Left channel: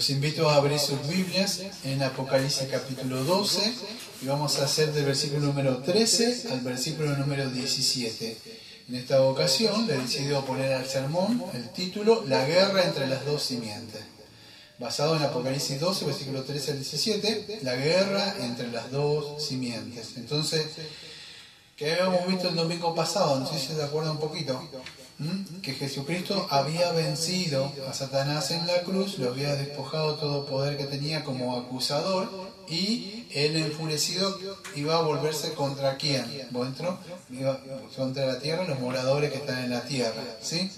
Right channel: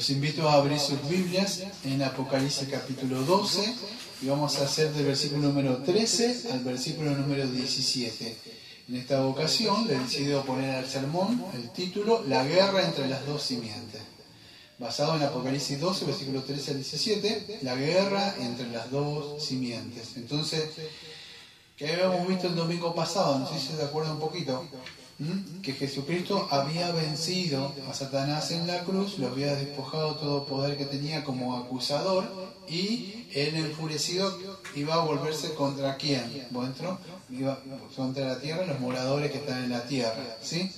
Los invito a abrir sus Biblias en Apocalipsis capítulo 12 y vamos a hacer del versículo número 13 al versículo número 17. En esta ocasión le he decidido poner al sermón el título La guerra entre las dos simientes. Basado en Apocalipsis 12, versículo 13 al 17, la guerra entre las dos simientes. Entonces, que habíamos visto el domingo pasado, no sé si se acuerdan un poquito, que Jesucristo había vencido a Satanás en la cruz, lo había despojado todo poder que tenía como acusador, y él enfurecido iba a volverse contra quién, iba contra la tierra, los moradores que están en la tierra, ¿sí?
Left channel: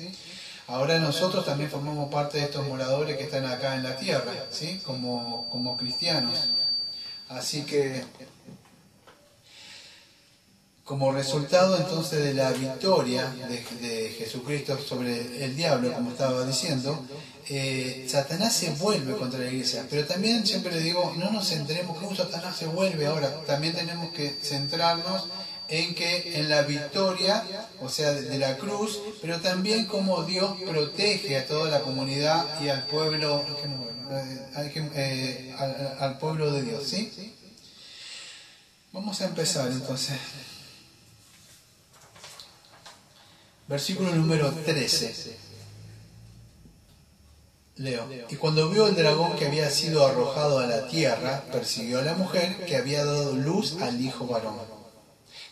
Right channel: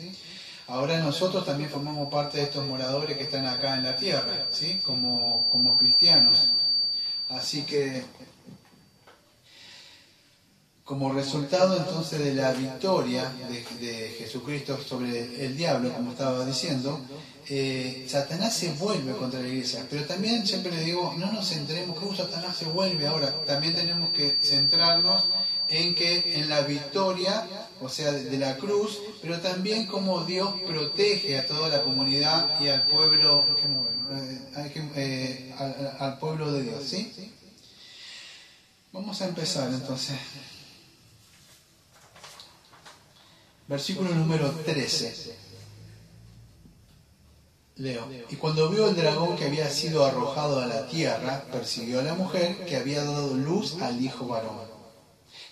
Ahora nosotros también formamos parte de estos moradores que están acá en la tierra, ¿sí? Como cristianos. Así que, como resultado entonces de la victoria de Jesucristo sobre el diablo, como estaba diciendo, Satanás se vuelve contra la iglesia. Pero también siempre le digo, no nos centremos que Satanás se vuelve ahora. También tenemos que centrarnos en la victoria, o sea, de la cruz, pero también cómo Dios protege a toda la comunidad y al pueblo, al pueblo de Dios, ¿sí? Vamos a empezar entonces. Versículo número 13. Leo. Y cuando vio el dragón que había sido arrojado a la tierra, persiguió a la mujer que había dado luz al hijo varón.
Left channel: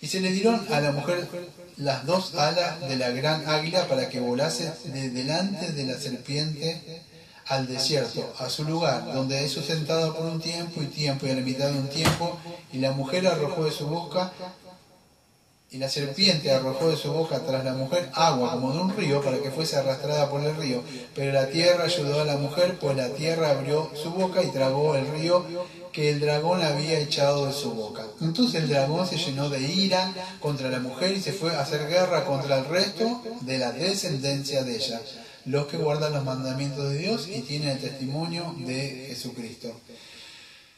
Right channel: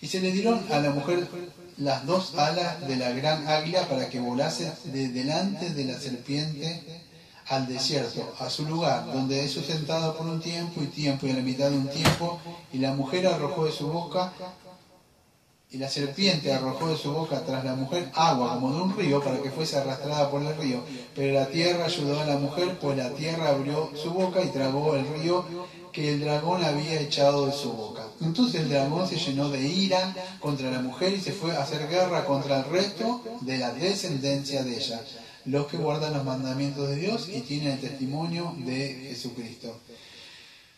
Y se le dieron a la mujer las dos alas de la gran águila para que volase de delante de la serpiente al desierto, a su lugar, donde es sustentada por un tiempo y a la mitad de un tiempo, y la mujer arrojó de su boca, y la serpiente arrojó de su boca tras la mujer agua como de un río para que fuese arrastrada por el río. Pero la tierra ayudó a la mujer, pues la tierra abrió su boca y tragó el río que el dragón había echado de su boca. Entonces el dragón se llenó de ira contra la mujer y se fue a hacer guerra contra el resto de la descendencia de ella, los que guardan los mandamientos de Dios y tienen el testimonio de Jesucristo.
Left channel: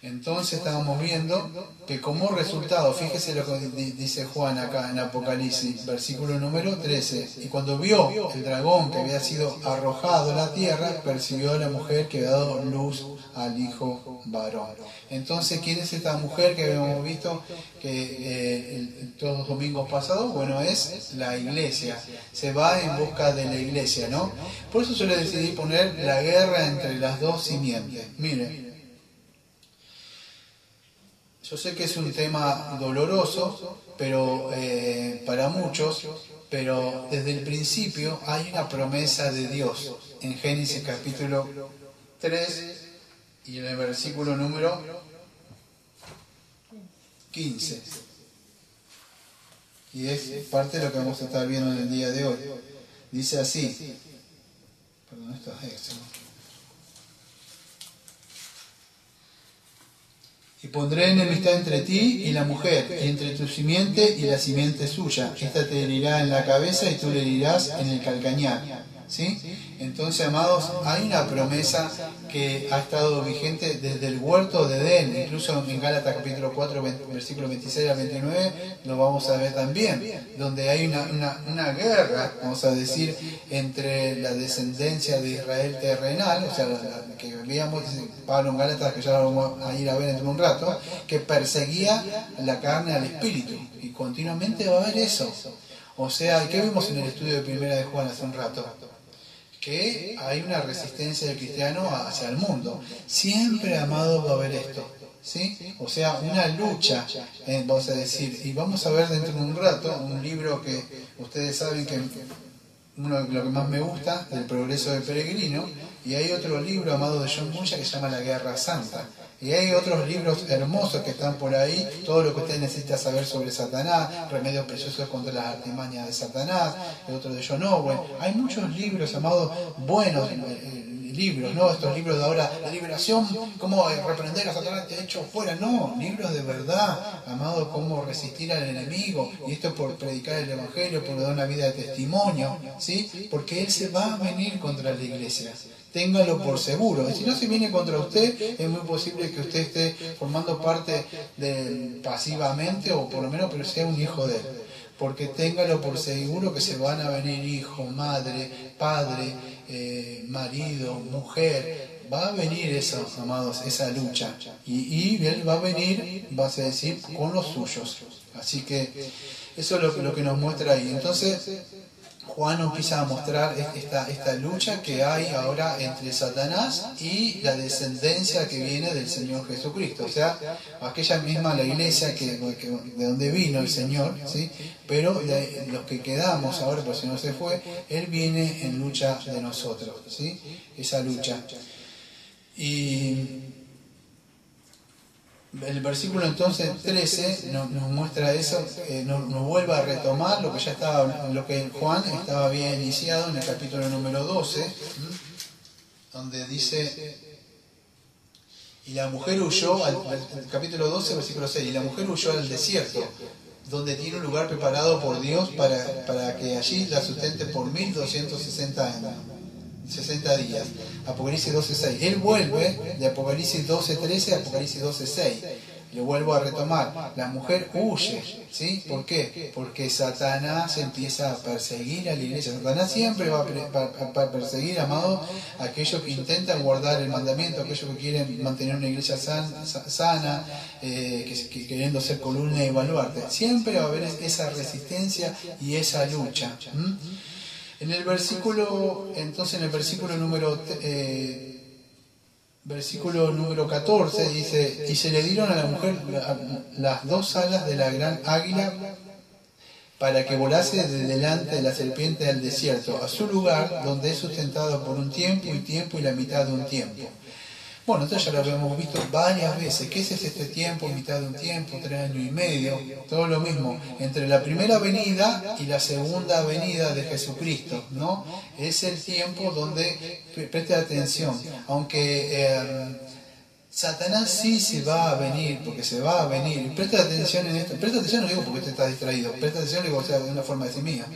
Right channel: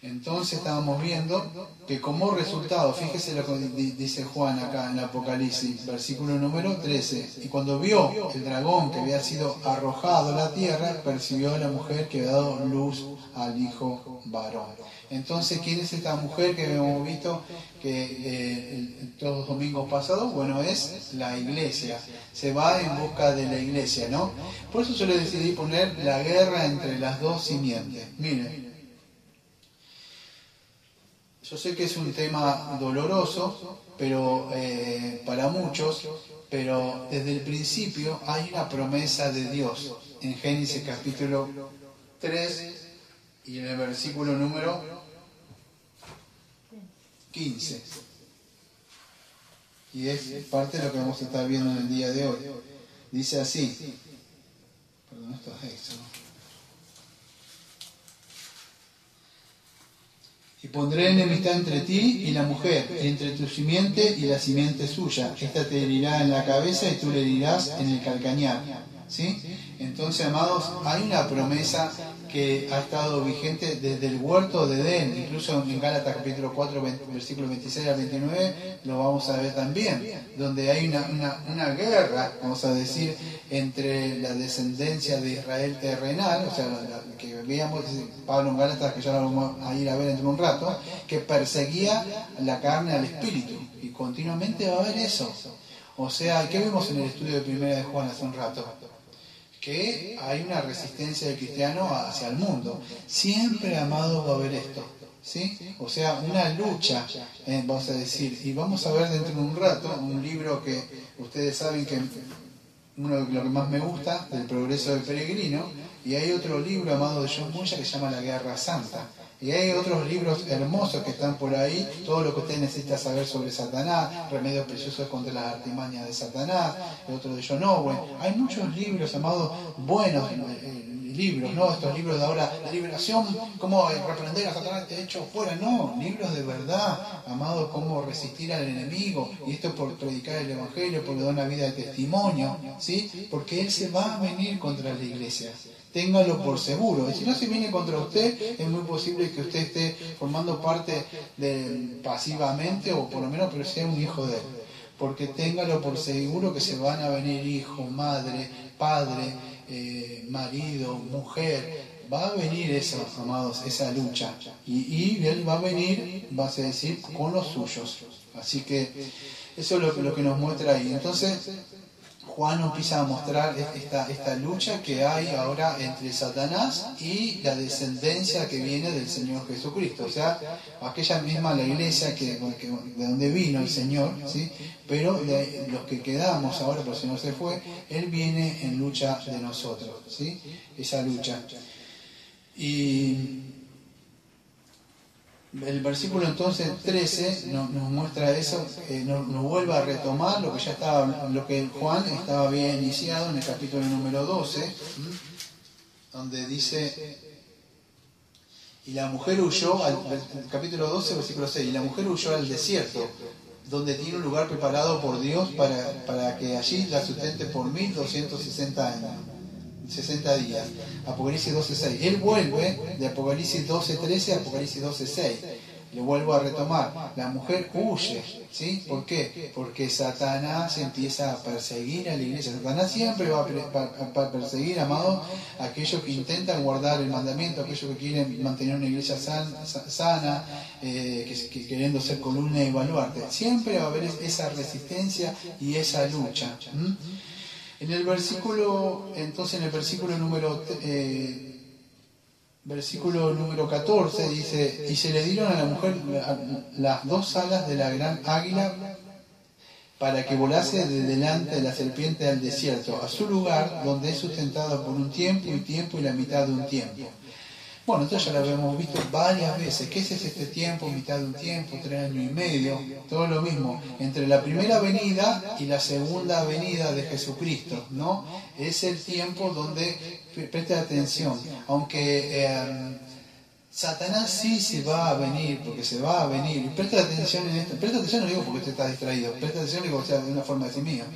Entonces estábamos viendo que como resultado, fíjese lo que dice Juan acá en Apocalipsis, versículo número 13, y cuando vio el dragón que había sido arrojado a la tierra, persiguió a la mujer que había dado luz al hijo varón. Entonces, ¿quién es esta mujer que habíamos visto que todos los domingos pasados? Bueno, es la iglesia, se va en busca de la iglesia, ¿no? Por eso yo le decidí poner la guerra entre las dos simientes. Miren. Yo sé que es un tema doloroso, pero para muchos, pero desde el principio hay una promesa de Dios en Génesis capítulo 3 y en el versículo número 15. Y es parte de lo que vamos a estar viendo en el día de hoy. Dice así. Perdón, esto es esto. Y pondré enemistad entre ti y la mujer, y entre tu simiente y la simiente suya. Esta te herirá en la cabeza y tú le herirás en el calcañar. ¿Sí? Entonces, amados, hay una promesa que ha estado vigente desde el huerto de Edén, incluso en Gálatas capítulo 4, versículos 26 al 29, lo vamos a ver también, donde hay una guerra, vamos a decir, entre la descendencia de Israel terrenal, o sea, la que veíamos Pablo en Gálatas, que ya lo vamos a ir a ver dentro de un rato, que perseguía la carne al espíritu, y continuamente va a haber eso. O sea, ¿qué vimos en el estudio de Primera de Juan hace un rato? Que hay una resistencia del cristiano hacia el mundo. Siempre, amado, va a haber esto, ¿sí? O sea, una lucha, vamos a decir, y vamos a ver dentro de un rato un libro que ustedes saben que uno de lo que más me gusta, del progreso del peregrino, y hay otro libro, amado, de John Bunyan, que se llama La Guerra Santa. Y hay otros libros hermosos que están por ahí, todo lo que usted necesita saber sobre Satanás, remedios preciosos contra las artimañas de Satanás, el otro de John Owen. Hay muchos libros, amados, buenos libros, ¿no? Estos libros de ahora, de liberación, cómo reprender a Satanás, te he hecho fuera. No, libros de verdad, amados, cómo resistir al enemigo. Y esto por predicar el Evangelio, por dar una vida de testimonio, ¿sí? Porque él se va a venir contra la iglesia. Téngalo por seguro. Y si no se viene contra usted, es muy posible que usted esté formando parte pasivamente, o por lo menos pero sea un hijo de él. Porque téngalo por seguro que se van a venir hijo, madre, padre, marido, mujer, va a venir eso, amados, esa lucha. Y él va a venir, vas a decir, con los suyos. Así que eso es lo que nos muestra ahí. Entonces, Juan nos empieza a mostrar esta lucha que hay ahora entre Satanás y la descendencia que viene del Señor Jesucristo. O sea, aquella misma la iglesia de donde vino el Señor, ¿sí? Pero los que quedamos ahora, por si no se fue, Él viene en lucha de nosotros, ¿sí? Esa lucha. Y el versículo entonces 13 nos muestra eso, nos vuelve a retomar lo que Juan estaba bien iniciado en el capítulo número 12, donde dice: y la mujer huyó, el capítulo 12, versículo 6, y la mujer huyó al desierto, donde tiene un lugar preparado por Dios para que allí la sustente por 1260 años. 60 días. Apocalipsis 12.6. Él vuelve de Apocalipsis 12.13 a Apocalipsis 12.6. Lo vuelvo a retomar. La mujer huye. ¿Sí? ¿Por qué? Porque Satanás empieza a perseguir a la iglesia. Satanás siempre va a perseguir, amado, a aquellos que intentan guardar el mandamiento, a aquellos que quieren mantener una iglesia sana, que queriendo ser columna y baluarte. Siempre va a haber esa resistencia y esa lucha. En el versículo número 14 dice: y se le dieron a la mujer las dos alas de la gran águila para que volase de delante de la serpiente al desierto, a su lugar, donde es sustentado por un tiempo y la mitad de un tiempo. Bueno, esto ya lo habíamos visto varias veces. ¿Qué es este tiempo, mitad de un tiempo, 3 años y medio? Todo lo mismo. Entre la primera venida y la segunda venida de Jesucristo, ¿no? Es el tiempo donde, preste atención, aunque Satanás sí se va a venir, porque se va a venir. Presta atención en esto. Presta atención, no digo porque usted está distraído. Presta atención, digo, o sea, de una forma de decir mía.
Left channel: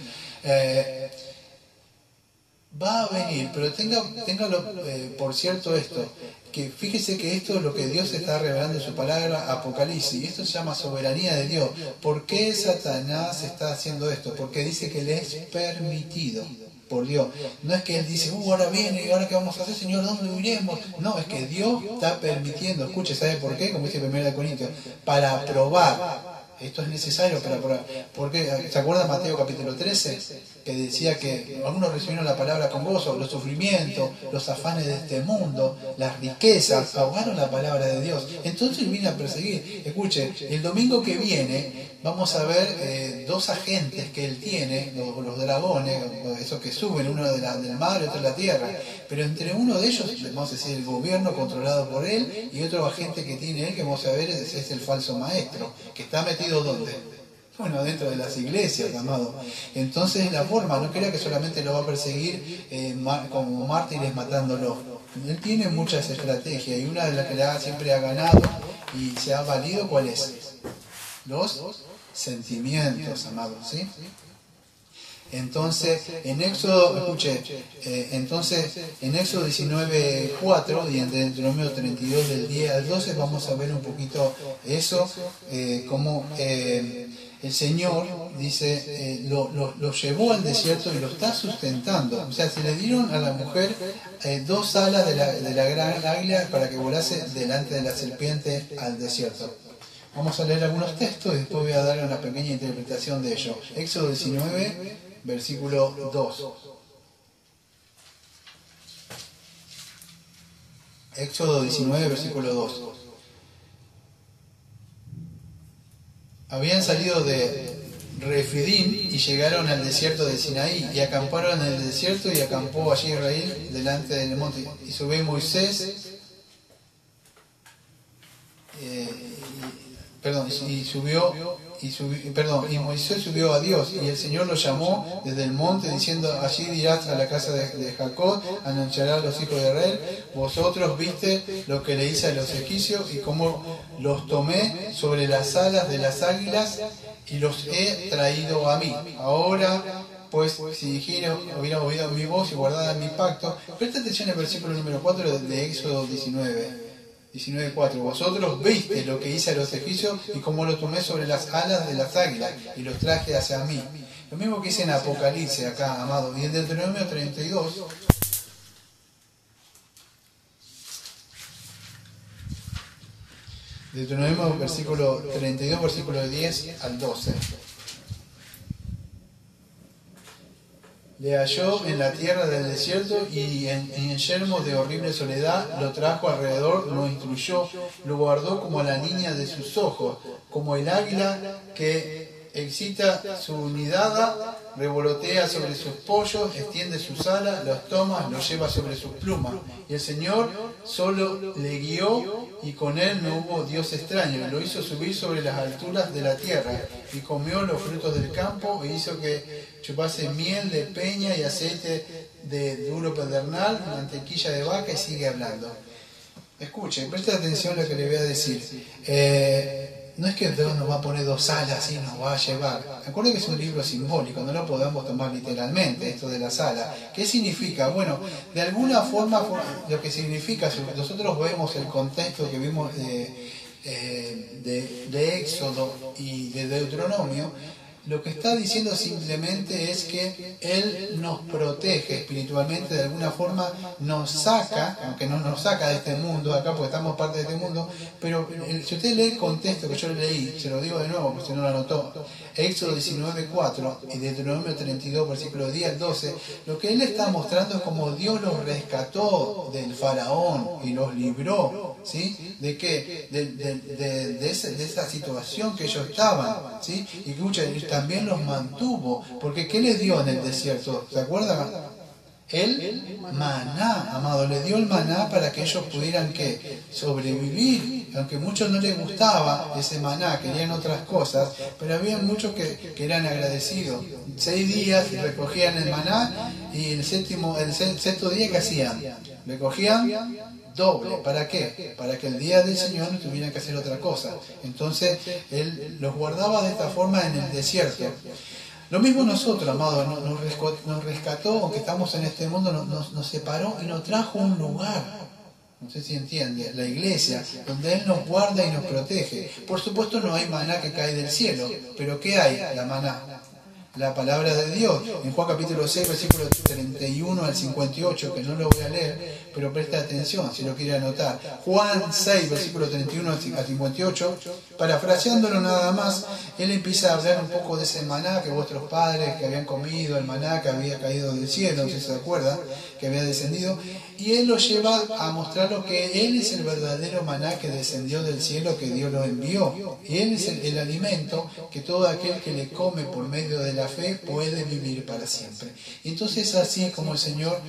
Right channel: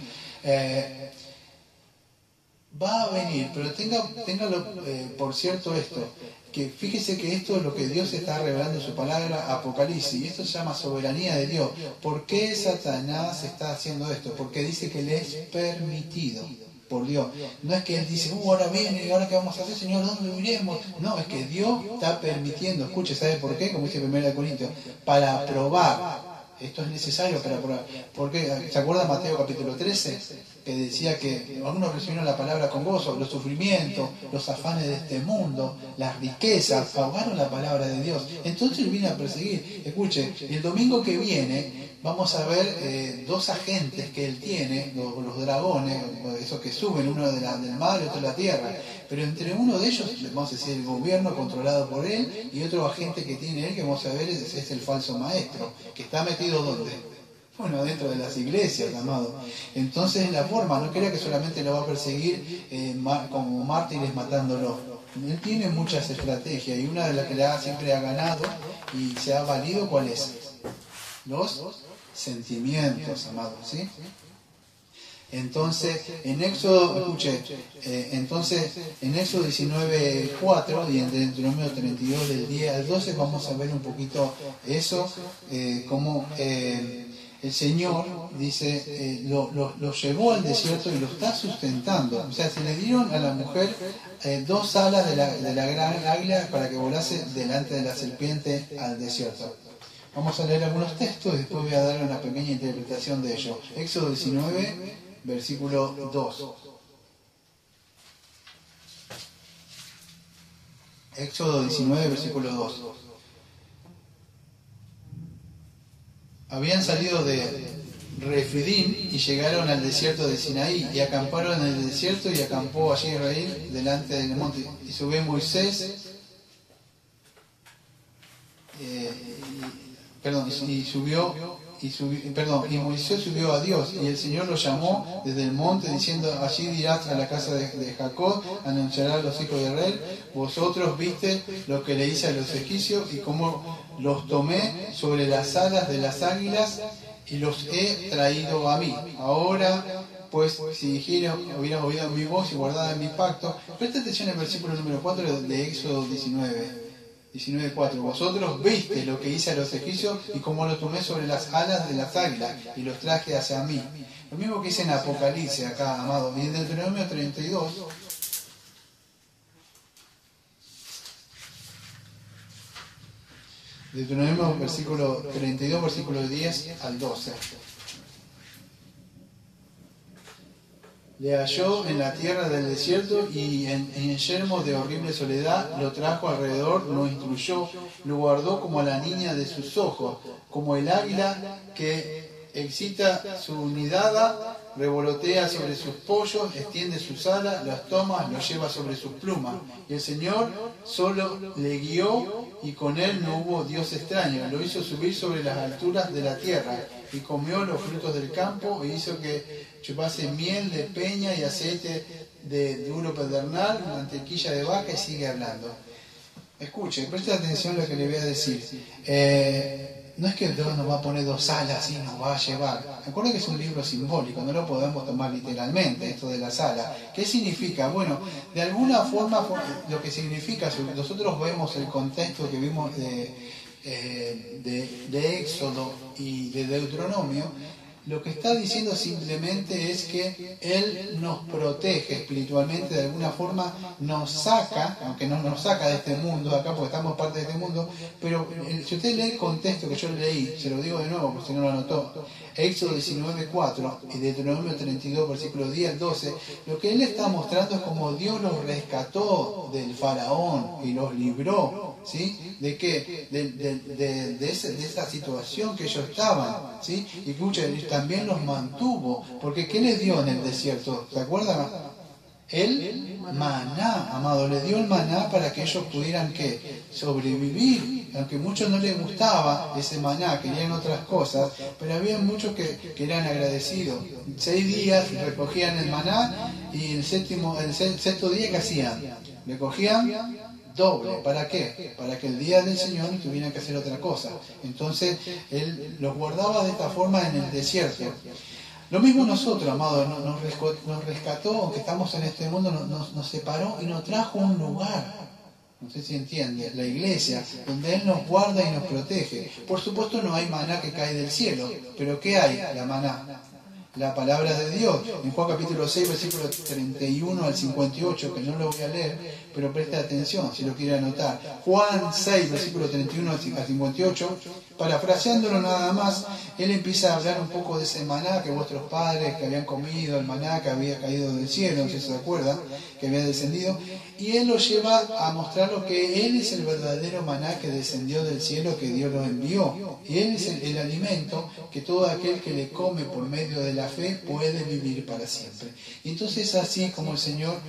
Va a venir, pero téngalo por cierto esto, que fíjese que esto es lo que Dios está revelando en su palabra, Apocalipsis, y esto se llama soberanía de Dios. ¿Por qué Satanás está haciendo esto? Porque dice que le es permitido por Dios. No es que Él dice, ahora viene, y ahora qué vamos a hacer, Señor, ¿dónde iremos? No, es que Dios está permitiendo. Escuche, ¿sabe por qué? Como dice 1 Corintios, para probar. Esto es necesario para probar. Porque, ¿se acuerdan Mateo capítulo 13? Que decía que algunos recibieron la palabra con gozo, los sufrimientos, los afanes de este mundo, las riquezas, ahogaron la palabra de Dios. Entonces Él vino a perseguir. Escuche, el domingo que viene vamos a ver dos agentes que Él tiene, los dragones, esos que suben, uno del mar y otro de la tierra. Pero entre uno de ellos, vamos a decir, el gobierno controlado por Él, y otro agente que tiene Él, que vamos a ver, es el falso maestro, que está metido ¿dónde? Bueno, dentro de las iglesias, amado. Entonces la forma, no crea que solamente lo va a perseguir como mártires matándolo. Él tiene muchas estrategias, y una de las que siempre ha ganado y se ha valido, ¿cuál es? Los sentimientos, amados, ¿sí? Entonces, en Éxodo, escuche, en Éxodo 19:4 y en Deuteronomio 32 del 10 al 12 vamos a ver un poquito eso, cómo el Señor dice, lo llevó al desierto y lo está sustentando. O sea, se le dieron a la mujer dos alas de la gran águila para que volase delante de la serpiente al desierto. Vamos a leer algunos textos y después voy a dar una pequeña interpretación de ello. Éxodo 19, versículo 2. Éxodo 19, versículo 2. Habían salido de Refidim y llegaron al desierto de Sinaí y acamparon en el desierto, y acampó allí Israel delante del monte. Y subió Moisés, y Moisés subió a Dios, y el Señor lo llamó desde el monte diciendo: allí dirás a la casa de Jacob, anunciará a los hijos de Israel, vosotros viste lo que le hice a los egipcios y cómo los tomé sobre las alas de las águilas y los he traído a mí. Ahora pues, si dijeron, hubieran oído mi voz y guardado mi pacto. Presta atención al versículo número 4 de Éxodo 19:4. Vosotros viste lo que hice a los egipcios y cómo los tomé sobre las alas de las águilas y los traje hacia mí. Lo mismo que dice en Apocalipsis acá, amado. Y en Deuteronomio 32 Deuteronomio versículo 32, versículo 10 al 12. Le halló en la tierra del desierto y en yermo de horrible soledad, lo trajo alrededor, lo instruyó, lo guardó como a la niña de sus ojos, como el águila que excita su nidada, revolotea sobre sus pollos, extiende sus alas, los toma, los lleva sobre sus plumas. Y el Señor solo le guió y con él no hubo Dios extraño. Lo hizo subir sobre las alturas de la tierra y comió los frutos del campo e hizo que chupase miel de peña y aceite de duro pedernal, mantequilla de vaca y sigue hablando. Escuche, preste atención a lo que le voy a decir. No es que Dios nos va a poner dos alas y nos va a llevar. Recuerden que es un libro simbólico, no lo podemos tomar literalmente, esto de las alas. ¿Qué significa? Bueno, de alguna forma lo que significa, si nosotros vemos el contexto que vimos de Éxodo y de Deuteronomio, lo que está diciendo simplemente es que Él nos protege espiritualmente, de alguna forma nos saca, aunque no nos saca de este mundo acá porque estamos parte de este mundo, pero si usted lee el contexto que yo leí, se lo digo de nuevo porque si no lo anotó, Éxodo 19:4 y Deuteronomio 32, versículos 10 al 12, lo que Él está mostrando es como Dios los rescató del faraón y los libró, ¿sí? ¿De qué? De esa situación que ellos estaban, ¿sí? Y que también los mantuvo, porque ¿qué les dio en el desierto? ¿Se acuerdan? El maná, amado, les dio el maná para que ellos pudieran ¿qué? Sobrevivir, aunque a muchos no les gustaba ese maná, querían otras cosas, pero había muchos que eran agradecidos. 6 días recogían el maná y el sexto día ¿qué hacían? Recogían doble. ¿Para qué? Para que el día del Señor no tuvieran que hacer otra cosa. Entonces Él los guardaba de esta forma en el desierto. Lo mismo nosotros, amados, nos rescató, aunque estamos en este mundo, nos separó y nos trajo un lugar. No sé si entiende, la iglesia, donde Él nos guarda y nos protege. Por supuesto no hay maná que cae del cielo, pero ¿qué hay? La maná. La palabra de Dios, en Juan capítulo 6, versículo 31 al 58, que no lo voy a leer, pero presta atención si lo quiere anotar. Juan 6, versículo 31 al 58, parafraseándolo nada más, Él empieza a hablar un poco de ese maná que vuestros padres que habían comido, el maná que había caído del cielo, si se acuerdan, que había descendido, y Él lo lleva a mostrar lo que Él es el verdadero maná que descendió del cielo, que Dios lo envió. Y Él es el alimento que todo aquel que le come por medio de la fe puede vivir para siempre. Y entonces así como el Señor,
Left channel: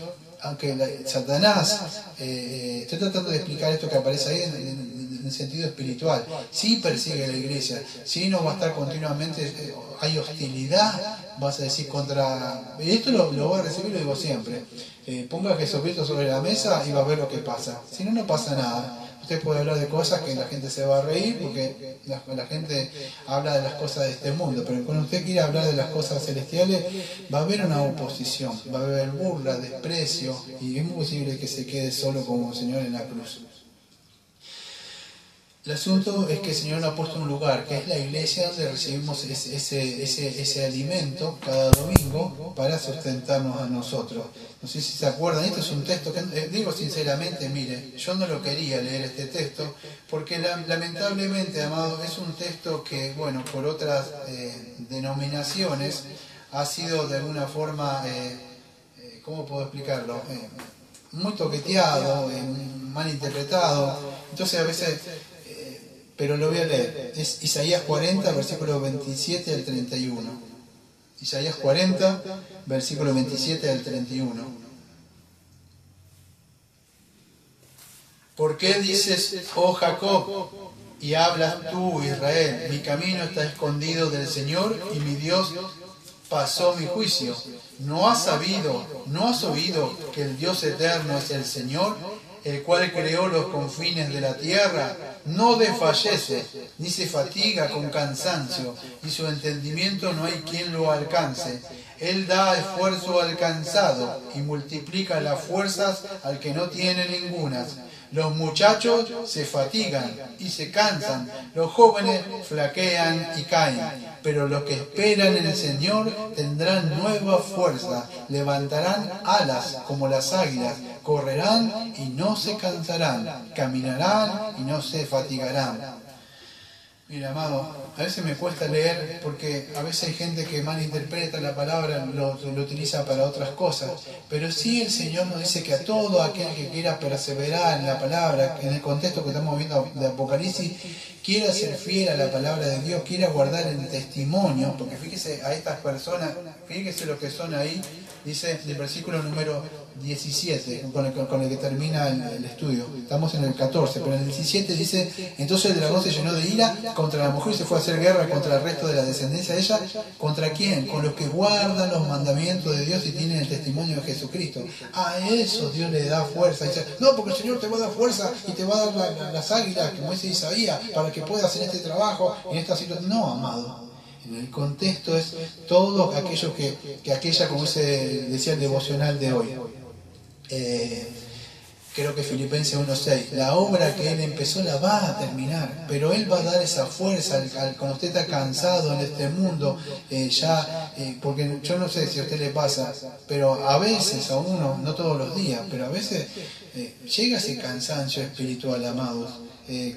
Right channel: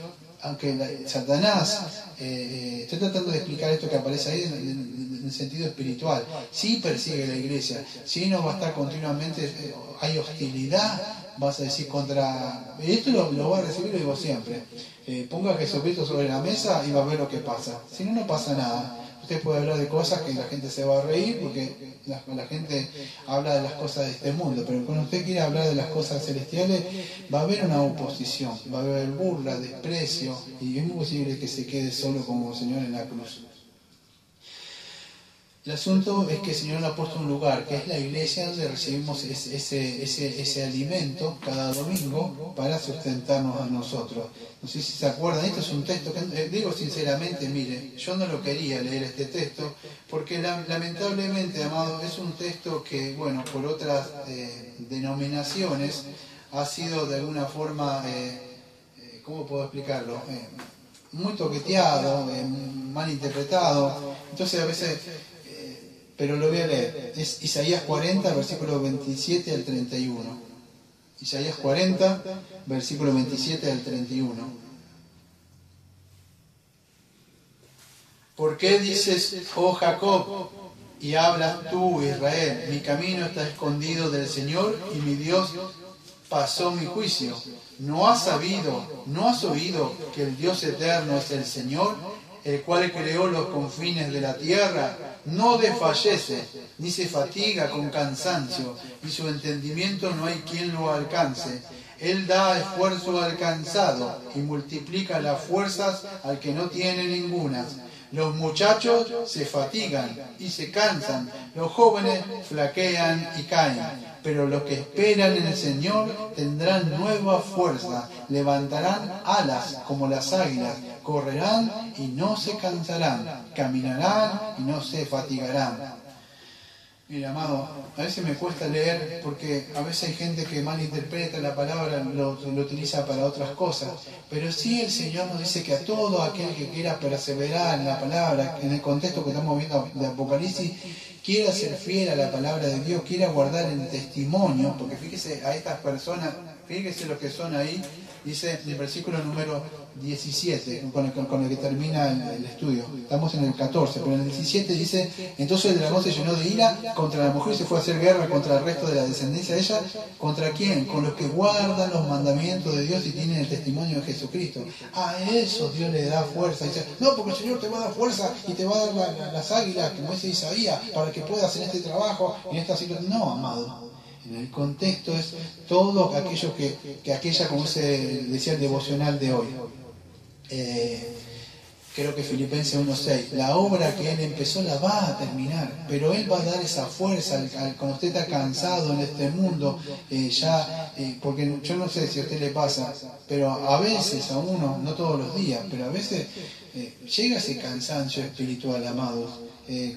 aunque Satanás, estoy tratando de explicar esto que aparece ahí en el sentido espiritual, sí persigue a la iglesia, sí nos va a estar continuamente, hay hostilidad, vas a decir contra, y esto lo va a recibir, lo digo siempre, ponga a Jesucristo sobre la mesa y va a ver lo que pasa, si no, no pasa nada. Usted puede hablar de cosas que la gente se va a reír porque la gente habla de las cosas de este mundo, pero cuando usted quiere hablar de las cosas celestiales va a haber una oposición, va a haber burla, desprecio y es muy posible que se quede solo como el Señor en la cruz. El asunto es que el Señor nos ha puesto un lugar, que es la iglesia, donde recibimos ese alimento cada domingo para sustentarnos a nosotros. No sé si se acuerdan, este es un texto que, digo sinceramente, mire, yo no lo quería leer este texto, porque lamentablemente, amado, es un texto que, bueno, por otras denominaciones ha sido de alguna forma, ¿cómo puedo explicarlo? Muy toqueteado, mal interpretado, entonces a veces... pero lo voy a leer, es Isaías 40, versículo 27 al 31. Isaías 40, versículo 27 al 31. ¿Por qué dices, oh Jacob, y hablas tú, Israel? Mi camino está escondido del Señor y mi Dios pasó mi juicio. ¿No has oído que el Dios eterno es el Señor, el cual creó los confines de la tierra? No desfallece, ni se fatiga con cansancio, y su entendimiento no hay quien lo alcance. Él da esfuerzo al cansado y multiplica las fuerzas al que no tiene ningunas. Los muchachos se fatigan y se cansan, los jóvenes flaquean y caen, pero los que esperan en el Señor tendrán nueva fuerza, levantarán alas como las águilas, correrán y no se cansarán, caminarán y no se fatigarán. Mira, amado, a veces me cuesta leer porque a veces hay gente que malinterpreta la palabra, lo utiliza para otras cosas. Pero sí el Señor nos dice que a todo aquel que quiera perseverar en la palabra, en el contexto que estamos viendo de Apocalipsis, quiera ser fiel a la palabra de Dios, quiera guardar el testimonio, porque fíjese a estas personas, fíjese lo que son ahí, dice el versículo número 17, con el que termina el estudio. Estamos en el 14, pero en el 17 dice: entonces el dragón se llenó de ira contra la mujer y se fue a hacer guerra contra el resto de la descendencia de ella. ¿Contra quién? Con los que guardan los mandamientos de Dios y tienen el testimonio de Jesucristo. A eso Dios le da fuerza. Dice: no, porque el Señor te va a dar fuerza y te va a dar las águilas, como dice Isaías, para que puedas hacer este trabajo en esta situación. No, amado. En el contexto es todo aquello que aquella, como decía el devocional de hoy. Creo que Filipenses 1:6, la obra que Él empezó la va a terminar, pero Él va a dar esa fuerza cuando usted está cansado en este mundo, porque yo no sé si a usted le pasa, pero a veces, a uno, no todos los días, pero a veces llega ese cansancio espiritual, amados.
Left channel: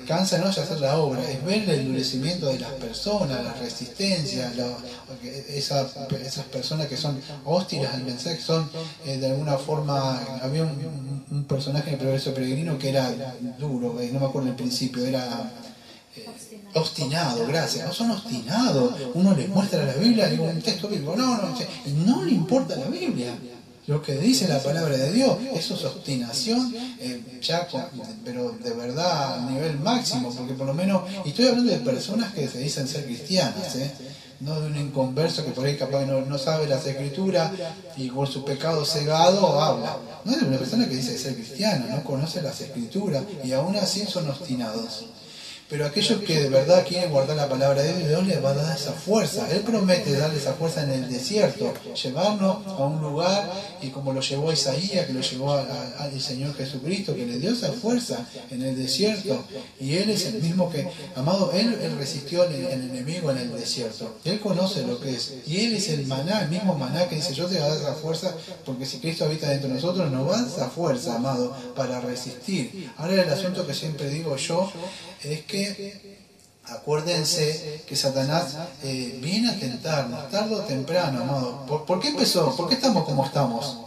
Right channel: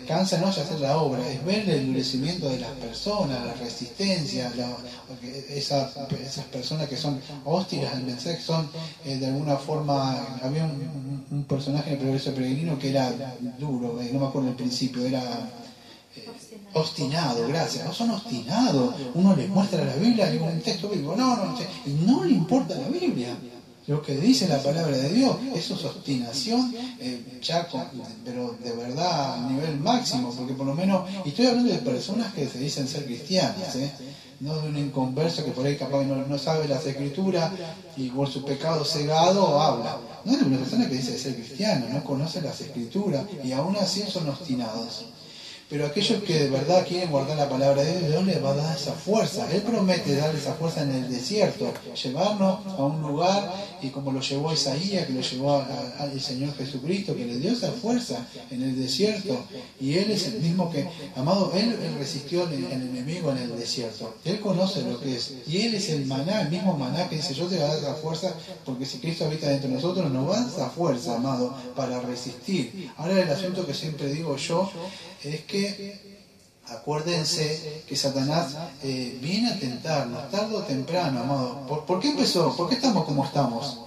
Cansa no es hacer la obra, es ver el endurecimiento de las personas, la resistencia, esas personas que son hostiles al mensaje, son de alguna forma. Había un personaje en el Progreso Peregrino que era duro, no me acuerdo el principio, era obstinado, gracias, no son obstinados. Uno les muestra la Biblia, digo, un texto bíblico, y no le importa la Biblia. Lo que dice la palabra de Dios, eso es obstinación, pero de verdad a nivel máximo, porque por lo menos, y estoy hablando de personas que se dicen ser cristianas, no de un inconverso que por ahí capaz no sabe las escrituras y por su pecado cegado habla. No es una persona que dice ser cristiana, no conoce las escrituras y aún así son obstinados. Pero aquellos que de verdad quieren guardar la palabra de Dios les va a dar esa fuerza. Él promete darle esa fuerza en el desierto, llevarnos a un lugar, y como lo llevó Isaías, que lo llevó al Señor Jesucristo, que le dio esa fuerza en el desierto. Y Él es el mismo que, amado, Él resistió al enemigo en el desierto. Él conoce lo que es. Y Él es el maná, el mismo maná que dice: yo te voy a dar esa fuerza, porque si Cristo habita dentro de nosotros, nos va a dar esa fuerza, amado, para resistir. Ahora el asunto que siempre digo yo es que acuérdense que Satanás viene a tentarnos tarde o temprano, amado. ¿Por qué empezó? ¿Por qué estamos como estamos?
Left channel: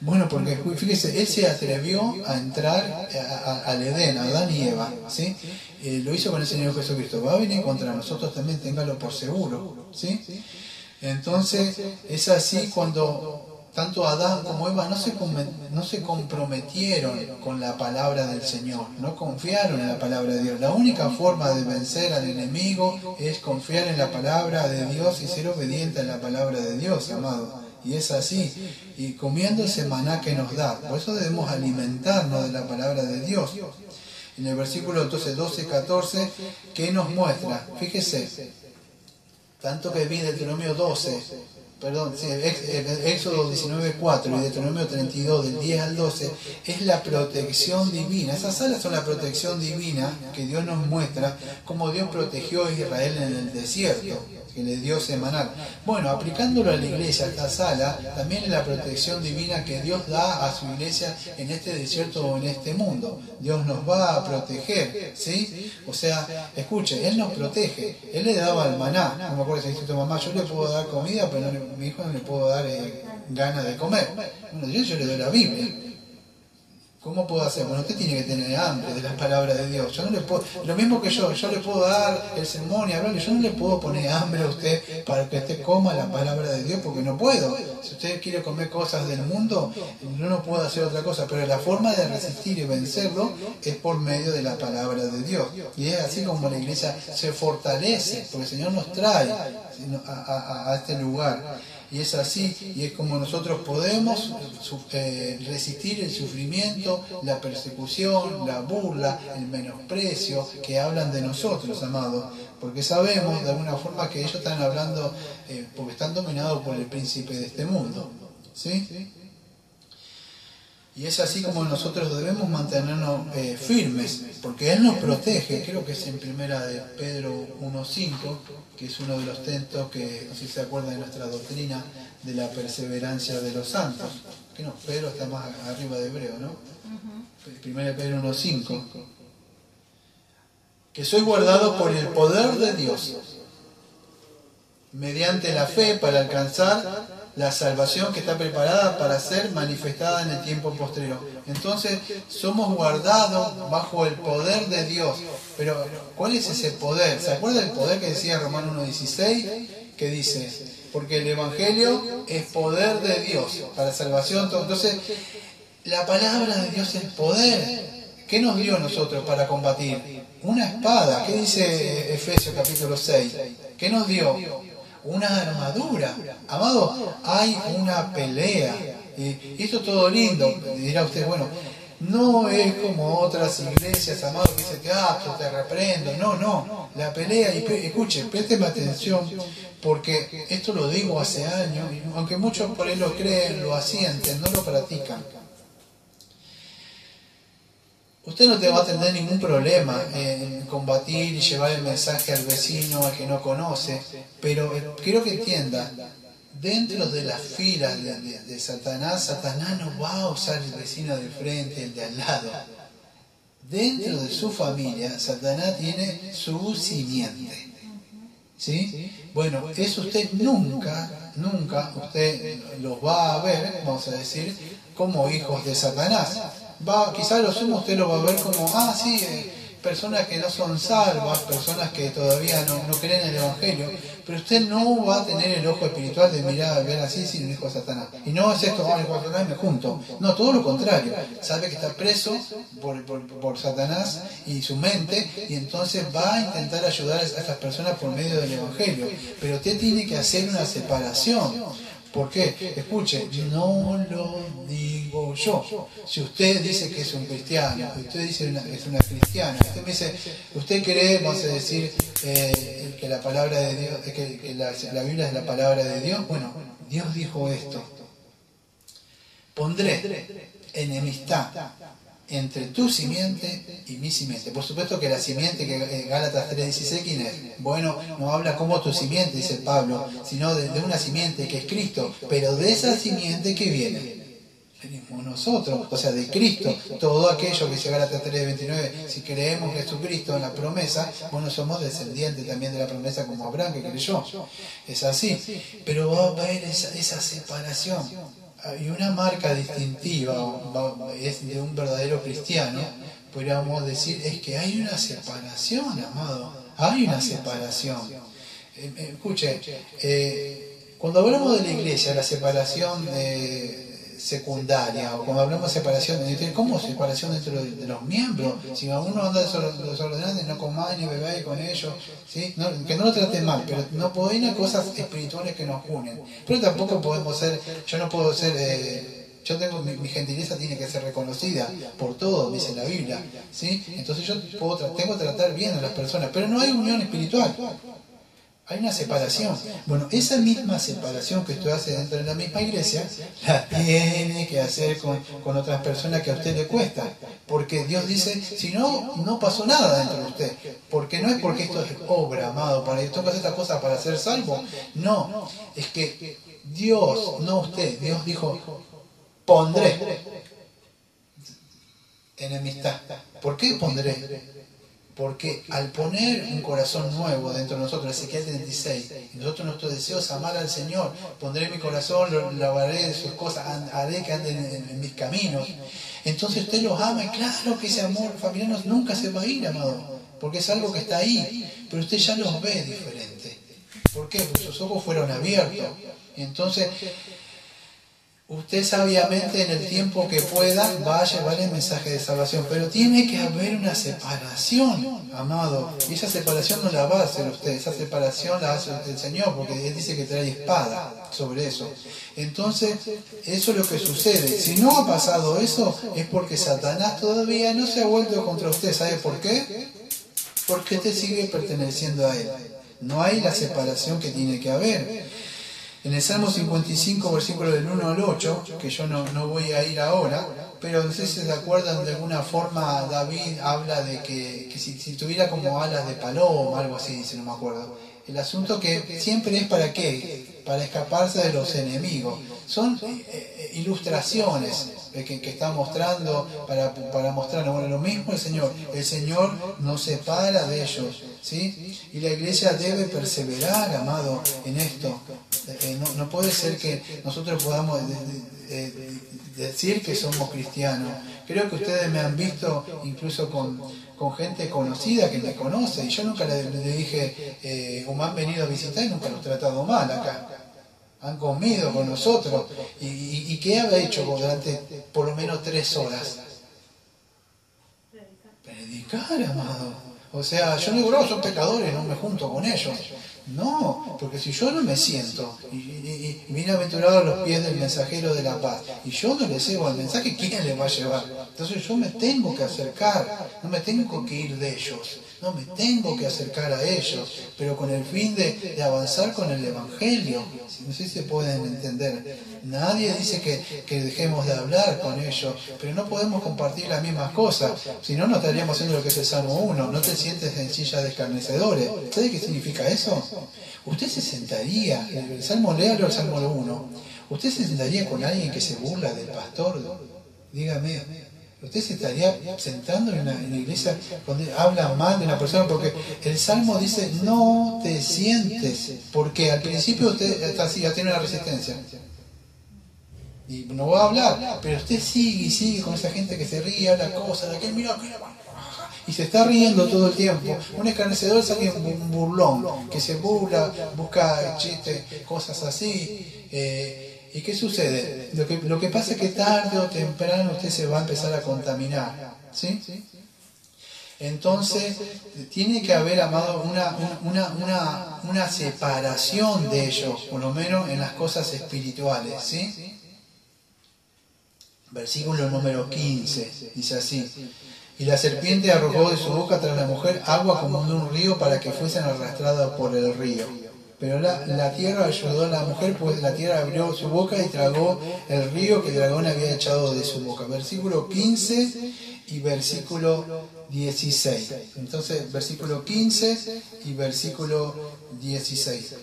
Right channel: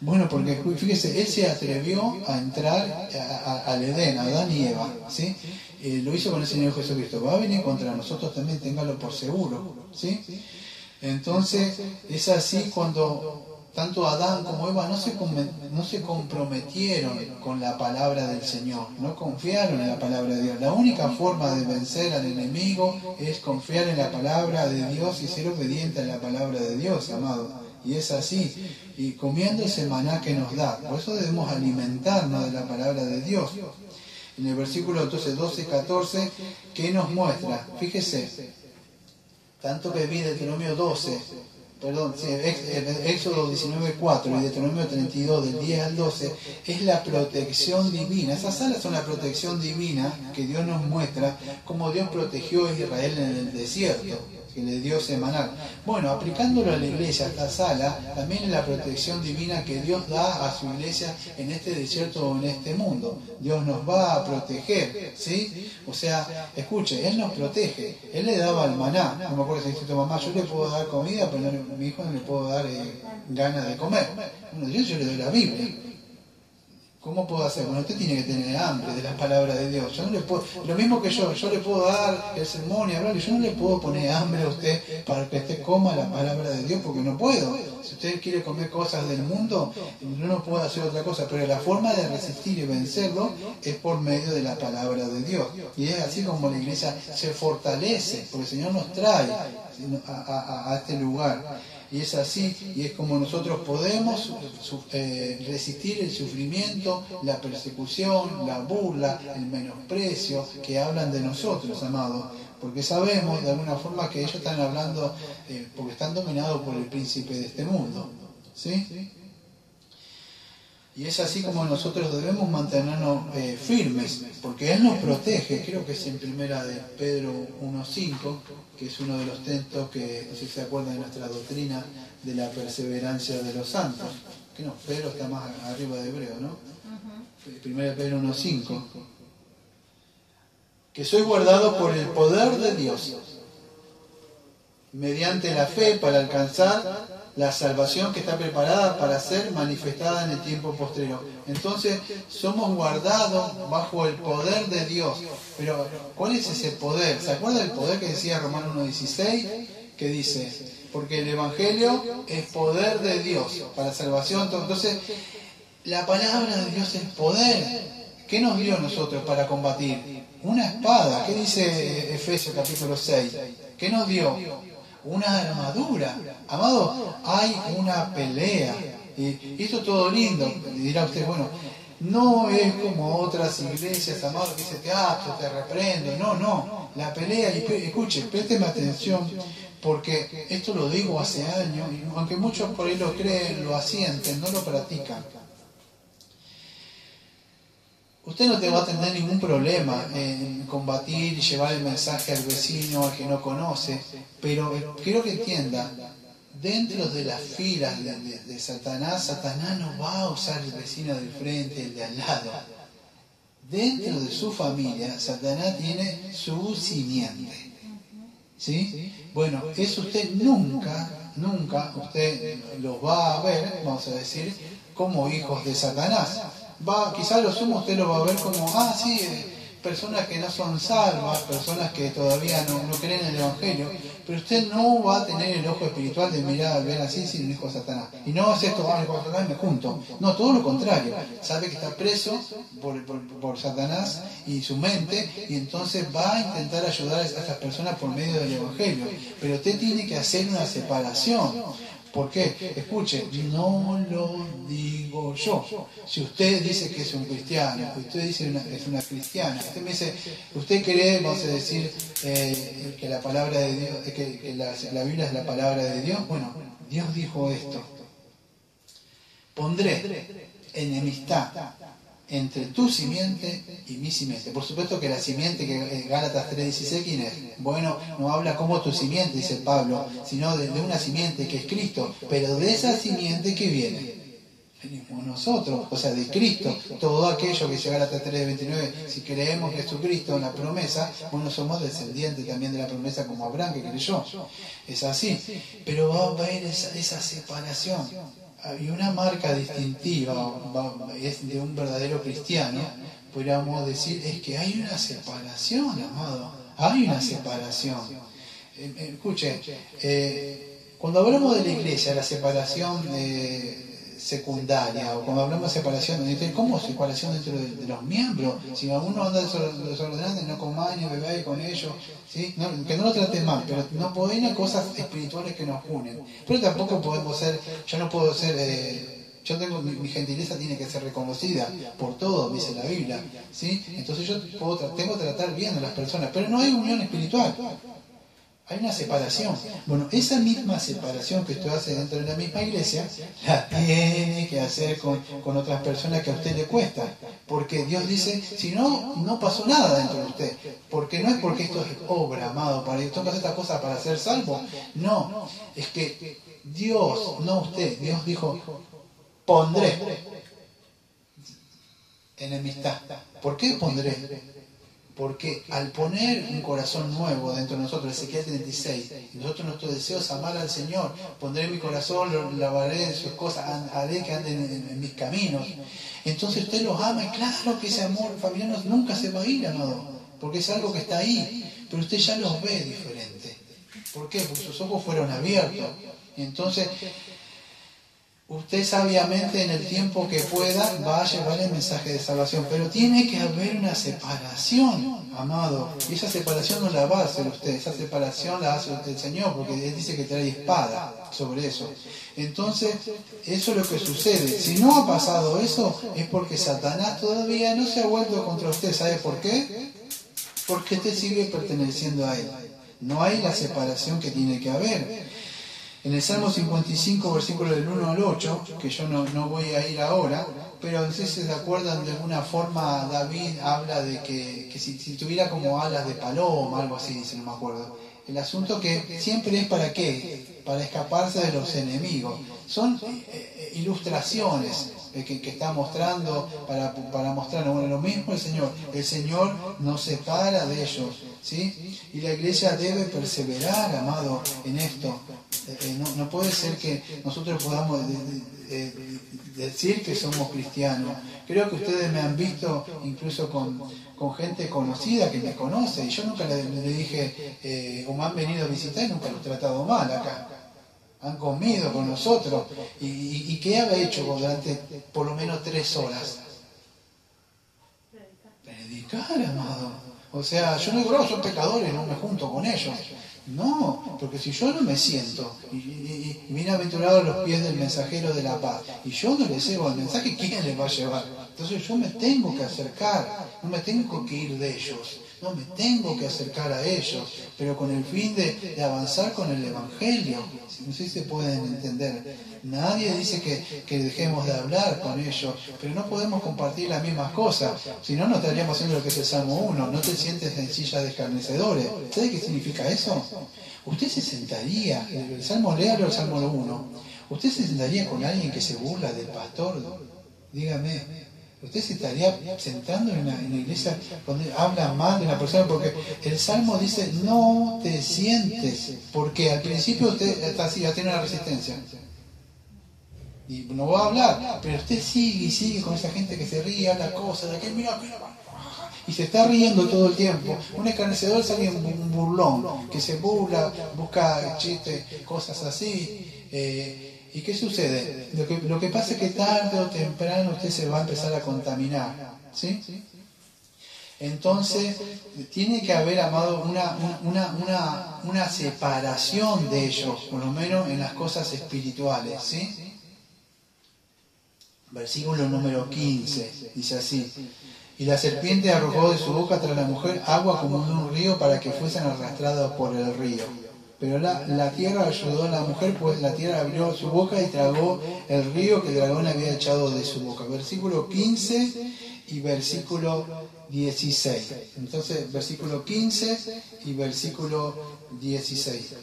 Bueno, porque fíjese, él se atrevió a entrar al Edén, a Adán y Eva, ¿sí? Lo hizo con el Señor Jesucristo. Va a venir contra nosotros también, téngalo por seguro, ¿sí? Entonces es así cuando tanto Adán como Eva no se comprometieron con la palabra del Señor, no confiaron en la palabra de Dios. La única forma de vencer al enemigo es confiar en la palabra de Dios y ser obediente a la palabra de Dios, amado. Y es así, y comiendo ese maná que nos da. Por eso debemos alimentarnos de la palabra de Dios. En el versículo entonces 12-14, ¿qué nos muestra? Fíjese, tanto que vi Deuteronomio 12, Éxodo 19:4 y Deuteronomio 32, del 10 al 12, es la protección divina. Esas alas son la protección divina que Dios nos muestra, como Dios protegió a Israel en el desierto, que le dio ese maná. Bueno, aplicándolo a la iglesia, esta sala, también es la protección divina que Dios da a su iglesia en este desierto o en este mundo. Dios nos va a proteger, ¿sí? O sea, escuche, Él nos protege. Él le daba el maná. No me acuerdo si dice tu mamá: yo le puedo dar comida, pero a mi hijo no le puedo dar ganas de comer. Bueno, yo le doy la Biblia. ¿Cómo puedo hacer? Bueno, usted tiene que tener hambre de la palabra de Dios. Yo no le puedo, lo mismo que yo le puedo dar el sermón y hablarle, yo no le puedo poner hambre a usted para que usted coma la palabra de Dios, porque no puedo. Si usted quiere comer cosas del mundo, yo no puedo hacer otra cosa, pero la forma de resistir y vencerlo es por medio de la palabra de Dios. Y es así como la iglesia se fortalece, porque el Señor nos trae a este lugar. Y es así, y es como nosotros podemos resistir el sufrimiento, la persecución, la burla, el menosprecio que hablan de nosotros, amados, porque sabemos de alguna forma que ellos están hablando porque están dominados por el príncipe de este mundo, ¿sí? Y es así como nosotros debemos mantenernos firmes, porque Él nos protege. Creo que es en primera de Pedro 1:5, que es uno de los textos que, no sé si se acuerdan de nuestra doctrina de la perseverancia de los santos. Que no, Pedro está más arriba de Hebreo, ¿no? Primera de Pedro 1:5. que soy guardado por el poder de Dios, mediante la fe para alcanzar la salvación que está preparada para ser manifestada en el tiempo posterior. Entonces, somos guardados bajo el poder de Dios. Pero, ¿cuál es ese poder? ¿Se acuerda del poder que decía Romanos 1:16? Que dice, porque el Evangelio es poder de Dios para salvación. Entonces, la palabra de Dios es poder. ¿Qué nos dio a nosotros para combatir? Una espada. ¿Qué dice Efesios capítulo 6? ¿Qué nos dio? Una armadura. Amado, hay una pelea. Y esto es todo lindo. Dirá usted, bueno, no es como otras iglesias, amado, que dicen, te reprendo. No. La pelea, y escuche, présteme atención, porque esto lo digo hace años, y aunque muchos por ahí lo creen, lo asienten, no lo practican. Usted no te va a tener ningún problema en combatir y llevar el mensaje al vecino, al que no conoce, pero quiero que entienda, dentro de las filas de Satanás no va a usar el vecino del frente, el de al lado. Dentro de su familia, Satanás tiene su simiente. ¿Sí? Bueno, eso usted nunca usted los va a ver, vamos a decir, como hijos de Satanás. Quizás lo sumo usted lo va a ver como, personas que no son salvas, personas que todavía no creen en el Evangelio, pero usted no va a tener el ojo espiritual de mirar, ver así, sin el hijo de Satanás. Y no es esto, el hijo de Satanás, me junto. No, todo lo contrario. Sabe que está preso por Satanás y su mente, y entonces va a intentar ayudar a esas personas por medio del Evangelio. Pero usted tiene que hacer una separación. ¿Por qué? Escuche, no lo digo yo. Si usted dice que es un cristiano, usted dice que es una cristiana, usted me dice, usted cree, vamos a decir, que la palabra de Dios, que la Biblia es la palabra de Dios. Bueno, Dios dijo esto: pondré enemistad entre tu simiente y mi simiente. Por supuesto que la simiente, que Gálatas 3:16, ¿quién es? Bueno, no habla como tu simiente, dice Pablo, sino de una simiente que es Cristo, pero de esa simiente que viene, venimos nosotros, o sea, de Cristo. Todo aquello que dice Gálatas 3:29, si creemos en Jesucristo, en la promesa, bueno, somos descendientes también de la promesa como Abraham, que creyó. Es así, pero va a haber esa separación. Y una marca distintiva es de un verdadero cristiano, podríamos decir, es que hay una separación, amado, hay una separación. Escuche, cuando hablamos de la iglesia, la separación secundaria, o cuando hablamos de separación, ¿cómo separación dentro de los miembros? Si uno anda desordenado, no comáis ni bebáis con ellos, ¿sí? Que no lo traten mal, pero no pueden ir a cosas espirituales que nos unen. Pero tampoco podemos ser, yo no puedo ser, yo tengo mi gentileza tiene que ser reconocida por todos, dice la Biblia, ¿sí? Entonces yo tengo que tratar bien a las personas, pero no hay unión espiritual. Hay una separación. Bueno, esa misma separación que usted hace dentro de la misma iglesia, la tiene que hacer con otras personas que a usted le cuesta. Porque Dios dice, si no pasó nada dentro de usted. Porque no es porque esto es obra, amado, para esto que hacer esta cosa para ser salvo. No, es que Dios, no usted, Dios dijo, pondré enemistad. ¿Por qué pondré? Porque al poner un corazón nuevo dentro de nosotros, Ezequiel 36, y nosotros nuestro deseo es amar al Señor, pondré mi corazón, lo lavaré de sus cosas, haré que anden en mis caminos. Entonces usted los ama, y claro que ese amor familiar nunca se va a ir, amado, porque es algo que está ahí, pero usted ya los ve diferente. ¿Por qué? Porque sus ojos fueron abiertos. Entonces, usted sabiamente en el tiempo que pueda va a llevar el mensaje de salvación, pero tiene que haber una separación, amado, y esa separación no la va a hacer usted, esa separación la hace el Señor, porque Él dice que trae espada sobre eso. Entonces, eso es lo que sucede. Si no ha pasado eso, es porque Satanás todavía no se ha vuelto contra usted. ¿Sabe por qué? Porque usted sigue perteneciendo a Él. No hay la separación que tiene que haber. En el Salmo 55, versículo del 1 al 8, que yo no voy a ir ahora, pero no sé si se acuerdan, de alguna forma David habla de que si tuviera como alas de paloma, algo así, dice, no me acuerdo. El asunto que siempre es para qué, para escaparse de los enemigos. Son ilustraciones, que está mostrando para mostrarnos. Bueno, lo mismo el Señor nos separa de ellos, ¿sí? Y la iglesia debe perseverar, amado, en esto. No puede ser que nosotros podamos decir que somos cristianos. Creo que ustedes me han visto incluso con gente conocida que me conoce, y yo nunca le dije, o me han venido a visitar y nunca los he tratado mal acá. Han comido con nosotros. ¿Y qué había hecho durante por lo menos 3 horas? Predicar, amado. O sea, yo no digo, son pecadores, no me junto con ellos. No, porque si yo no me siento y bienaventurados los pies del mensajero de la paz, y yo no les llevo el mensaje, ¿quién les va a llevar? Entonces yo me tengo que acercar, no me tengo que ir de ellos, no me tengo que acercar a ellos, pero con el fin de avanzar con el Evangelio. No sé si se pueden entender. Nadie dice que dejemos de hablar con ellos, pero no podemos compartir las mismas cosas, si no, no estaríamos haciendo lo que es el Salmo 1, no te sientes en silla de escarnecedores. ¿Sabe qué significa eso? Usted se sentaría, el Salmo, léalo el Salmo 1, usted se sentaría con alguien que se burla del pastor, dígame, usted se estaría sentando en la iglesia donde habla mal de una persona, porque el Salmo dice no te sientes, porque al principio usted está así, ya tiene la resistencia y no va a hablar, pero usted sigue y sigue con esa gente que se ríe, habla cosas, de aquel mira, y se está riendo todo el tiempo. Un escarnecedor es alguien un burlón, que se burla, busca chistes, cosas así. ¿Y qué sucede? Lo que pasa es que tarde o temprano usted se va a empezar a contaminar, ¿sí? Entonces, tiene que haber, amado, una separación de ellos, por lo menos en las cosas espirituales, ¿sí? Versículo número 15, dice así: y la serpiente arrojó de su boca tras la mujer agua como de un río para que fuesen arrastrados por el río. Pero la tierra ayudó a la mujer, pues la tierra abrió su boca y tragó el río que el dragón había echado de su boca. Versículo 15 y versículo 16. Entonces, versículo 15 y versículo 16.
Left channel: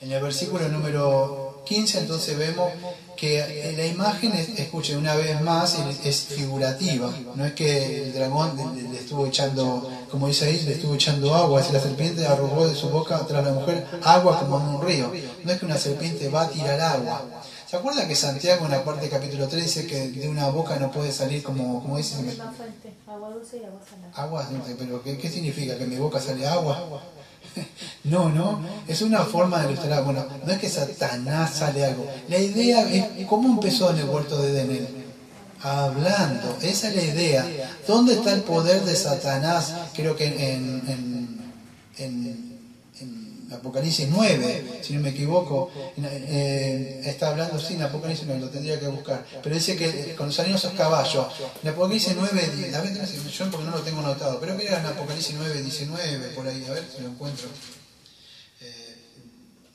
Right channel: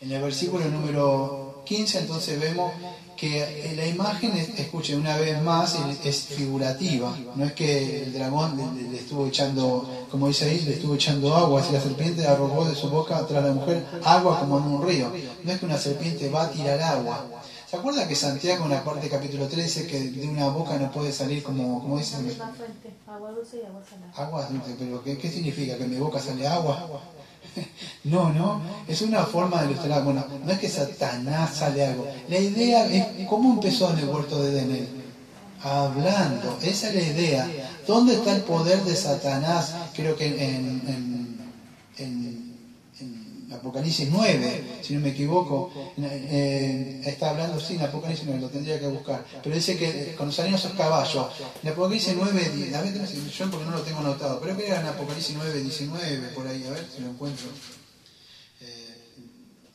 En el versículo número 15, entonces vemos que la imagen, escuchen una vez más, es figurativa. No es que el dragón le estuvo echando, como dice ahí, le estuvo echando agua. Es la serpiente arrojó de su boca tras la mujer agua como en un río. No es que una serpiente va a tirar agua. ¿Se acuerdan que Santiago en la parte capítulo 3 dice que de una boca no puede salir como dice? Una fuente, agua dulce y agua salada. Agua dulce, pero ¿qué significa? ¿Que en mi boca sale agua? No, es una forma de ilustrar. Bueno, no es que Satanás sale algo. La idea es cómo empezó en el huerto de Edén. Hablando, esa es la idea. ¿Dónde está el poder de Satanás? Creo que en Apocalipsis 9, si no me equivoco, está hablando, sí, en Apocalipsis 9, lo tendría que buscar, pero dice que cuando salieron esos caballos, en Apocalipsis 9, a ver, yo porque no lo tengo anotado, pero que era en Apocalipsis 9, 19, por ahí, a ver si lo encuentro.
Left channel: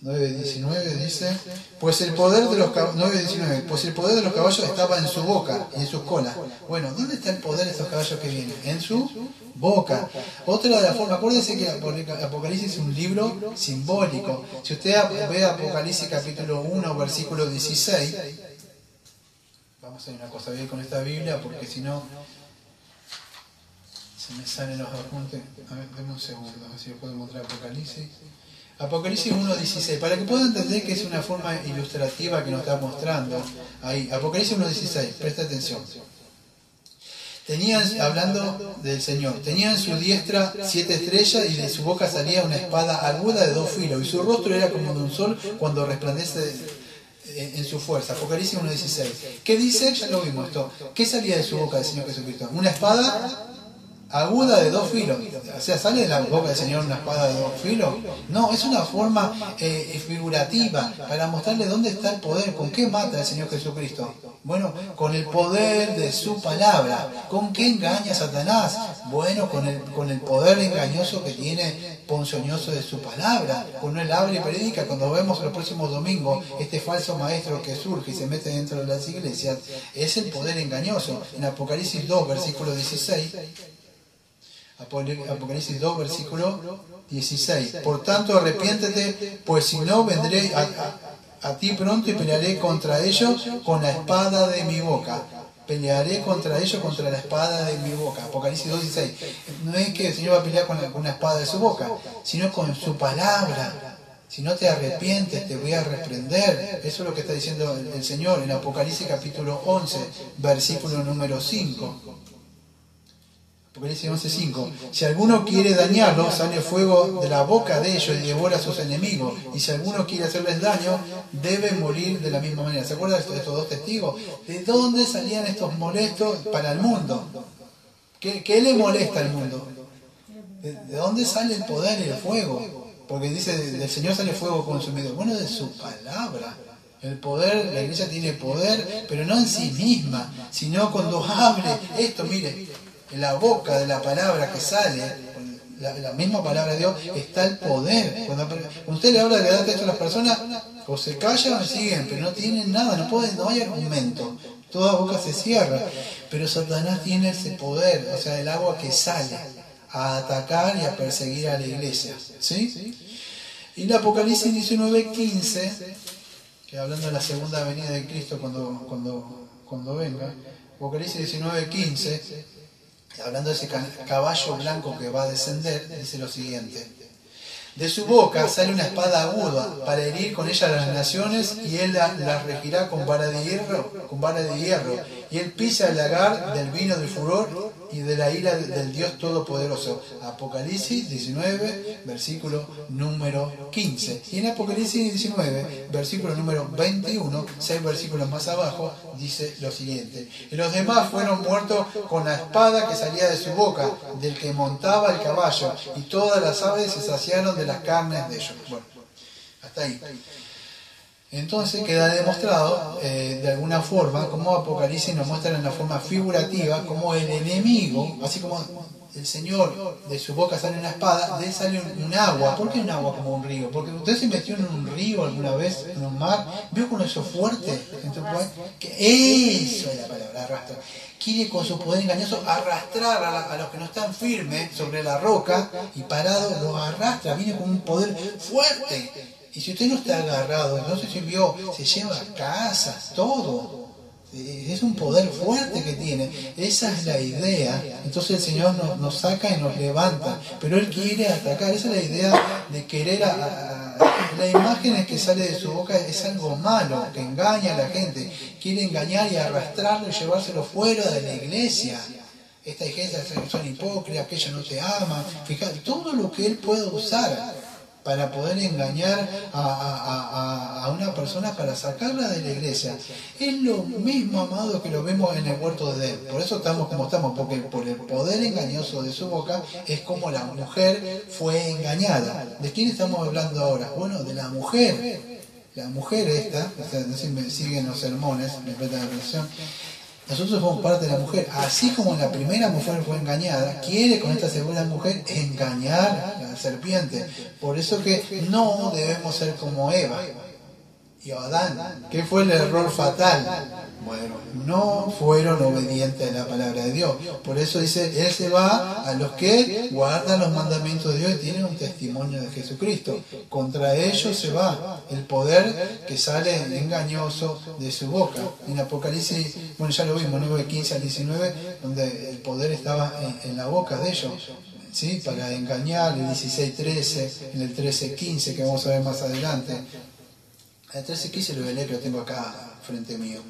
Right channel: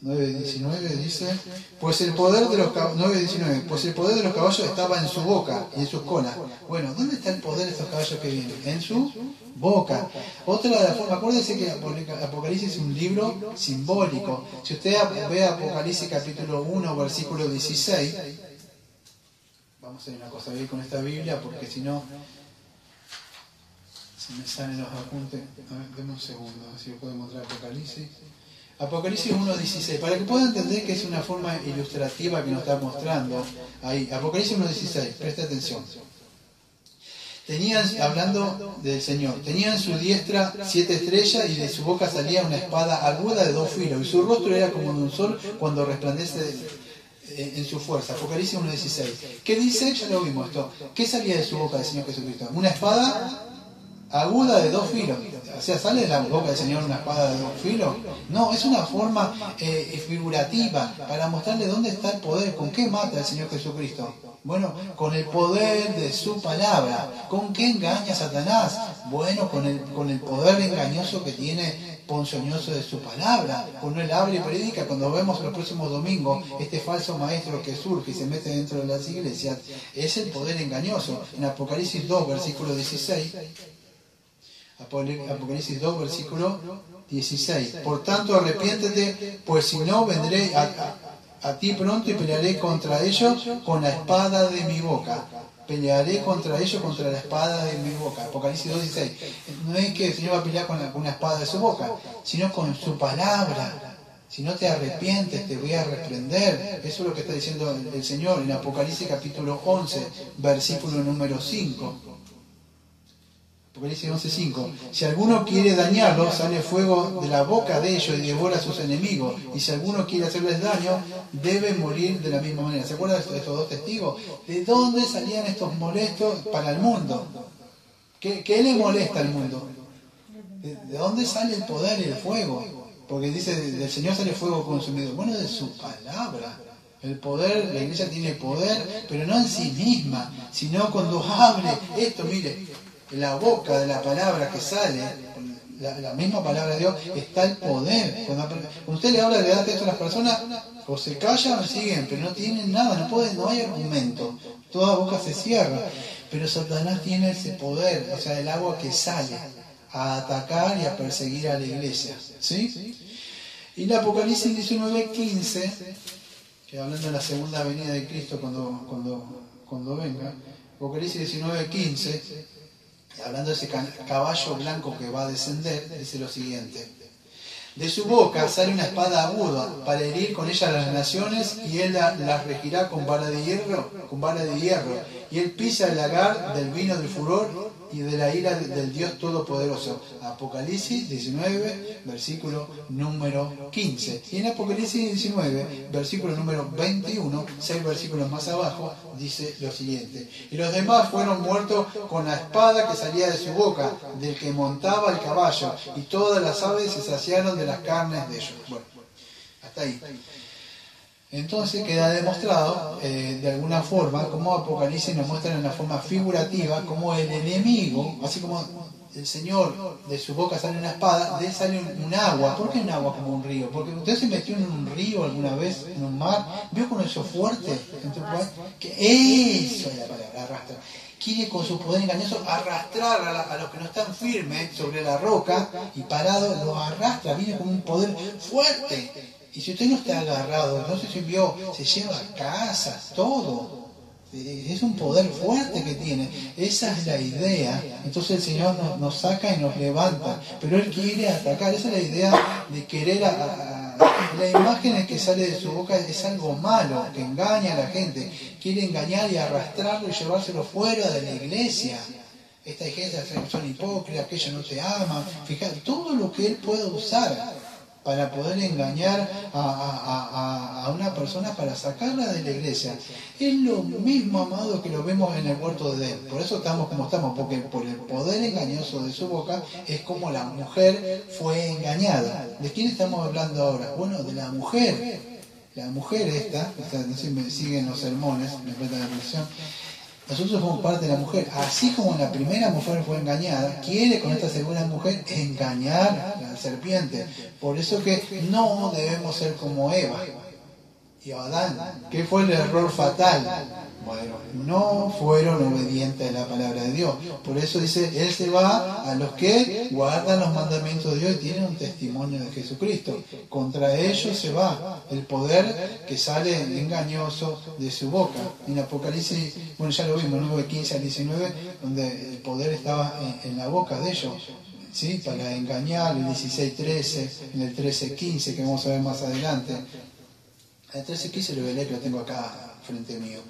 9:19 dice, pues el poder de los caballos estaba en su boca y en sus colas. Bueno, ¿dónde está el poder de estos caballos que vienen? En su boca. Otra de las formas, acuérdense que Apocalipsis es un libro simbólico. Si usted ve Apocalipsis capítulo 1, versículo 16, vamos a hacer una cosa bien con esta Biblia, porque si no se me salen los apuntes. A ver, denme un segundo, a ver si puedo mostrar Apocalipsis. Apocalipsis 1.16, para que puedan entender que es una forma ilustrativa que nos está mostrando ahí. Apocalipsis 1.16, presta atención. Hablando del Señor, tenía en su diestra 7 estrellas y de su boca salía una espada aguda de 2 filos, y su rostro era como de un sol cuando resplandece en su fuerza. Apocalipsis 1.16. ¿Qué dice? Ya lo vimos esto. ¿Qué salía de su boca del Señor Jesucristo? Una espada aguda de 2 filos. O sea, ¿sale de la boca del Señor una espada de 2 filos? No, es una forma figurativa para mostrarle dónde está el poder. ¿Con qué mata el Señor Jesucristo? Bueno, con el poder de su palabra. ¿Con qué engaña a Satanás? Bueno, con el poder engañoso que tiene ponzoñoso de su palabra. Cuando él habla y predica, cuando vemos los próximos domingos este falso maestro que surge y se mete dentro de las iglesias, es el poder engañoso. En Apocalipsis 2, versículo 16, Apocalipsis 2, versículo 16. Por tanto, arrepiéntete, pues si no vendré a ti pronto y pelearé contra ellos con la espada de mi boca. Pelearé contra ellos contra la espada de mi boca. Apocalipsis 2:16. No es que el Señor va a pelear con una espada de su boca, sino con su palabra. Si no te arrepientes, te voy a reprender. Eso es lo que está diciendo el Señor en Apocalipsis capítulo 11, versículo número 5. Apocalipsis 11:5. Si alguno quiere dañarlos, sale fuego de la boca de ellos y devora a sus enemigos. Y si alguno quiere hacerles daño, debe morir de la misma manera. ¿Se acuerdan de estos dos testigos? ¿De dónde salían estos molestos para el mundo? ¿Qué le molesta al mundo? ¿De dónde sale el poder y el fuego? Porque dice, del Señor sale fuego consumido. Bueno, de su palabra. El poder, la iglesia tiene poder, pero no en sí misma, sino cuando hable esto, mire, en la boca de la palabra que sale, la misma palabra de Dios, está el poder. Cuando usted le habla de edad a las personas, o se callan o siguen, pero no tienen nada, no hay argumento. Toda boca se cierra. Pero Satanás tiene ese poder, o sea, el agua que sale a atacar y a perseguir a la iglesia. ¿Sí? Y el Apocalipsis 19:15, que hablando de la segunda venida de Cristo cuando venga, Apocalipsis 19:15, hablando de ese caballo blanco que va a descender, dice lo siguiente: de su boca sale una espada aguda para herir con ella a las naciones, y él las regirá con vara de hierro, y él pisa el lagar del vino del furor y de la ira del Dios Todopoderoso. Apocalipsis 19, versículo número 15. Y en Apocalipsis 19, versículo número 21, 6 versículos más abajo, dice lo siguiente: y los demás fueron muertos con la espada que salía de su boca, del que montaba el caballo, y todas las aves se saciaron de las carnes de ellos. Bueno, hasta ahí. Entonces queda demostrado, de alguna forma, como Apocalipsis nos muestra en una forma figurativa, como el enemigo, así como el Señor, de su boca sale una espada, de él sale un agua. ¿Por qué un agua como un río? Porque usted se metió en un río alguna vez, en un mar, vio con eso fuerte, que eso es la palabra, arrastra. Quiere con su poder engañoso arrastrar a los que no están firmes sobre la roca y parados, los arrastra, viene con un poder fuerte. Y si usted no está agarrado, entonces se lleva casas, todo. Es un poder fuerte que tiene. Esa es la idea. Entonces el Señor nos saca y nos levanta. Pero Él quiere atacar. Esa es la idea de querer la imagen que sale de su boca es algo malo, que engaña a la gente. Quiere engañar y arrastrarlo y llevárselo fuera de la iglesia. Esta iglesia son hipócritas, que ellos no se aman. Fíjate, todo lo que Él puede usar para poder engañar a una persona, para sacarla de la iglesia. Es lo mismo, amado, que lo vemos en el huerto de Edén. Por eso estamos como estamos, porque por el poder engañoso de su boca es como la mujer fue engañada. ¿De quién estamos hablando ahora? Bueno, de la mujer. La mujer esta, no sé si me siguen los sermones, me prestan atención. Nosotros somos parte de la mujer. Así como la primera mujer fue engañada, quiere con esta segunda mujer engañar a la serpiente. Por eso que no debemos ser como Eva y Adán. ¿Qué fue el error fatal? Bueno, no fueron obedientes a la palabra de Dios. Por eso dice, Él se va a los que guardan los mandamientos de Dios y tienen un testimonio de Jesucristo. Contra ellos se va el poder que sale engañoso de su boca. En Apocalipsis, bueno, ya lo vimos, 9:15 al 19, donde el poder estaba en la boca de ellos, ¿sí? Para engañar, el 16:13, en el 13:15, que vamos a ver más adelante. El 13:15 lo voy a leer, que lo tengo acá frente mío.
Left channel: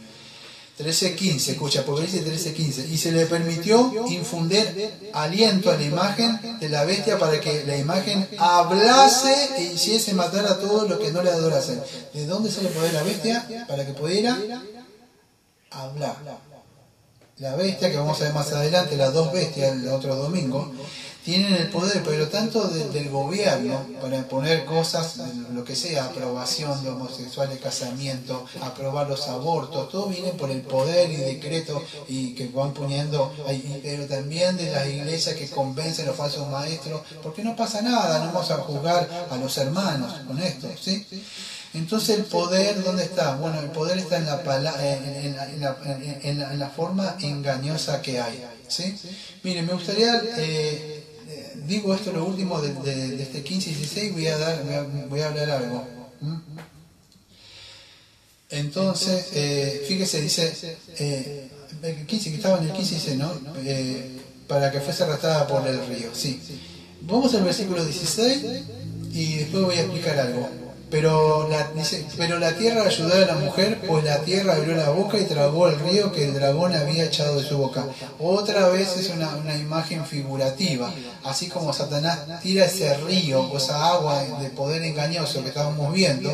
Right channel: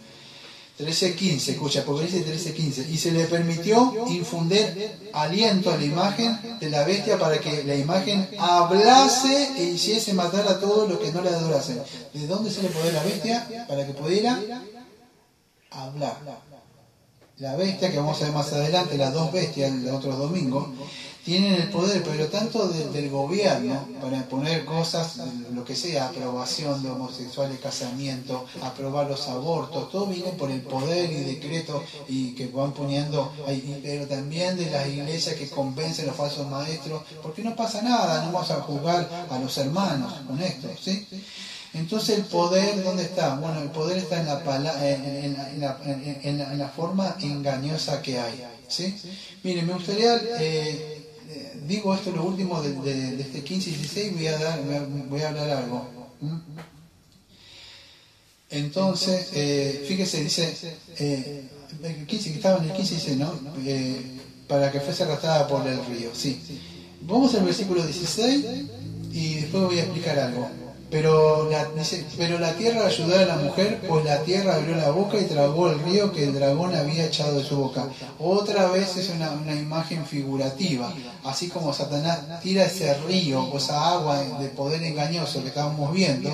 13:15, escucha, Apocalipsis 13:15. Y se le permitió infundir aliento a la imagen de la bestia para que la imagen hablase e hiciese matar a todos los que no le adorasen. ¿De dónde se le poder la bestia? Para que pudiera hablar. La bestia, que vamos a ver más adelante, las dos bestias el otro domingo, tienen el poder, pero tanto del gobierno, para poner cosas, lo que sea, aprobación de homosexuales, casamiento, aprobar los abortos, todo viene por el poder y decreto y que van poniendo, pero también de las iglesias que convencen a los falsos maestros, porque no pasa nada, no vamos a juzgar a los hermanos con esto, ¿sí? Entonces el poder, ¿dónde está? Bueno, el poder está en la forma engañosa que hay, ¿sí? Mire, me gustaría, digo esto lo último de este 15 y 16, voy a hablar algo. Entonces, fíjese, dice, el 15, que estaba en el 15, dice, ¿no? Para que fuese arrastrada por el río, sí. Vamos al versículo 16 y después voy a explicar algo. Dice, pero la tierra ayudó a la mujer, pues la tierra abrió la boca y tragó el río que el dragón había echado de su boca. Otra vez es una imagen figurativa, así como Satanás tira ese río o esa agua de poder engañoso que estábamos viendo.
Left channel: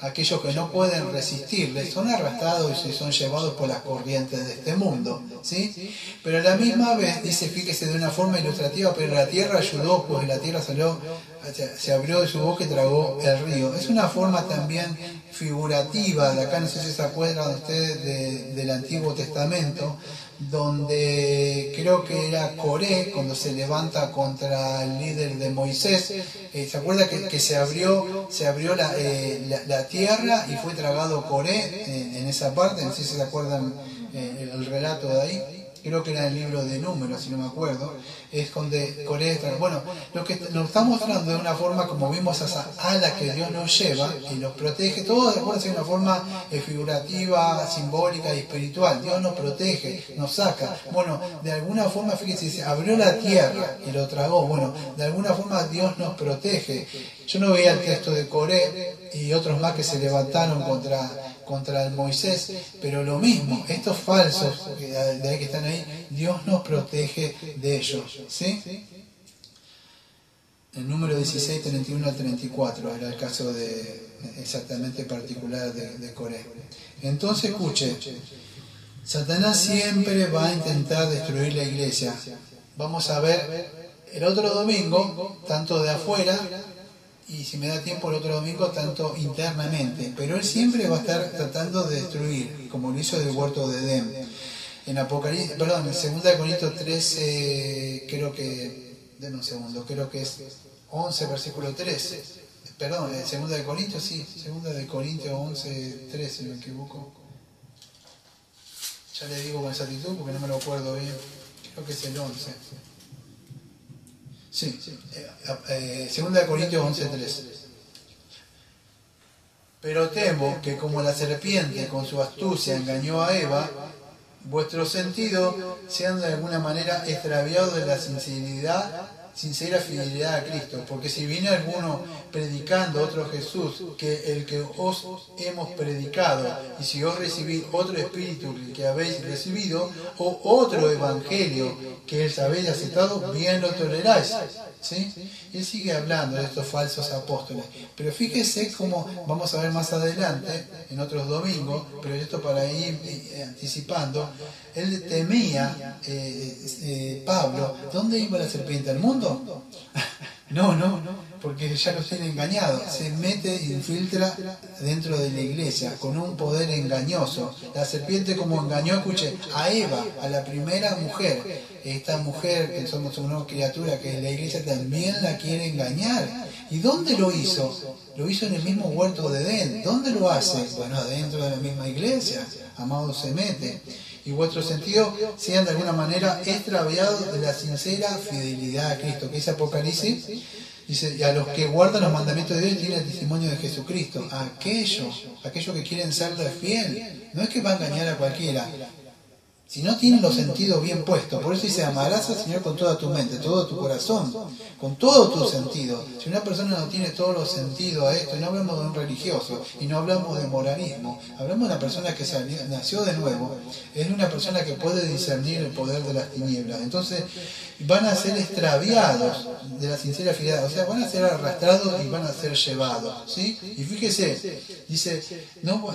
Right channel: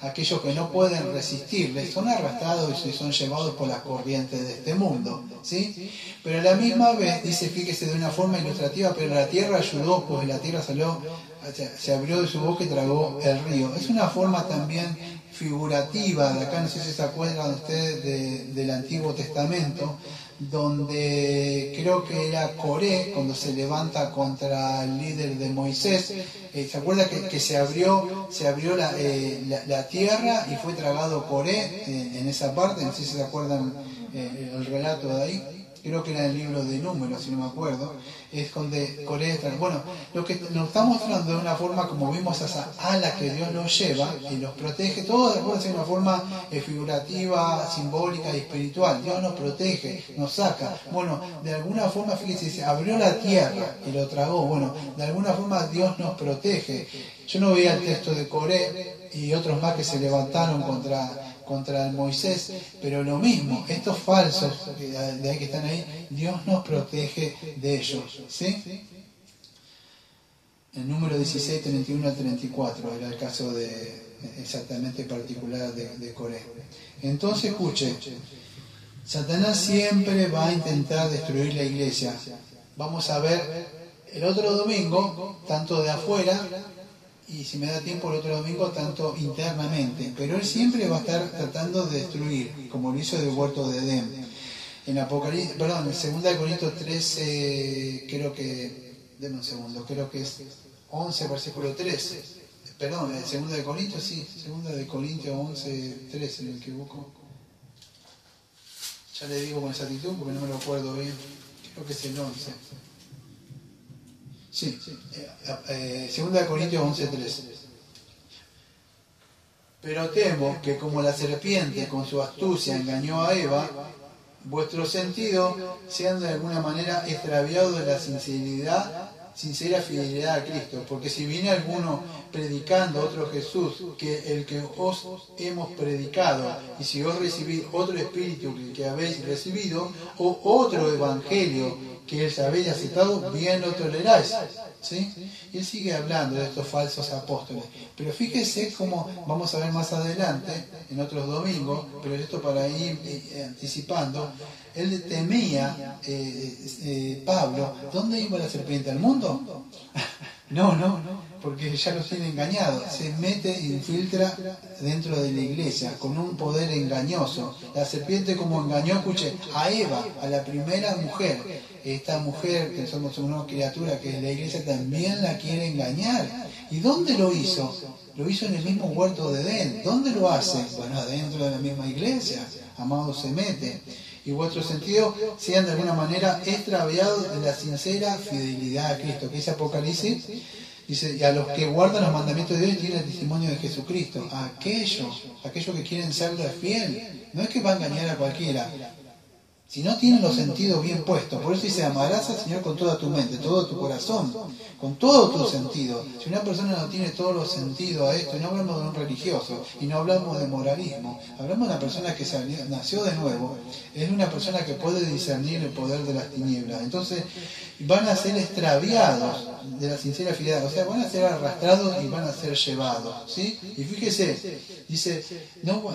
Aquellos que no pueden resistirle son arrastrados y son llevados por las corrientes de este mundo, ¿sí? Pero a la misma vez dice, fíjese de una forma ilustrativa, pero la tierra ayudó, pues la tierra se abrió de su boca y tragó el río. Es una forma también figurativa, de acá no sé si se acuerdan ustedes del Antiguo Testamento, donde creo que era Coré, cuando se levanta contra el líder de Moisés, ¿se acuerda que se abrió la tierra y fue tragado Coré en esa parte? No sé si se acuerdan el relato de ahí. Creo que era el libro de Números, si no me acuerdo, es donde Coré está. Bueno, lo que nos está mostrando de una forma como vimos esa ala que Dios nos lleva y nos protege, todo de acuerdo a una forma figurativa, simbólica y espiritual. Dios nos protege, nos saca. Bueno, de alguna forma, fíjense, dice, abrió la tierra y lo tragó. Bueno, de alguna forma Dios nos protege. Yo no veía el texto de Coré y otros más que se levantaron contra el Moisés, pero lo mismo, estos falsos de ahí que están ahí, Dios nos protege de ellos, ¿sí? El número 16, 31 al 34 era el caso exactamente particular de Coré. Entonces escuche, Satanás siempre va a intentar destruir la iglesia. Vamos a ver el otro domingo, tanto de afuera, y si me da tiempo el otro domingo, tanto internamente, pero él siempre va a estar tratando de destruir, como lo hizo del huerto de Edén. En Apocalipsis, perdón, en 2 Corintios 13, creo que es 11, versículo 13. Perdón, 2 Corintios, sí, 2 Corintios 11, 13, si me equivoco. Ya le digo con exactitud porque no me lo acuerdo bien, creo que es el 11. Sí, 2 Corintios 11:3. Pero temo que como la serpiente con su astucia engañó a Eva, vuestros sentidos sean de alguna manera extraviados de la sincera fidelidad a Cristo. Porque si viene alguno predicando otro Jesús que el que os hemos predicado, y si os recibís otro espíritu que habéis recibido, o otro evangelio que él habéis aceptado, bien lo toleráis. ¿Sí? Y él sigue hablando de estos falsos apóstoles. Pero fíjese cómo vamos a ver más adelante, en otros domingos, pero esto para ir anticipando, él temía, Pablo, ¿dónde iba la serpiente? ¿Al mundo? No, porque ya los tiene engañados. Se mete e infiltra dentro de la iglesia con un poder engañoso. La serpiente como engañó, escuche, a Eva, a la primera mujer. Esta mujer, que somos una nueva criatura, que es la iglesia, también la quiere engañar. ¿Y dónde lo hizo? Lo hizo en el mismo huerto de Edén. ¿Dónde lo hace? Bueno, dentro de la misma iglesia. Amado, se mete. Y vuestros sentidos sean de alguna manera extraviados de la sincera fidelidad a Cristo. Que dice Apocalipsis, dice, y a los que guardan los mandamientos de Dios tienen el testimonio de Jesucristo. A aquellos que quieren serle fiel. No es que va a engañar a cualquiera. Si no tienen los sentidos bien puestos, por eso dice, amarás al Señor con toda tu mente, todo tu corazón, con todo tu sentido. Si una persona no tiene todos los sentidos a esto, y no hablamos de un religioso, y no hablamos de moralismo, hablamos de una persona que nació de nuevo, es una persona que puede discernir el poder de las tinieblas. Entonces, van a ser extraviados de la sincera fidelidad, o sea, van a ser arrastrados y van a ser llevados, ¿sí? Y fíjese, dice, no,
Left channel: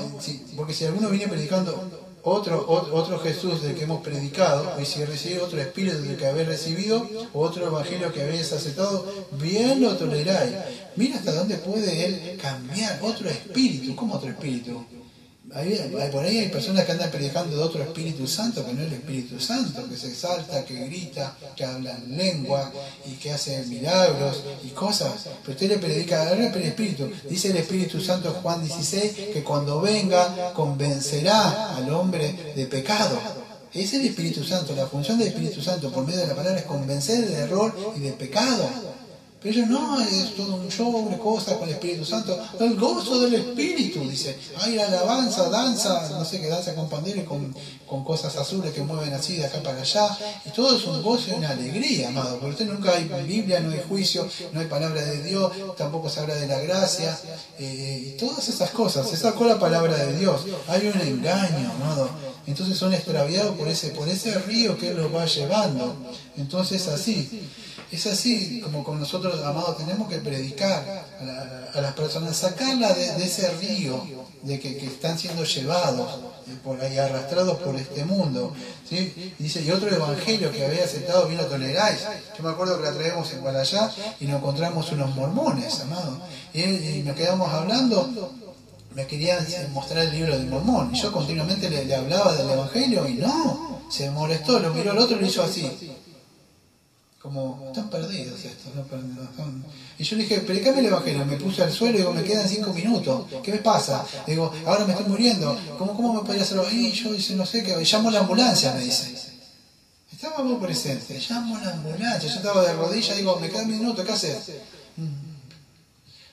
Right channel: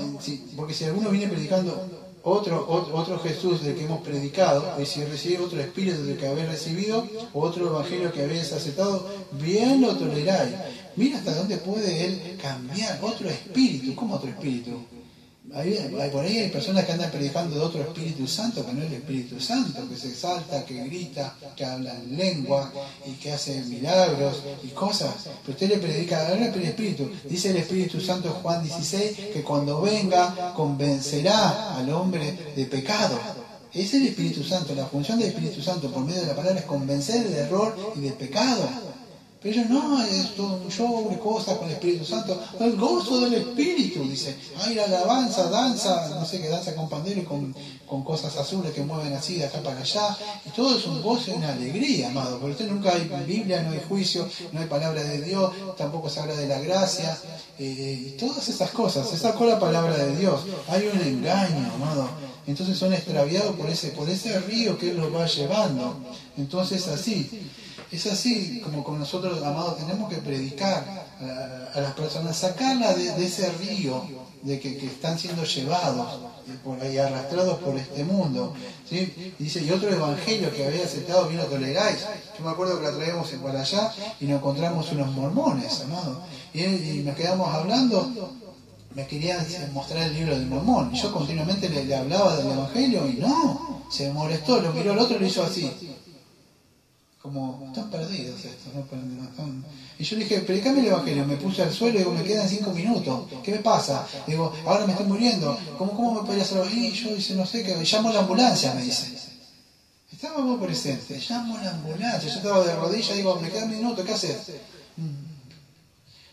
porque si alguno viene predicando otro Jesús del que hemos predicado, y si recibís otro espíritu del que habéis recibido, o otro evangelio que habéis aceptado, bien lo toleráis. Mira hasta dónde puede él cambiar otro espíritu. ¿Cómo otro espíritu? Por ahí hay personas que andan predicando de otro Espíritu Santo, que no es el Espíritu Santo, que se exalta, que grita, que habla en lengua y que hace milagros y cosas. Pero usted le predica al Espíritu. Dice el Espíritu Santo, Juan 16, que cuando venga convencerá al hombre de pecado. Es el Espíritu Santo. La función del Espíritu Santo por medio de la palabra es convencer del error y del pecado. Pero ellos no, es todo un show de cosas con el Espíritu Santo. El gozo del Espíritu, dice. Hay la alabanza, danza, no sé qué, danza con pandero y con cosas azules que mueven así de acá para allá. Y todo es un gozo y una alegría, amado. Porque usted nunca hay Biblia, no hay juicio, no hay palabra de Dios, tampoco se habla de la gracia. Y todas esas cosas. Se sacó la palabra de Dios. Hay un engaño, amado. Entonces son extraviados por ese río que Él los va llevando. Entonces así. Es así como con nosotros, amados, tenemos que predicar a las personas, sacarla de ese río de que están siendo llevados por ahí, arrastrados por este mundo, ¿sí? Dice, y otro evangelio que había aceptado, bien lo toleráis. Yo me acuerdo que la traemos para allá y nos encontramos unos mormones, amados, y nos quedamos hablando. Me querían mostrar el libro del Mormón y yo continuamente le hablaba del evangelio y no, se molestó, lo miró al otro y lo hizo así. Como, están perdidos estos, ¿no? Y yo le dije, predicame el evangelio, me puse al suelo y digo, me quedan 5 minutos, ¿qué me pasa? Digo, ahora me estoy muriendo, ¿cómo me podría hacerlo? Y yo dice, no sé, que llamo a la ambulancia, me dice. Estábamos presentes, llamo a la ambulancia, yo estaba de rodillas y digo, me quedan minutos, ¿qué haces?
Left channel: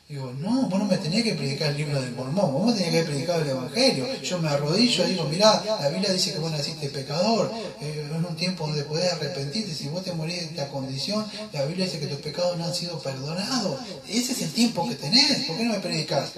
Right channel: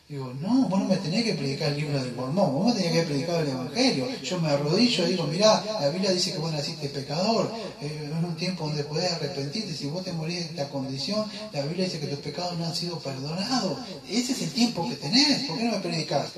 Digo, no, vos no me tenés que predicar el libro del Mormón, vos me tenés que predicar el Evangelio. Yo me arrodillo y digo, mirá, la Biblia dice que vos naciste pecador, en un tiempo donde podés arrepentirte, si vos te morís en esta condición, la Biblia dice que tus pecados no han sido perdonados. Ese es el tiempo que tenés, ¿por qué no me predicás?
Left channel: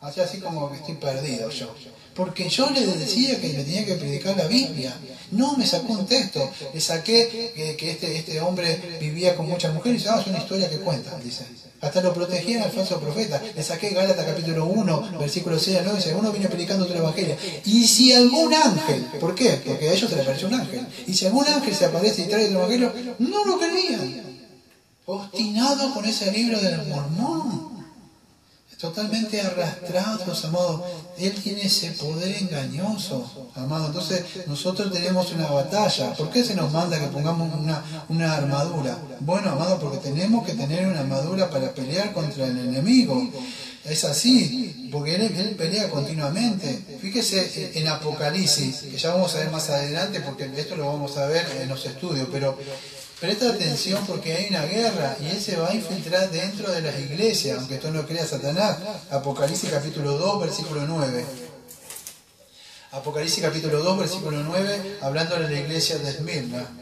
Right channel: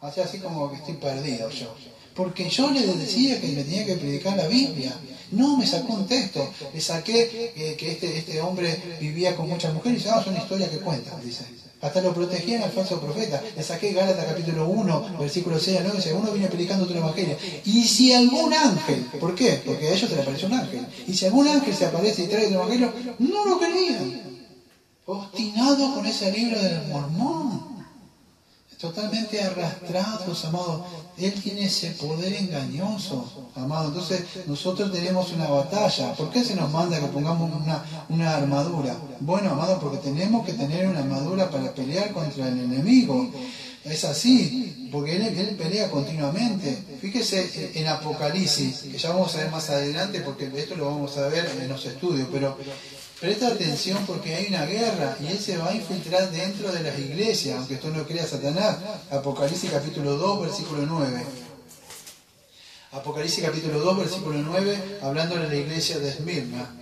O sea, así como que estoy perdido yo. Porque yo le decía que le tenía que predicar la Biblia. No, me sacó un texto. Le saqué que este hombre vivía con muchas mujeres. Y dice, es una historia que cuenta, dice. Hasta lo protegían al falso profeta. Le saqué Gálatas capítulo 1, versículo 6 al 9. Dice, uno viene predicando otro evangelio. Y si algún ángel, ¿por qué? Porque a ellos se les apareció un ángel. Y si algún ángel se aparece y trae otro evangelio, no lo creían. Obstinado con ese libro del Mormón. Totalmente arrastrados, amados. Él tiene ese poder engañoso, amado. Entonces nosotros tenemos una batalla. ¿Por qué se nos manda que pongamos una armadura? Bueno, amado, porque tenemos que tener una armadura para pelear contra el enemigo. Es así, porque él pelea continuamente. Fíjese en Apocalipsis, que ya vamos a ver más adelante, porque esto lo vamos a ver en los estudios, pero presta atención porque hay una guerra y él se va a infiltrar dentro de las iglesias, aunque esto no crea Satanás. Apocalipsis capítulo 2, versículo 9. Apocalipsis capítulo 2, versículo 9, hablando de la iglesia de Esmirna.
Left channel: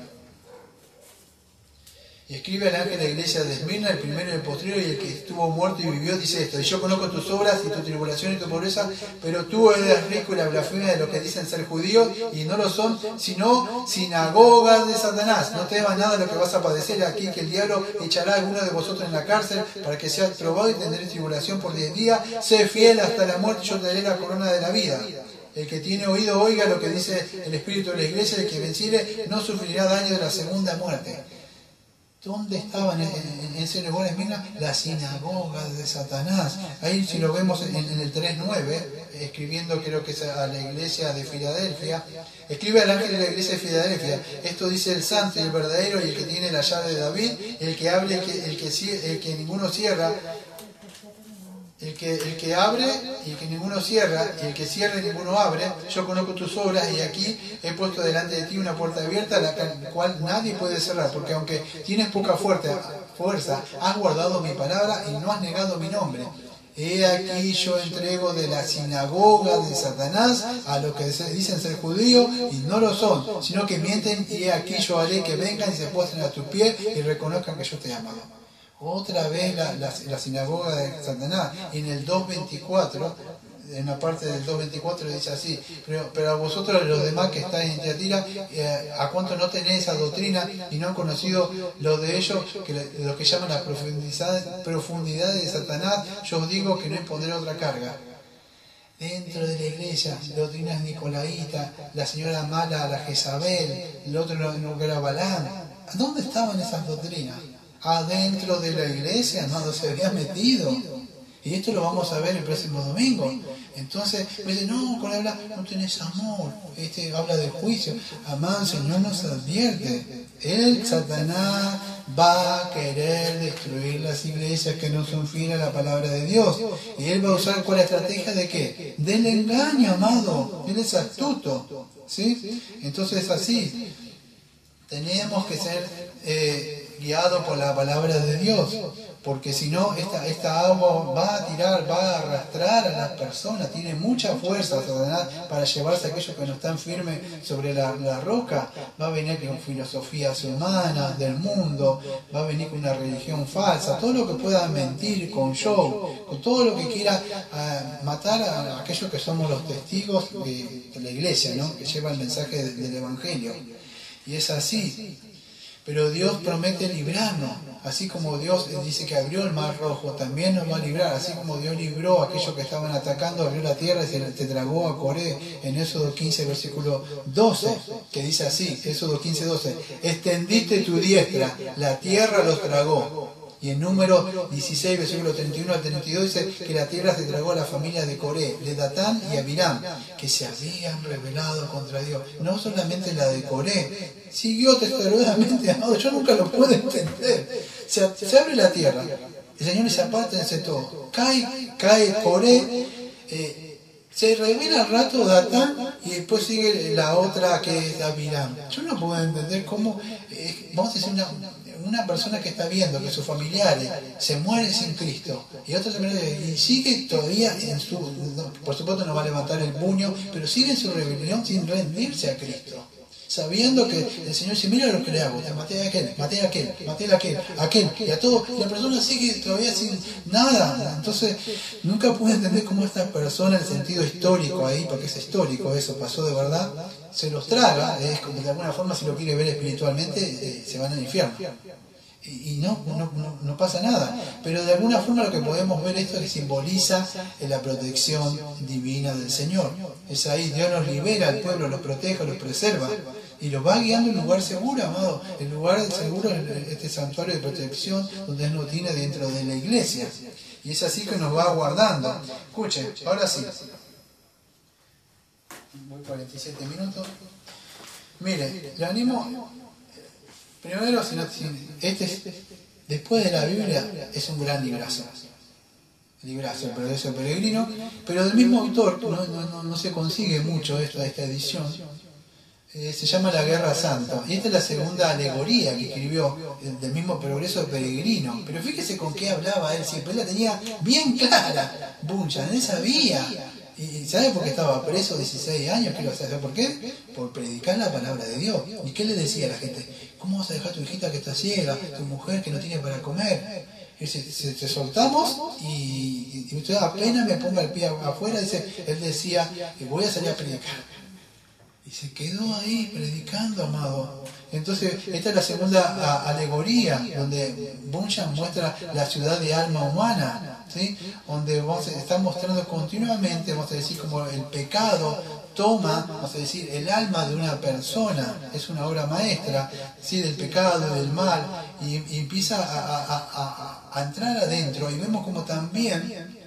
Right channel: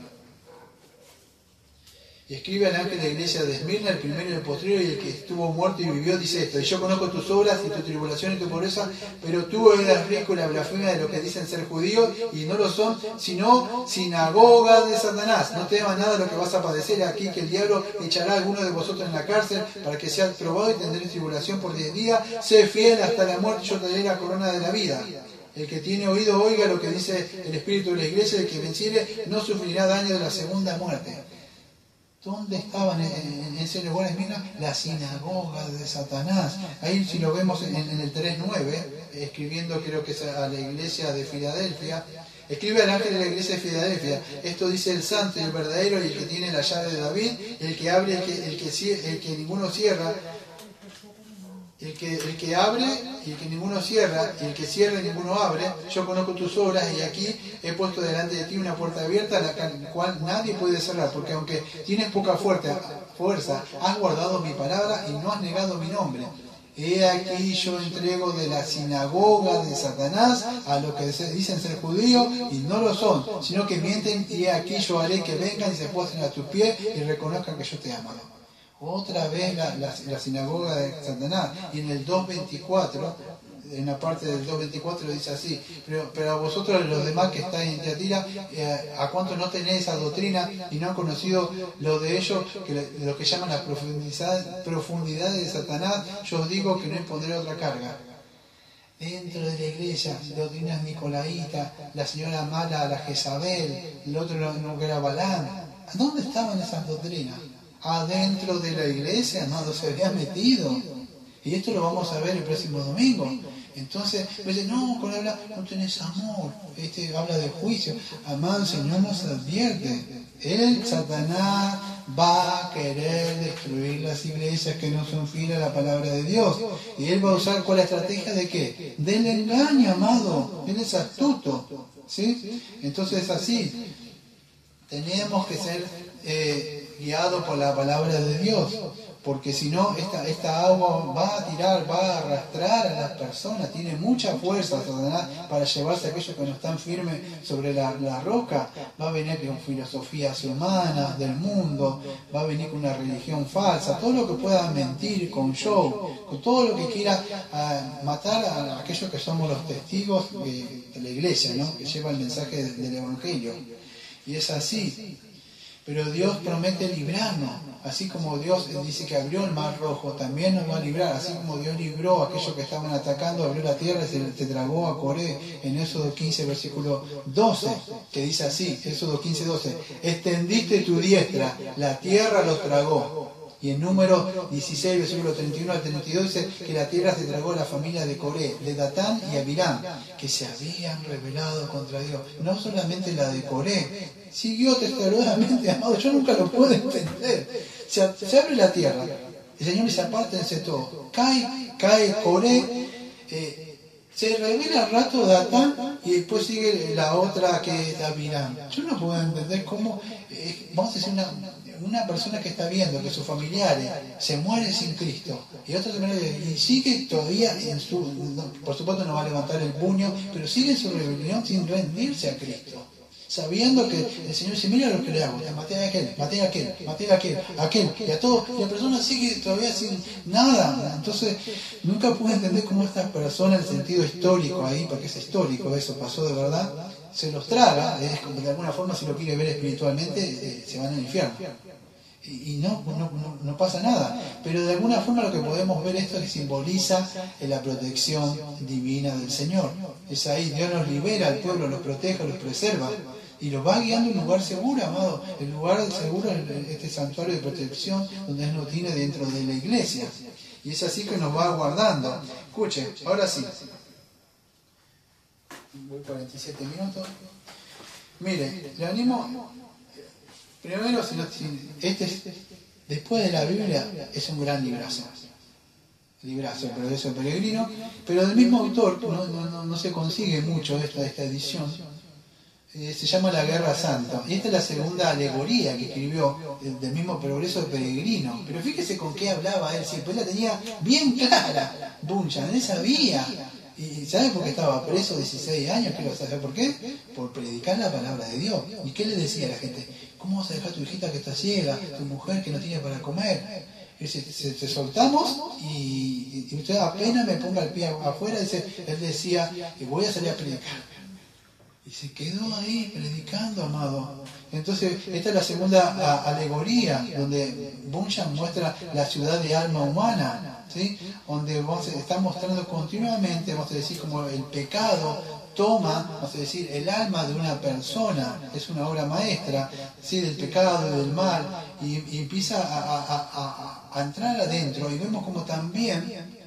Y escribe al ángel de la iglesia de Esmirna, el primero y el postrero, y el que estuvo muerto y vivió, dice esto: y yo conozco tus obras y tu tribulación y tu pobreza, pero tú eres rico en la blasfemia de los que dicen ser judíos y no lo son, sino sinagogas de Satanás. No temas nada de lo que vas a padecer aquí, que el diablo echará a alguno de vosotros en la cárcel para que seas probado y tendréis tribulación por 10 días. Sé fiel hasta la muerte, yo te daré la corona de la vida. El que tiene oído oiga lo que dice el Espíritu de la iglesia, el que venciere no sufrirá daño de la segunda muerte. ¿Dónde estaban en ese lugar, Esmirna? La sinagoga de Satanás. Ahí si lo vemos en el 3.9, escribiendo, creo que es a la iglesia de Filadelfia, escribe al ángel de la iglesia de Filadelfia: esto dice el santo y el verdadero y el que tiene la llave de David, el que abre, el que ninguno cierra, el que abre y el que ninguno cierra, y el que cierra y ninguno abre. Yo conozco tus obras y aquí he puesto delante de ti una puerta abierta, la cual nadie puede cerrar, porque aunque tienes poca fuerza, has guardado mi palabra y no has negado mi nombre. He aquí yo entrego de la sinagoga de Satanás a los que dicen ser judíos y no lo son, sino que mienten, y he aquí yo haré que vengan y se postren a tus pies y reconozcan que yo te he amado. Otra vez la sinagoga de Satanás. Y en el 2.24, en la parte del 2.24 dice así: pero a vosotros los demás que estáis en Tiatira, ¿a cuánto no tenéis esa doctrina y no han conocido lo de ellos, lo que llaman las profundidades de Satanás? Yo os digo que no impondré otra carga. Dentro de la iglesia, doctrinas nicolaitas, la señora mala, la Jezabel, el otro no que era Balán. ¿Dónde estaban esas doctrinas? Adentro de la iglesia, amado, se había metido. Y esto lo vamos a ver el próximo domingo. Entonces, me dice, no, con habla, no tenés amor. Habla de juicio. Amado, el Señor nos advierte. Satanás, va a querer destruir las iglesias que no son fieles a la palabra de Dios. Y él va a usar con la estrategia de ¿qué? Del engaño, amado. Él es astuto. ¿Sí? Entonces, así, tenemos que ser guiado por la palabra de Dios, porque si no, esta agua va a tirar, va a arrastrar a las personas, tiene mucha fuerza Satanás para llevarse a aquellos que no están firmes sobre la roca. Va a venir con filosofías humanas del mundo, va a venir con una religión falsa, todo lo que pueda mentir, con show, con todo lo que quiera matar a aquellos que somos los testigos de la iglesia, ¿no? Que lleva el mensaje del Evangelio. Y es así. Pero Dios promete librarnos, así como Dios dice que abrió el mar rojo, también nos va a librar, así como Dios libró a aquellos que estaban atacando, abrió la tierra y se tragó a Coré, en Éxodo 15, versículo 12, que dice así, Éxodo 15, 12, extendiste tu diestra, la tierra los tragó. Y en número 16, versículo 31 al 32 dice que la tierra se tragó a las familias de Coré, de Datán y Abiram, que se habían rebelado contra Dios. No solamente la de Coré, siguió testarudamente, amado, yo nunca lo puedo entender. Se abre la tierra, el Señor dice, apártense todo. Cae Coré, se revela al rato Datán y después sigue la otra que es Abiram. Yo no puedo entender cómo, vamos a decir, una persona que está viendo que sus familiares se mueren sin Cristo y sigue todavía en su, por supuesto no va a levantar el puño, pero sigue en su rebelión sin rendirse a Cristo, sabiendo que el Señor dice, mira lo que le hago, te maté a aquel, y a todos, y la persona sigue todavía sin nada. Entonces nunca pude entender cómo esta persona, en el sentido histórico ahí, porque es histórico, eso pasó de verdad, se los traga, es como de alguna forma, si lo quiere ver espiritualmente, se van al infierno. Y no pasa nada, pero de alguna forma lo que podemos ver esto que simboliza la protección divina del Señor. Es ahí, Dios nos libera al pueblo, los protege, los preserva y los va guiando en un lugar seguro, amado. El lugar seguro es este santuario de protección donde Él nos tiene dentro de la iglesia, y es así que nos va guardando. Escuchen, ahora sí, voy 47 minutos. Mire, le animo. Primero, después de la Biblia, es un gran librazo, el Progreso Peregrino, pero del mismo autor, no se consigue mucho esta edición, se llama La Guerra Santa, y esta es la segunda alegoría que escribió del mismo Progreso Peregrino. Pero fíjese con qué hablaba él, siempre la tenía bien clara, Bunyan, él sabía. ¿Y sabe por qué estaba preso 16 años? ¿Qué lo sabe? ¿Por qué? Por predicar la palabra de Dios. ¿Y qué le decía a la gente? ¿Cómo vas a dejar a tu hijita que está ciega, tu mujer que no tiene para comer? Y dice, te soltamos y usted apenas me ponga el pie afuera, él decía, voy a salir a predicar. Y se quedó ahí predicando, amado. Entonces, esta es la segunda alegoría, donde Bunyan muestra la ciudad de alma humana, ¿sí? Donde está mostrando continuamente, vamos a decir, como el pecado toma, vamos a decir, el alma de una persona. Es una obra maestra, ¿sí? Del pecado, del mal, y empieza a entrar adentro, y vemos como también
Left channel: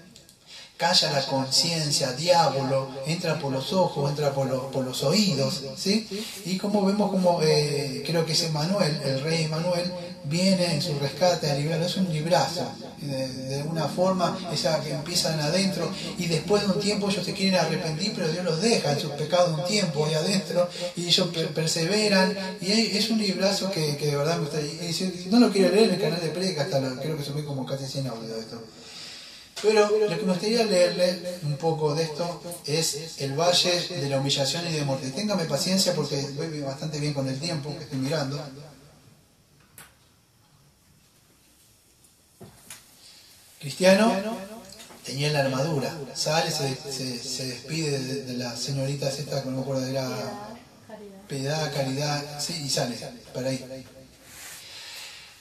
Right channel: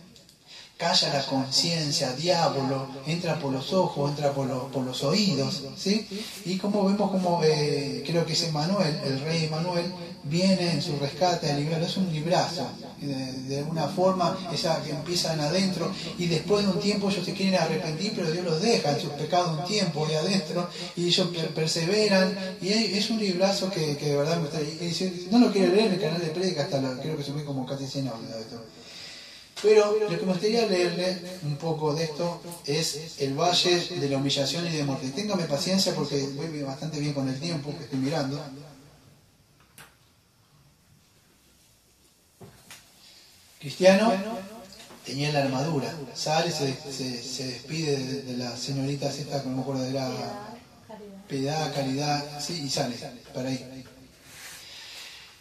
calla la conciencia, diablo, entra por los ojos, entra por los oídos, ¿sí? Y como vemos como, creo que es Emanuel, el rey Emanuel, viene en su rescate a liberarlo. Es un librazo, de alguna forma, esa que empiezan adentro, y después de un tiempo ellos se quieren arrepentir, pero Dios los deja en sus pecados un tiempo ahí adentro, y ellos perseveran, y es un librazo que de verdad me gusta. Y si no lo quiero leer en el canal de Predica, creo que subí como casi 100 audios de esto. Pero lo que me gustaría leerle un poco de esto es el Valle de la Humillación y de Muerte. Téngame paciencia porque voy bastante bien con el tiempo que estoy mirando. Cristiano tenía la armadura, sale, se despide de las señoritas estas, que no me acuerdo, de la Piedad, Caridad, sí, y sale para ahí.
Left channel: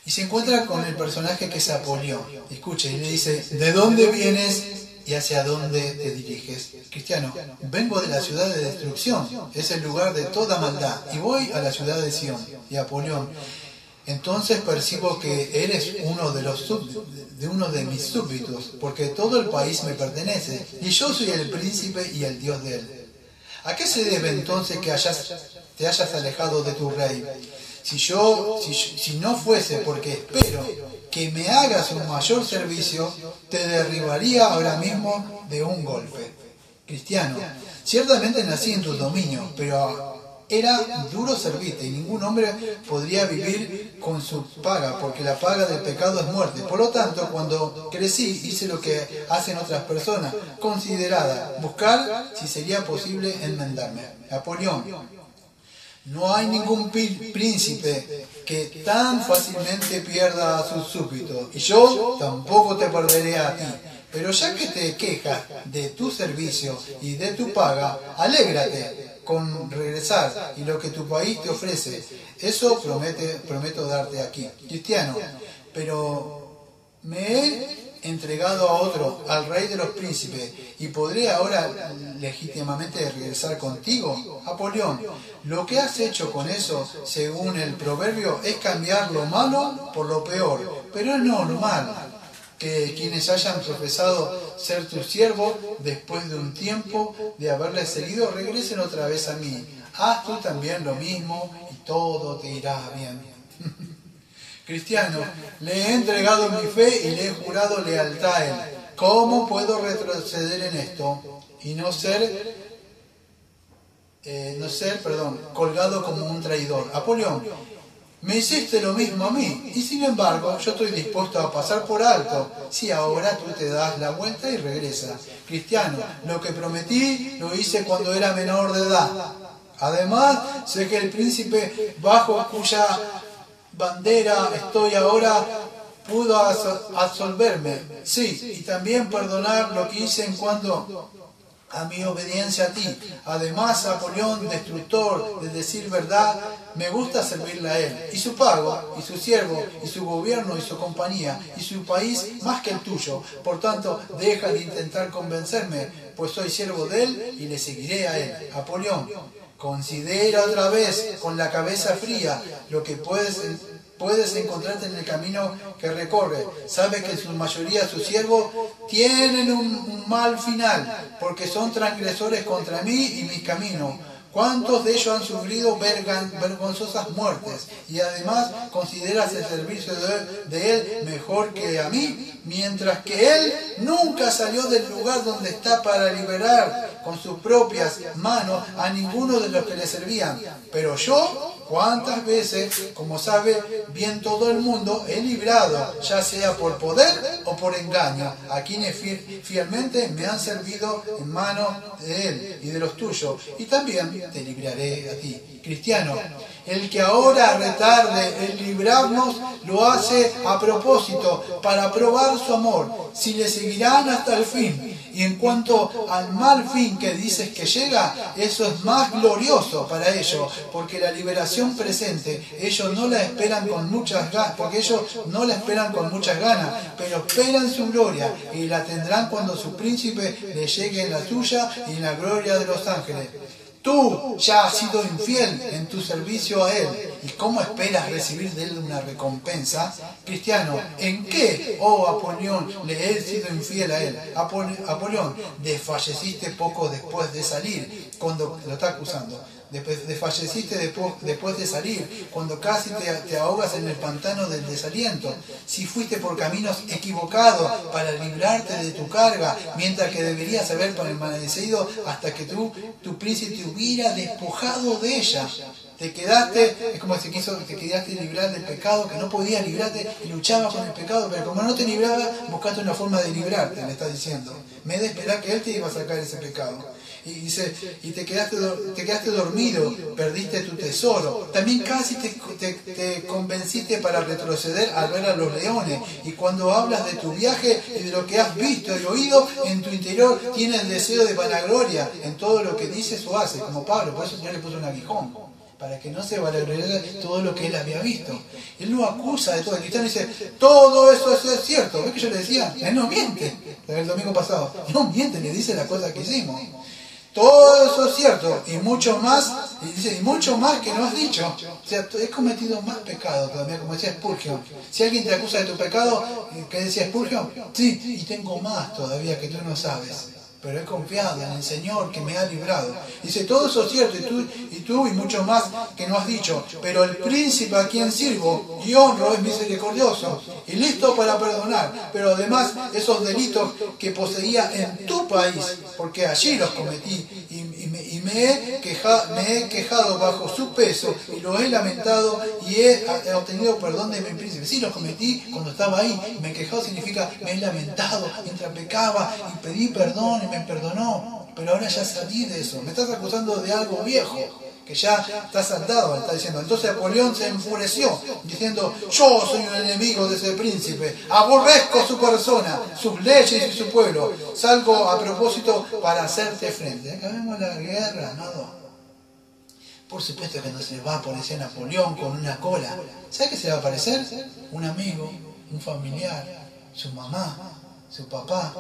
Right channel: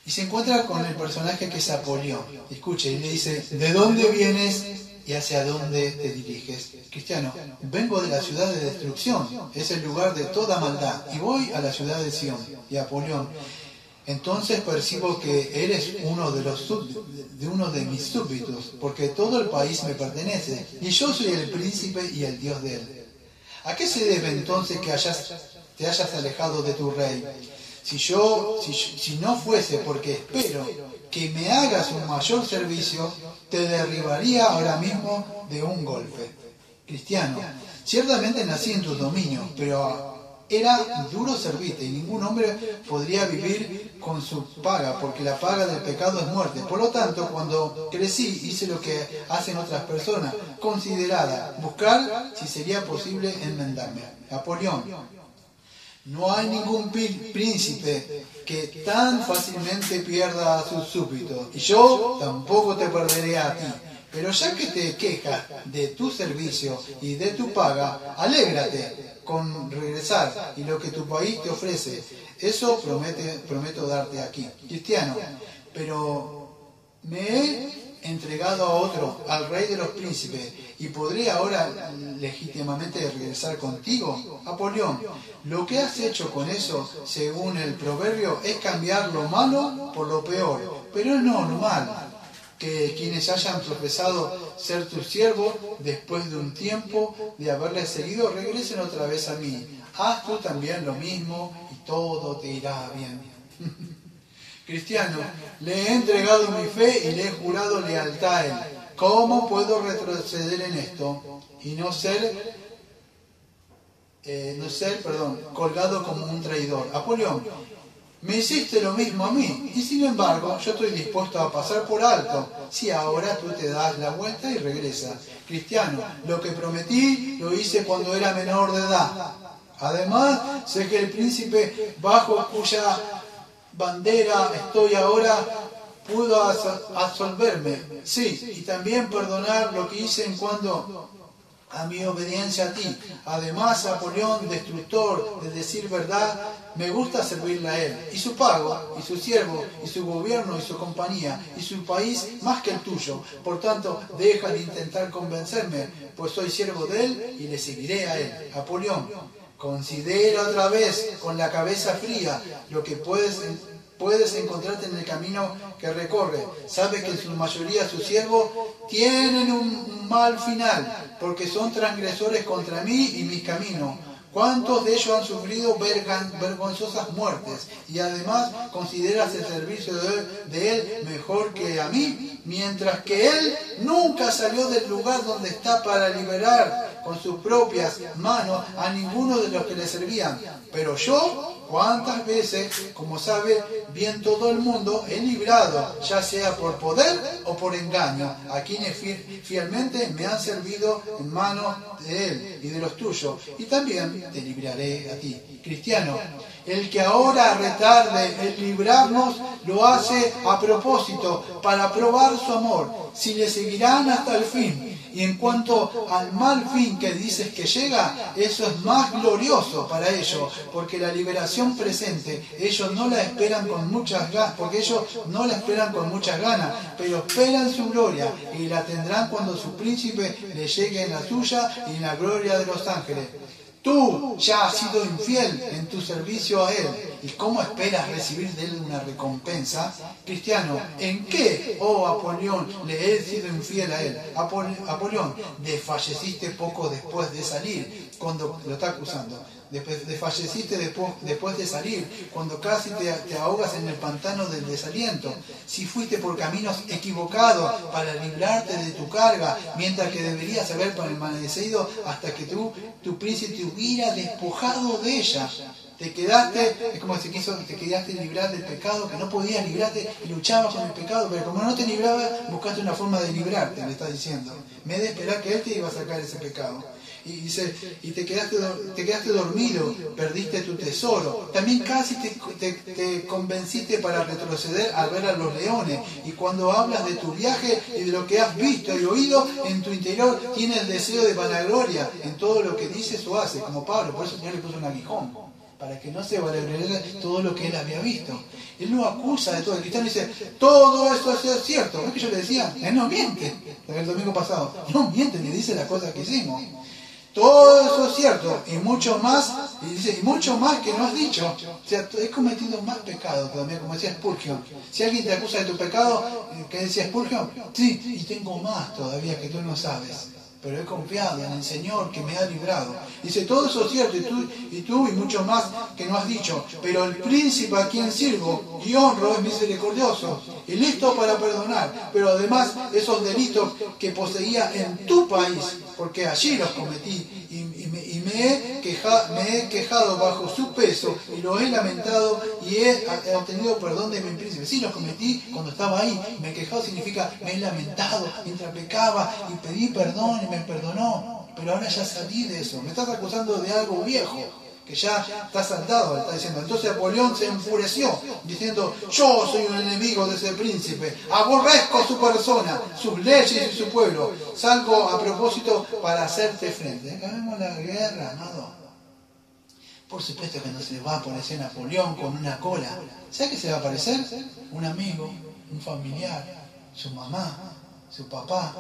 Y se encuentra con el personaje que es Apolión. Escuche, y le dice, ¿de dónde vienes y hacia dónde te diriges? Cristiano, vengo de la ciudad de destrucción, es el lugar de toda maldad, y voy a la ciudad de Sion. Y Apolión, entonces percibo que eres uno de mis súbditos, porque todo el país me pertenece, y yo soy el príncipe y el Dios de él. ¿A qué se debe entonces que te hayas alejado de tu rey? Si no fuese porque espero que me hagas un mayor servicio, te derribaría ahora mismo de un golpe. Cristiano, ciertamente nací en tus dominios, pero Era duro servirte y ningún hombre podría vivir con su paga, porque la paga del pecado es muerte. Por lo tanto, cuando crecí, hice lo que hacen otras personas, considerada, buscar si sería posible enmendarme. Apolión. No hay ningún príncipe que tan fácilmente pierda a sus súbditos, y yo tampoco te perderé a ti. Pero ya que te quejas de tu servicio y de tu paga, alégrate con regresar y lo que tu país te ofrece. Eso prometo darte aquí. Cristiano, pero me he entregado a otro, al rey de los príncipes, y podré ahora legítimamente regresar contigo. Apolión, lo que has hecho con eso, según el proverbio, es cambiar lo malo por lo peor, pero es normal que quienes hayan profesado ser tus siervos, después de un tiempo de haberles seguido, regresen otra vez a mí. Haz tú también lo mismo y todo te irá bien. Cristiano, le he entregado mi fe y le he jurado lealtad a él. ¿Cómo puedo retroceder en esto y no ser colgado como un traidor? Apolión, me hiciste lo mismo a mí, y sin embargo yo estoy dispuesto a pasar por alto si ahora tú te das la vuelta y regresas. Cristiano, lo que prometí lo hice cuando era menor de edad. Además, sé que el príncipe bajo cuya bandera estoy ahora pudo absolverme. Sí, y también perdonar lo que hice en cuanto a mi obediencia a ti. Además, Apolión, destructor de decir verdad, me gusta servirle a él, y su pago, y su siervo, y su gobierno, y su compañía, y su país más que el tuyo. Por tanto, deja de intentar convencerme, pues soy siervo de él y le seguiré a él. Apolión, considera otra vez con la cabeza fría lo que puedes encontrarte en el camino que recorre. Sabes que en su mayoría sus siervos tienen un mal final, porque son transgresores contra mí y mis caminos. ¿Cuántos de ellos han sufrido vergonzosas muertes? Y además consideras el servicio de él mejor que a mí, mientras que él nunca salió del lugar donde está para liberar con sus propias manos a ninguno de los que le servían. Pero yo, ¿cuántas veces, como sabe bien todo el mundo, he librado, ya sea por poder o por engaño, a quienes fielmente me han servido en manos de él y de los tuyos? Y también te libraré a ti. Cristiano, el que ahora retarde en librarnos, lo hace a propósito, para probar su amor, si le seguirán hasta el fin. Y en cuanto al mal fin que dices que llega, eso es más glorioso para ellos, porque la liberación presente, ellos no la esperan con muchas ganas, pero esperan su gloria, y la tendrán cuando su príncipe le llegue en la suya y en la gloria de los ángeles. Tú ya has sido infiel en tu servicio a él, ¿y cómo esperas recibir de él una recompensa? Cristiano, ¿en qué, oh Apolión, le he sido infiel a él? Apolión, desfalleciste poco después de salir, cuando lo está acusando. Desfalleciste después de salir, cuando casi te ahogas en el pantano del desaliento. Si fuiste por caminos equivocados para librarte de tu carga, mientras que deberías haber permanecido hasta que tu príncipe te hubiera despojado de ella. Te quedaste, es como si te quedaste librar del pecado, que no podías librarte y luchabas con el pecado, pero como no te libraba, buscaste una forma de librarte, me está diciendo. Me he de esperar que él te iba a sacar ese pecado. Y dice, y te quedaste dormido, perdiste tu tesoro. También casi te convenciste para retroceder al ver a los leones. Y cuando hablas de tu viaje y de lo que has visto y oído, en tu interior tienes el deseo de vanagloria en todo lo que dices o haces, como Pablo. Por eso el Señor le puso un aguijón, para que no se vanagloriara todo lo que él había visto. Él lo acusa de todo. El cristiano dice, todo eso es cierto. ¿Ves que yo le decía? Él no miente. El domingo pasado, no miente, le dice las cosas que hicimos. Todo eso es cierto, y mucho más, y dice, y mucho más que no has dicho. O sea, he cometido más pecados todavía, como decía Spurgeon. Si alguien te acusa de tu pecado, ¿qué decía Spurgeon? Sí, y tengo más todavía que tú no sabes. Pero he confiado en el Señor que me ha librado. Dice, todo eso es cierto, y tú y mucho más que no has dicho. Pero el príncipe a quien sirvo y honro es misericordioso y listo para perdonar. Pero además, esos delitos que poseía en tu país, porque allí los cometí y me he quejado bajo su peso y lo he lamentado y he obtenido perdón de mi príncipe. Sí, lo cometí cuando estaba ahí. Me he quejado significa me he lamentado mientras pecaba y pedí perdón y me perdonó. Pero ahora ya salí de eso. Me estás acusando de algo viejo, que ya está saldado, está diciendo. Entonces Napoleón se enfureció, diciendo, yo soy un enemigo de ese príncipe, aborrezco su persona, sus leyes y su pueblo, salgo a propósito para hacerte frente. Acá vemos la guerra, ¿no? Por supuesto que no se va a aparecer Napoleón con una cola. ¿Sabe qué se le va a aparecer? Un amigo, un familiar, su mamá, su papá,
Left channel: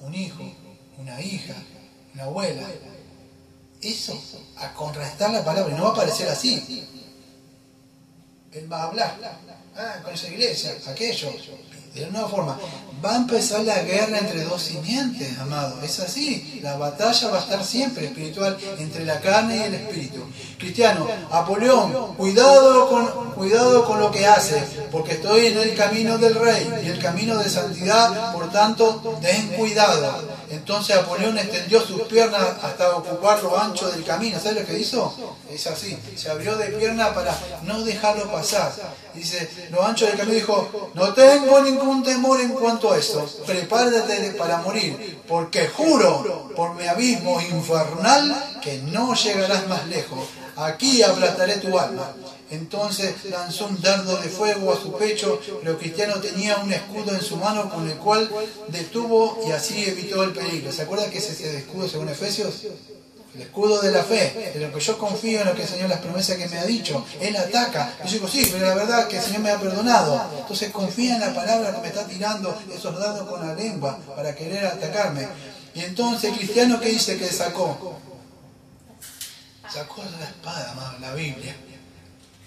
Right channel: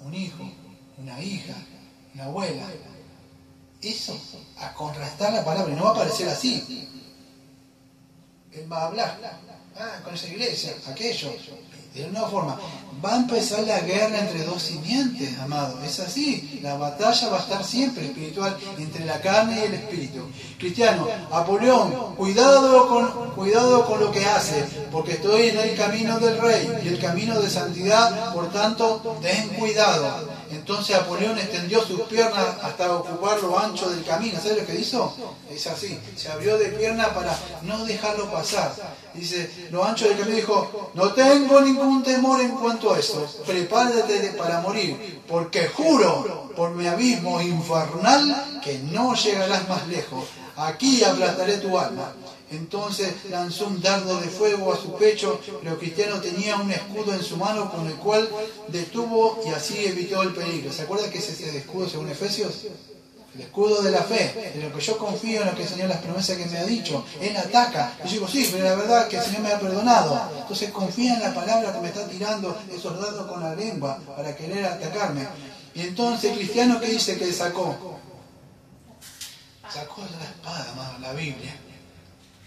un hijo, una hija, una abuela. Eso, a contrastar la palabra, y no va a aparecer así. Él va a hablar, con esa iglesia, aquello, de una forma. Va a empezar la guerra entre dos simientes, amado. Es así, la batalla va a estar siempre espiritual entre la carne y el espíritu. Cristiano, Napoleón, cuidado con lo que hace, porque estoy en el camino del rey y el camino de santidad, por tanto, ten cuidado. Entonces Napoleón extendió sus piernas hasta ocupar lo ancho del camino. ¿Sabes lo que hizo? Es así, se abrió de pierna para no dejarlo pasar. Dice, lo ancho del camino, dijo, no tengo ningún temor en cuanto a eso. Prepárate para morir, porque juro por mi abismo infernal que no llegarás más lejos. Aquí aplastaré tu alma. Entonces lanzó un dardo de fuego a su pecho, pero Cristiano tenía un escudo en su mano con el cual detuvo y así evitó el peligro. ¿Se acuerda que es ese escudo según Efesios? El escudo de la fe, de lo que yo confío en lo que el Señor, las promesas que me ha dicho. Él ataca. Yo digo, sí, pero la verdad es que el Señor me ha perdonado. Entonces confía en la palabra que me está tirando esos dardos con la lengua para querer atacarme. Y entonces Cristiano, ¿qué dice que sacó? Sacó la espada, la Biblia.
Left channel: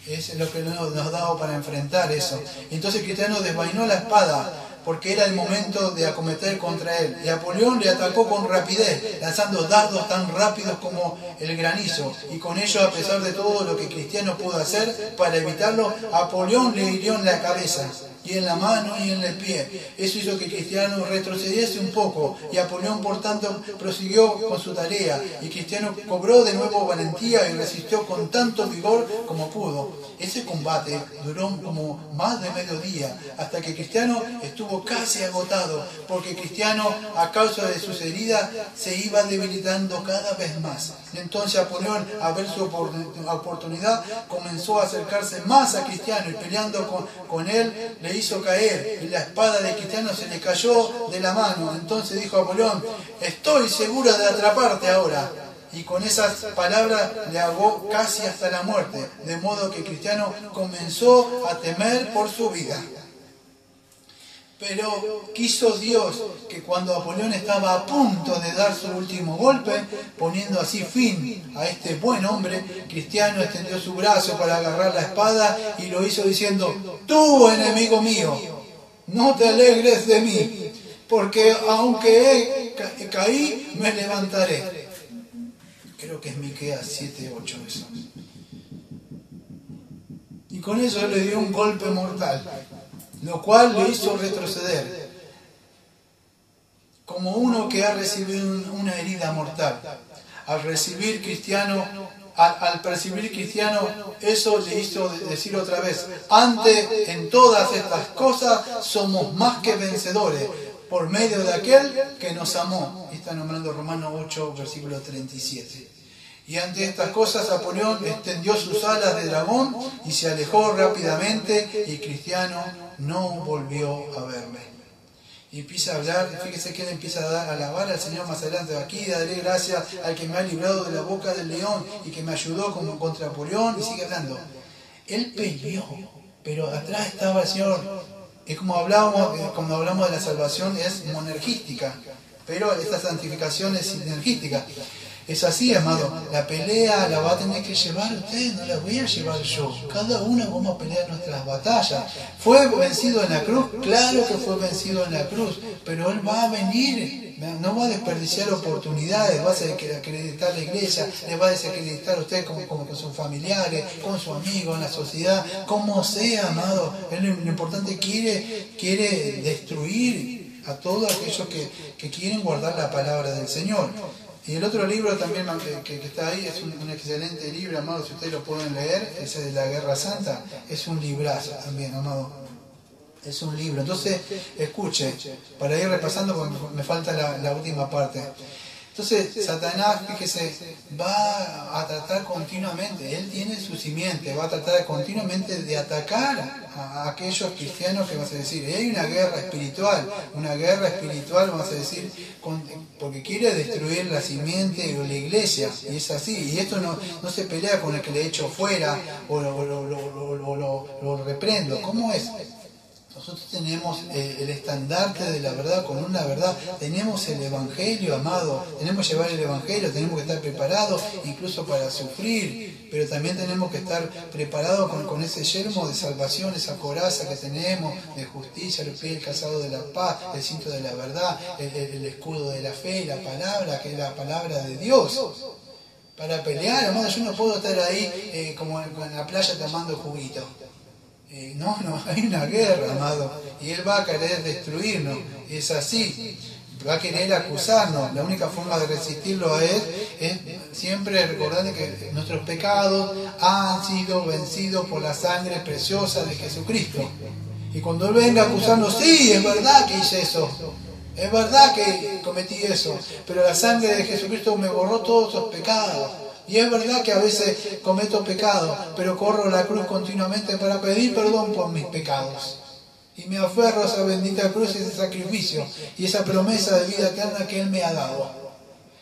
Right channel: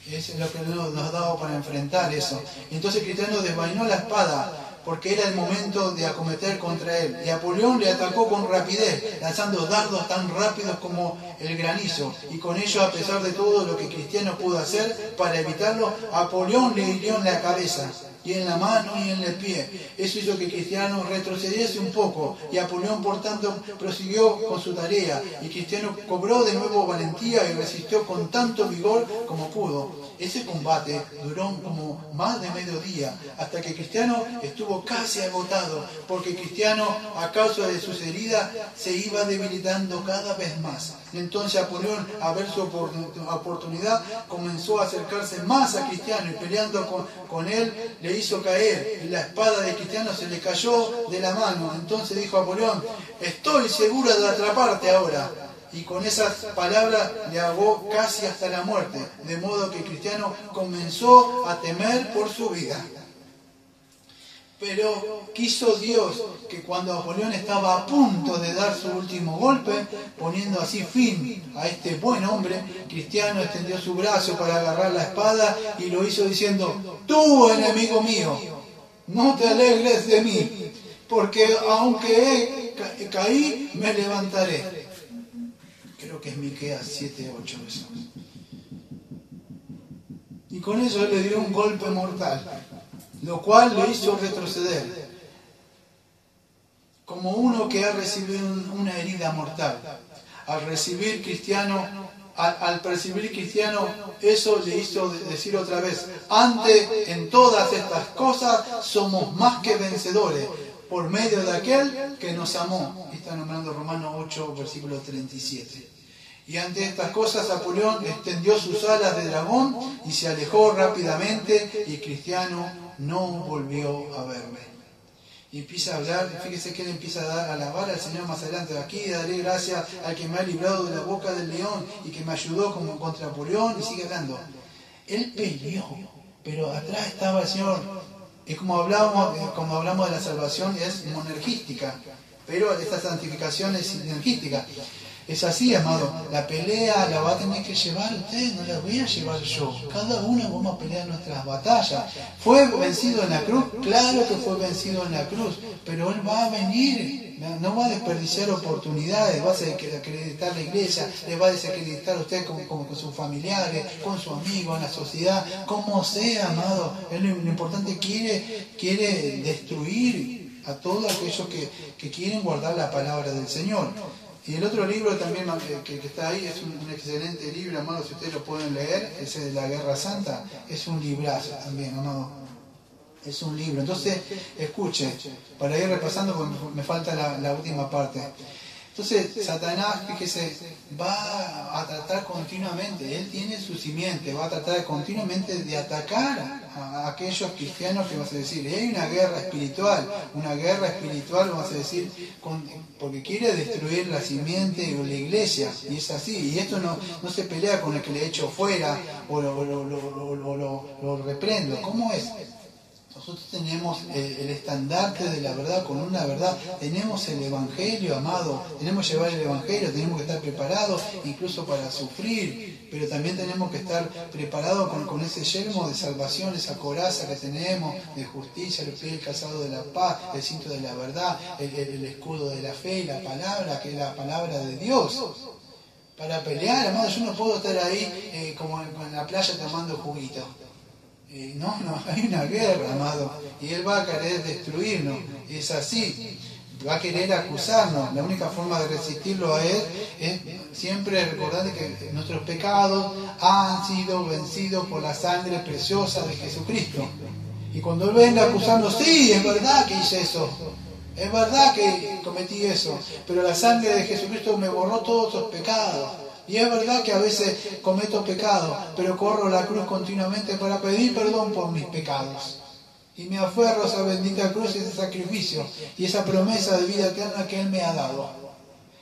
Es lo que nos ha dado para enfrentar eso. Entonces Cristiano desvainó la espada porque era el momento de acometer contra él. Y Napoleón le atacó con rapidez, lanzando dardos tan rápidos como el granizo. Y con ello, a pesar de todo lo que Cristiano pudo hacer para evitarlo, Napoleón le hirió en la cabeza, y en la mano y en el pie. Eso hizo que Cristiano retrocediese un poco, y Napoleón, por tanto, prosiguió con su tarea, y Cristiano cobró de nuevo valentía y resistió con tanto vigor como pudo. Ese combate duró como más de medio día, hasta que Cristiano estuvo casi agotado, porque Cristiano, a causa de sus heridas, se iba debilitando cada vez más. Entonces Napoleón, a ver su oportunidad, comenzó a acercarse más a Cristiano, y peleando con él, le hizo caer, y la espada de Cristiano se le cayó de la mano. Entonces dijo Napoleón, estoy segura de atraparte ahora. Y con esas palabras le ahogó casi hasta la muerte, de modo que Cristiano comenzó a temer por su vida. Pero quiso Dios que cuando Napoleón estaba a punto de dar su último golpe, poniendo así fin a este buen hombre, Cristiano extendió su brazo para agarrar la espada y lo hizo diciendo, tú, enemigo mío, no te alegres de mí, porque aunque caí, me levantaré. Creo que es Miqueas 7:8 eso. Y con eso le dio un golpe mortal, lo cual le hizo retroceder, como uno que ha recibido una herida mortal. Al percibir Cristiano, eso le hizo decir otra vez, antes en todas estas cosas somos más que vencedores, por medio de aquel que nos amó. Está nombrando Romanos 8, versículo 37. Y ante estas cosas Napoleón extendió sus alas de dragón y se alejó rápidamente, y Cristiano no volvió a verle. Y empieza a hablar, fíjese que él empieza a alabar al Señor más adelante. Aquí daré gracias al que me ha librado de la boca del león y que me ayudó como contra Napoleón, y sigue hablando. Él peleó, pero atrás estaba el Señor. Es como hablábamos, cuando hablamos de la salvación es monergística, pero esta santificación es sinergística. Es así, amado, la pelea la va a tener que llevar usted, no la voy a llevar yo. Cada uno vamos a pelear nuestras batallas. ¿Fue vencido en la cruz? Claro que fue vencido en la cruz, pero Él va a venir, no va a desperdiciar oportunidades, va a desacreditar la iglesia, le va a desacreditar a usted como con sus familiares, con su amigo, en la sociedad, como sea, amado. Él, lo importante, quiere destruir a todos aquellos que quieren guardar la palabra del Señor. Y el otro libro también que está ahí es un excelente libro, amado, si ustedes lo pueden leer, ese de la Guerra Santa, es un librazo también, amado. Es un libro. Entonces, escuche, para ir repasando, porque me falta la última parte. Entonces, Satanás, fíjese, va a tratar continuamente, él tiene su simiente, va a tratar continuamente de atacar a aquellos cristianos que vas a decir, hay una guerra espiritual, vamos a decir, porque quiere destruir la simiente o la iglesia, y es así, y esto no se pelea con el que le echo fuera o lo reprendo, ¿cómo es? Nosotros tenemos el estandarte de la verdad con una verdad, tenemos el Evangelio, amado, tenemos que llevar el Evangelio, tenemos que estar preparados incluso para sufrir, pero también tenemos que estar preparados con ese yelmo de salvación, esa coraza que tenemos de justicia, el pie, el calzado de la paz, el cinto de la verdad, el escudo de la fe, la palabra, que es la palabra de Dios. Para pelear, amado, yo no puedo estar ahí como en la playa tomando juguito. No, hay una guerra, amado, y él va a querer destruirnos, y es así, va a querer acusarnos. La única forma de resistirlo a él es siempre recordar que nuestros pecados han sido vencidos por la sangre preciosa de Jesucristo. Y cuando él venga a acusarnos, sí, es verdad que hice eso, es verdad que cometí eso, pero la sangre de Jesucristo me borró todos esos pecados. Y es verdad que a veces cometo pecados, pero corro a la cruz continuamente para pedir perdón por mis pecados. Y me aferro a esa bendita cruz y ese sacrificio y esa promesa de vida eterna que Él me ha dado.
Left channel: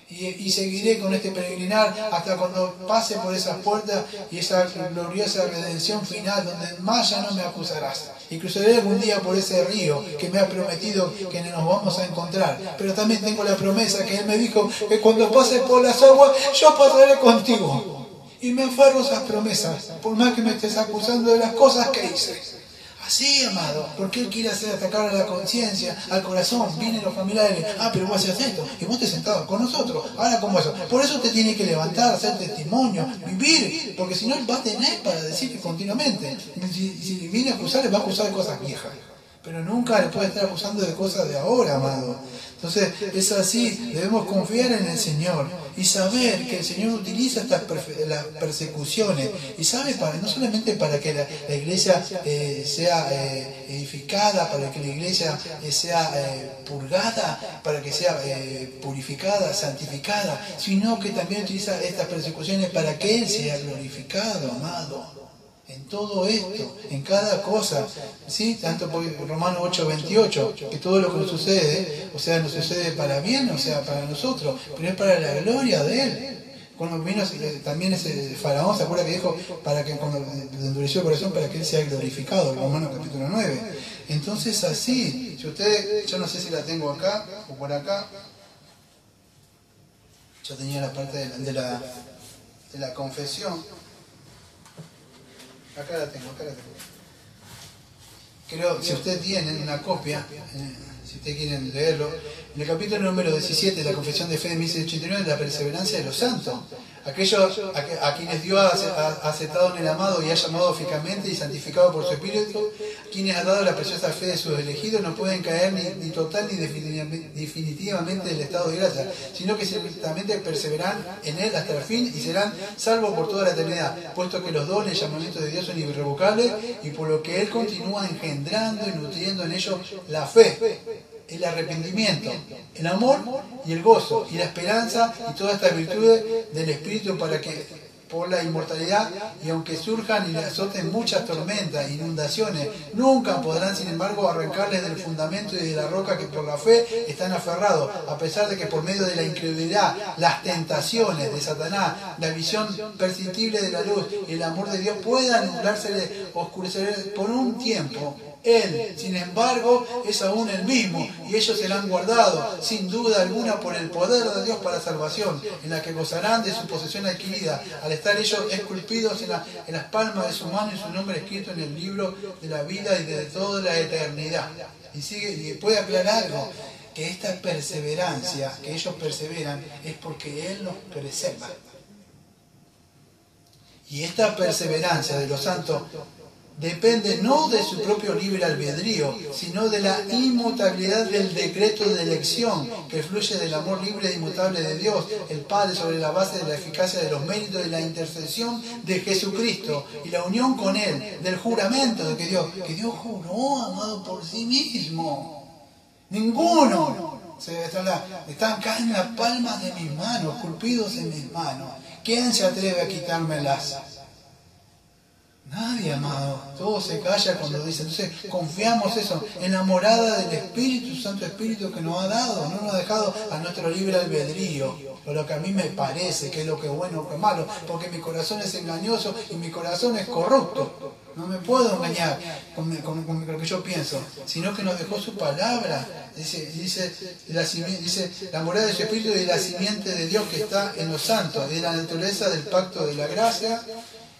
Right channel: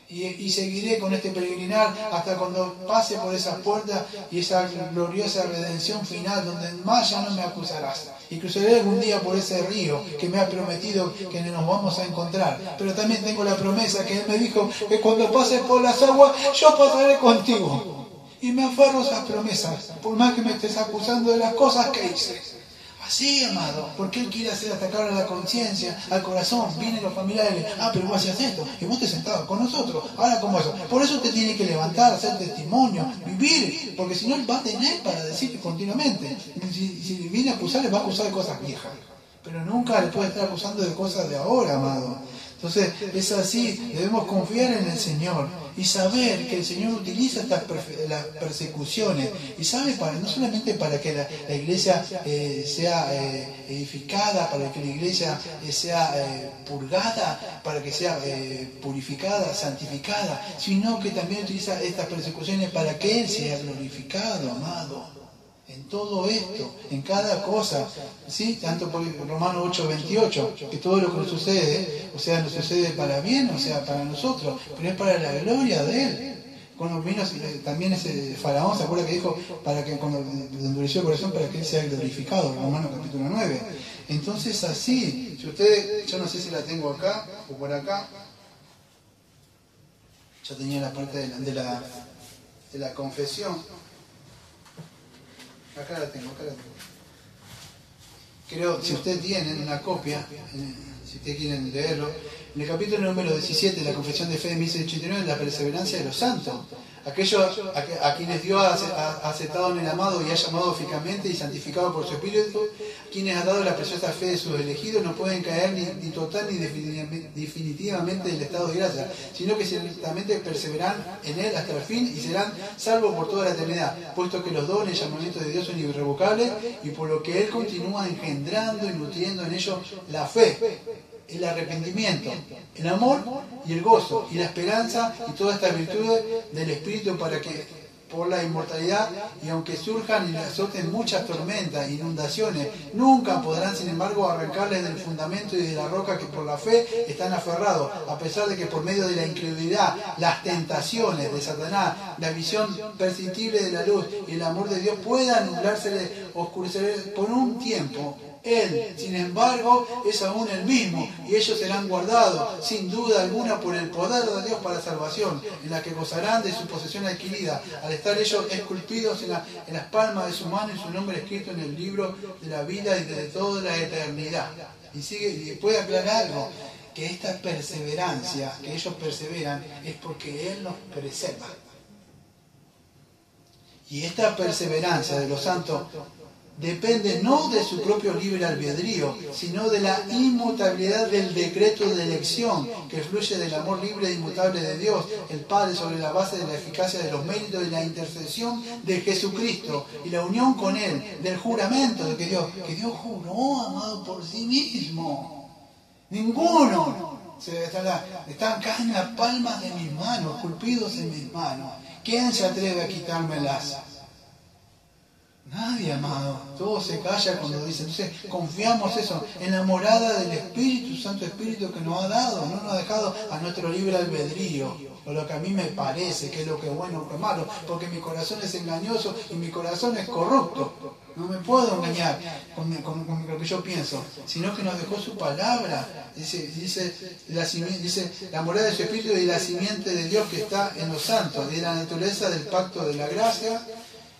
Y seguiré con este peregrinar hasta cuando pase por esas puertas y esa gloriosa redención final donde más ya no me acusarás. Y cruzaré algún día por ese río que me ha prometido que nos vamos a encontrar. Pero también tengo la promesa que Él me dijo que cuando pases por las aguas, yo pasaré contigo. Y me aferro a esas promesas, por más que me estés acusando de las cosas que hice. Así, amado, porque Él quiere hacer atacar a la conciencia, al corazón. Vienen los familiares, pero vos hacías esto, y vos te sentado con nosotros, ahora como eso. Por eso te tiene que levantar, hacer testimonio, vivir, porque si no Él va a tener para decirte continuamente. Si viene a acusar, le va a acusar de cosas viejas, pero nunca le puede estar acusando de cosas de ahora, amado. Entonces, es así, debemos confiar en el Señor y saber que el Señor utiliza las persecuciones, y sabe, no solamente para que la iglesia sea edificada, para que la iglesia sea purgada, para que sea purificada, santificada, sino que también utiliza estas persecuciones para que Él sea glorificado, amado. En todo esto, en cada cosa, ¿sí? Tanto por Romanos 8:28, que todo lo que nos sucede, o sea, nos sucede para bien, o sea, para nosotros, pero es para la gloria de Él. Cuando vino también ese faraón, ¿se acuerda que dijo? Para que cuando le endureció el corazón, para que Él sea glorificado, Romanos capítulo 9. Entonces así, si usted, yo no sé si la tengo acá o por acá, ya tenía la parte de la confesión. Acá la tengo. Creo, si usted tiene una copia, si usted quieren leerlo, en el capítulo número 17 de la Confesión de Fe de 1689, la perseverancia de los santos. Aquellos a quienes Dios ha aceptado en el amado y ha llamado fijamente y santificado por su Espíritu, quienes ha dado la preciosa fe de sus elegidos, no pueden caer ni total ni definitivamente del estado de gracia, sino que ciertamente perseverarán en él hasta el fin y serán salvos por toda la eternidad, puesto que los dones y llamamientos de Dios son irrevocables, y por lo que Él continúa engendrando y nutriendo en ellos la fe, el arrepentimiento, el amor y el gozo y la esperanza y todas estas virtudes del Espíritu, para que por la inmortalidad, y aunque surjan y le azoten muchas tormentas, inundaciones, nunca podrán sin embargo arrancarles del fundamento y de la roca que por la fe están aferrados, a pesar de que por medio de la incredulidad, las tentaciones de Satanás, la visión perceptible de la luz y el amor de Dios puedan nublarse, oscurecer por un tiempo. Él, sin embargo, es aún el mismo, y ellos serán guardados, sin duda alguna, por el poder de Dios para salvación, en la que gozarán de su posesión adquirida, al estar ellos esculpidos en las palmas de su mano y su nombre escrito en el libro de la vida y de toda la eternidad. Y puede aclarar algo, que esta perseverancia, que ellos perseveran, es porque Él los preserva. Y esta perseverancia de los santos depende no de su propio libre albedrío, sino de la inmutabilidad del decreto de elección que fluye del amor libre e inmutable de Dios, el Padre, sobre la base de la eficacia de los méritos y la intercesión de Jesucristo y la unión con Él, del juramento de que Dios juró, amado, por sí mismo. Ninguno. Están acá en las palmas de mis manos, esculpidos en mis manos. ¿Quién se atreve a quitármelas? Nadie, amado. Todo se calla cuando dice. Entonces confiamos eso, enamorada del Espíritu Santo, Espíritu que nos ha dado, no nos ha dejado a nuestro libre albedrío, o lo que a mí me parece que es lo que es bueno o que es malo, porque mi corazón es engañoso y mi corazón es corrupto. No me puedo engañar con lo que yo pienso, sino que nos dejó su palabra. Dice la morada de su Espíritu y la simiente de Dios que está en los santos, de la naturaleza del pacto de la gracia,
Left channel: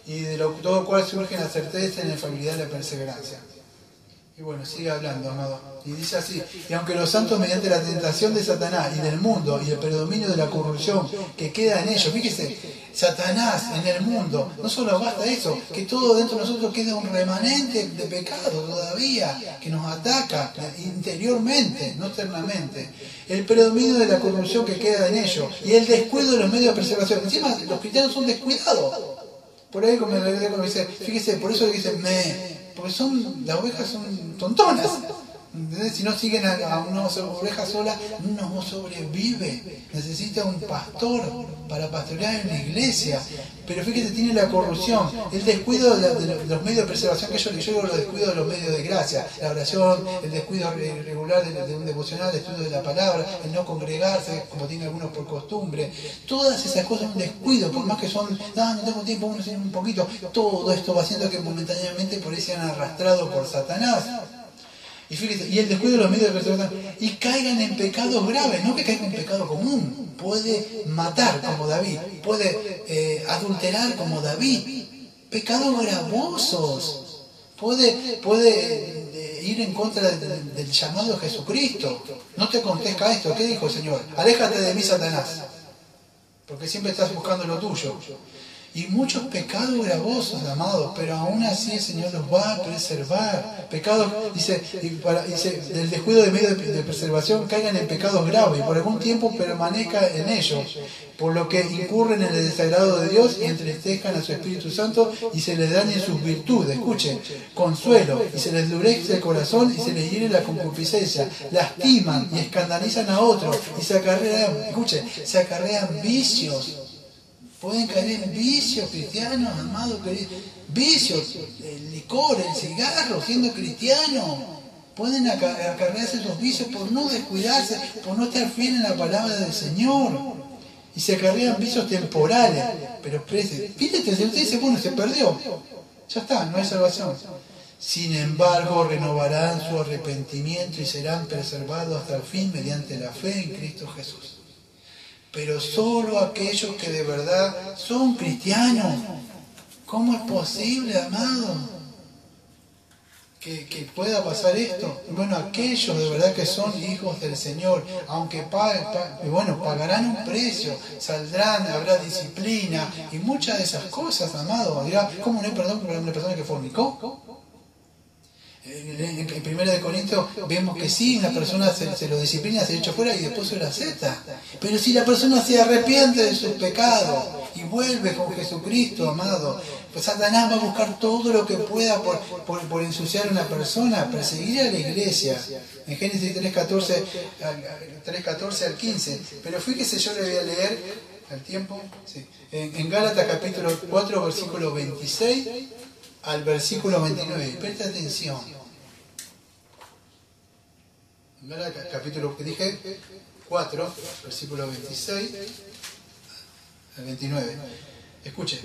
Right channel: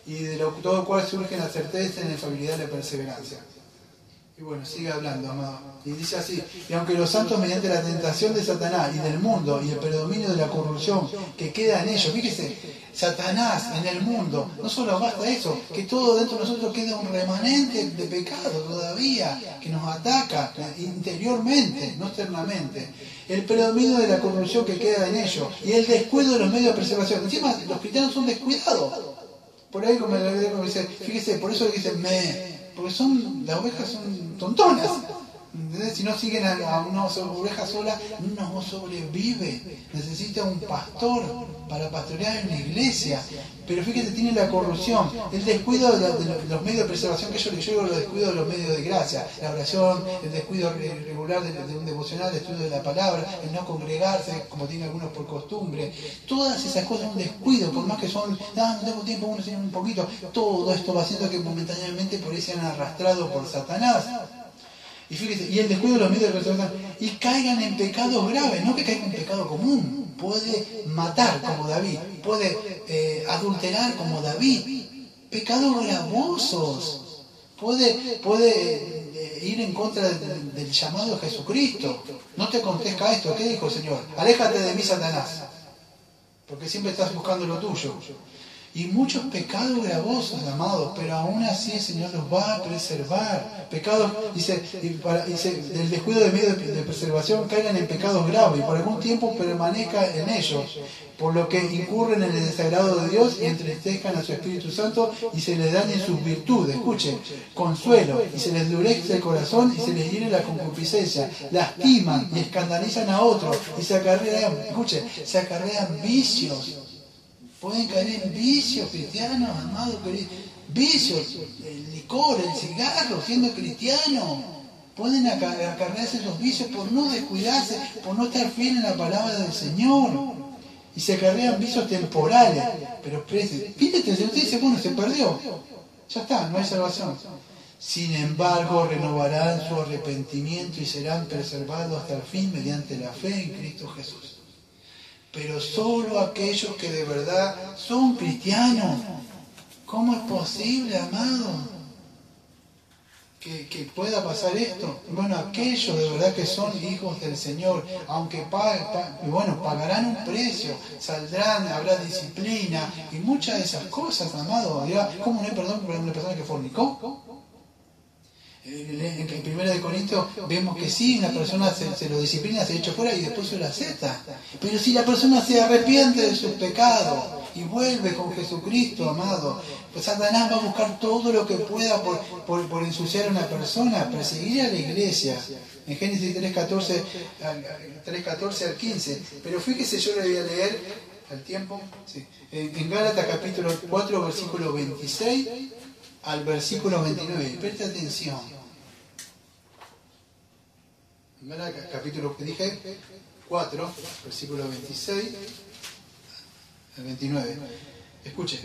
y de todo cual surge la certeza y la infalibilidad de la perseverancia. Y bueno, sigue hablando, amado. Y dice así: y aunque los santos, mediante la tentación de Satanás y del mundo y el predominio de la corrupción que queda en ellos, fíjese, Satanás en el mundo, no solo basta eso, que todo dentro de nosotros queda un remanente de pecado todavía, que nos ataca interiormente, no externamente. El predominio de la corrupción que queda en ellos y el descuido de los medios de preservación. Encima, los cristianos son descuidados. Por ahí, como dice, fíjese, por eso le dicen porque las ovejas son tontonas. ¿Entendés? Si no siguen a una oveja sola, no sobrevive. Necesita un pastor para pastorear en la iglesia. Pero fíjate, tiene la corrupción, el descuido de los medios de preservación, que yo digo, los descuidos de los medios de gracia, la oración, el descuido regular de un devocional, el estudio de la palabra, el no congregarse, como tienen algunos por costumbre. Todas esas cosas son un descuido, por más que son, no tengo tiempo, uno se un poquito. Todo esto va haciendo que momentáneamente por ahí sean arrastrados por Satanás. Y fíjate, y el descuido de los medios de preservación, y caigan en pecados graves, no que caigan en pecado común. Puede matar como David, puede adulterar como David, pecados gravosos, puede ir en contra del llamado de Jesucristo. No te contesta esto. ¿Qué dijo el Señor? Aléjate de mí, Satanás, porque siempre estás buscando lo tuyo. Y muchos pecados gravosos, amados, pero aún así el Señor los va a preservar. Pecados, dice, del descuido de medios de preservación caigan en pecados graves y por algún tiempo permanezca en ellos, por lo que incurren en el desagrado de Dios y entristezcan a su Espíritu Santo y se les dañen sus virtudes. Escuchen, consuelo, y se les endurece el corazón y se les hiere la concupiscencia, lastiman y escandalizan a otros y se acarrean vicios. Pueden caer en vicios cristianos, amados, vicios, el licor, el cigarro, siendo cristianos. Pueden acarrearse esos vicios por no descuidarse, por no estar fiel en la palabra del Señor. Y se acarrean vicios temporales. Pero fíjate, usted dice, bueno, se perdió. Ya está, no hay salvación. Sin embargo, renovarán su arrepentimiento y serán preservados hasta el fin mediante la fe en Cristo Jesús. Pero solo aquellos que de verdad son cristianos. ¿Cómo es posible, amado, que pueda pasar esto? Bueno, aquellos de verdad que son hijos del Señor, aunque pagarán un precio, saldrán, habrá disciplina y muchas de esas cosas, amado. ¿Cómo no hay perdón por una persona que fornicó? En 1 Corintios vemos que sí, una persona se lo disciplina, se echa fuera y después se lo acepta. Pero si la persona se arrepiente de sus pecados y vuelve con Jesucristo, amado, pues Satanás va a buscar todo lo que pueda por ensuciar a una persona, perseguir a la iglesia. En Génesis 3:14 al 15. Pero fíjese, yo le voy a leer al tiempo. Sí. En Gálatas capítulo 4, versículo 26 al versículo 29. Presta atención. Capítulo que dije 4, versículo 26 al 29. Escuche.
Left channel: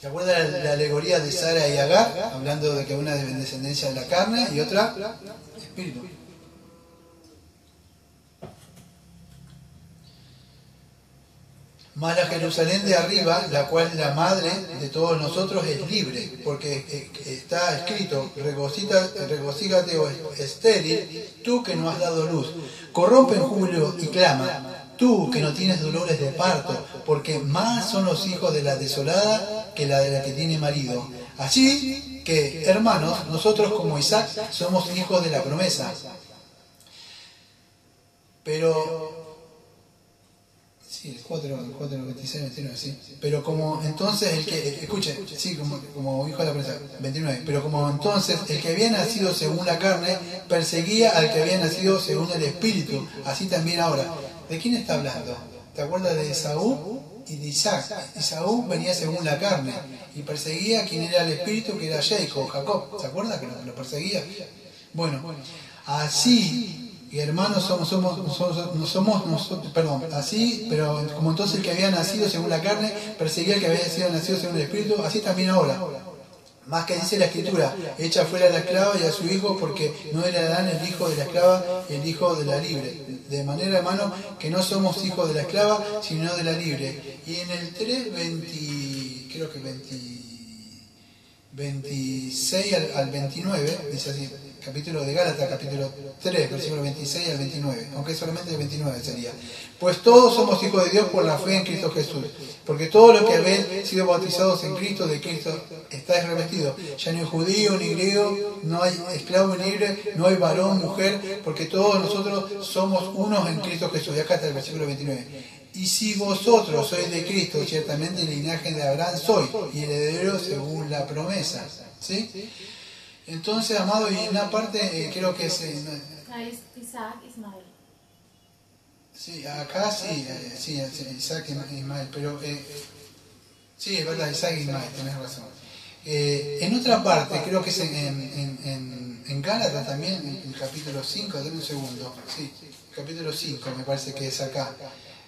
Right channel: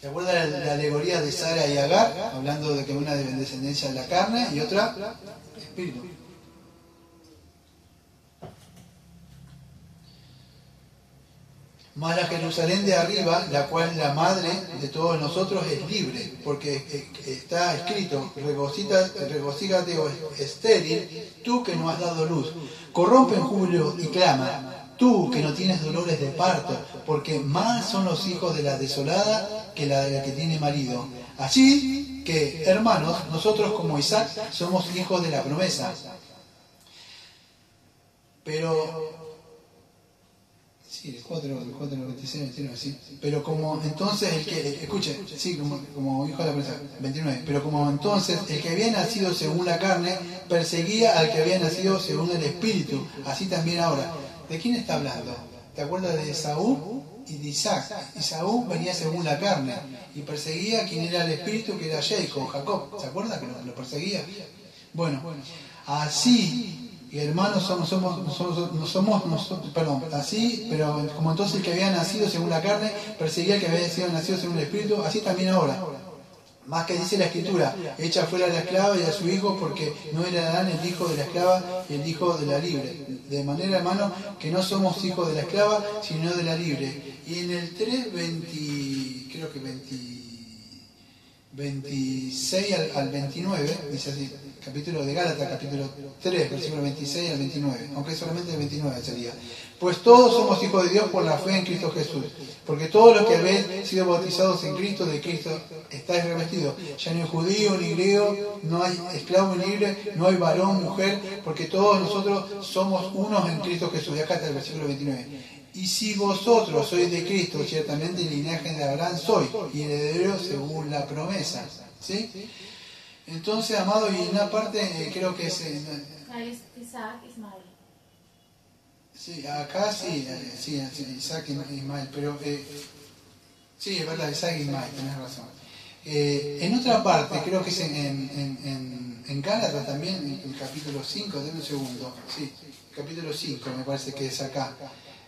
¿Se acuerda la alegoría de Sara y Agar? Hablando de que una es descendencia de la carne y otra espíritu. Mas la Jerusalén de arriba, la cual es la madre de todos nosotros, es libre, porque está escrito: regocígate, oh estéril, tú que no has dado luz. Corrompe en júbilo y clama, tú que no tienes dolores de parto, porque más son los hijos de la desolada que la de la que tiene marido. Así que, hermanos, nosotros como Isaac somos hijos de la promesa. Pero... Sí, el 26, 29, sí. Pero como entonces el que, escuche, sí, como hijo de la promesa, 29. Pero como entonces el que había nacido según la carne perseguía al que había nacido según el espíritu, así también ahora. ¿De quién está hablando? ¿Te acuerdas de Esaú y de Isaac? Esaú venía según la carne y perseguía a quien era el espíritu, que era Jacob. ¿Se acuerda que lo perseguía? Bueno, así... Y hermanos así, pero como entonces el que había nacido según la carne perseguía al que había sido nacido según el espíritu, así también ahora. Más que dice la escritura, echa fuera a la esclava y a su hijo, porque no heredarán el hijo de la esclava y el hijo de la libre. De manera, hermano, que no somos hijos de la esclava, sino de la libre. Y en el 26 al 29, dice así, capítulo de Gálatas, capítulo 3, versículo 26 al 29, aunque solamente el 29 sería. Pues todos somos hijos de Dios por la fe en Cristo Jesús, porque todos los que habéis sido bautizados en Cristo, de Cristo estáis revestidos. Ya no hay judío ni griego, no hay esclavo ni libre, no hay varón, mujer, porque todos nosotros somos unos en Cristo Jesús. Y acá está el versículo 29. Y si vosotros sois de Cristo, ciertamente el linaje de Abraham soy, y heredero según la promesa. ¿Sí? Entonces, amado, y en una parte creo que es... Isaac, Ismael. Sí, acá sí, Isaac y Ismael, pero... sí, es verdad, Isaac y Ismael, tenés razón. En otra parte, creo que es en Gálatas también, el capítulo 5, denme un segundo. Sí, capítulo 5 me parece que es acá.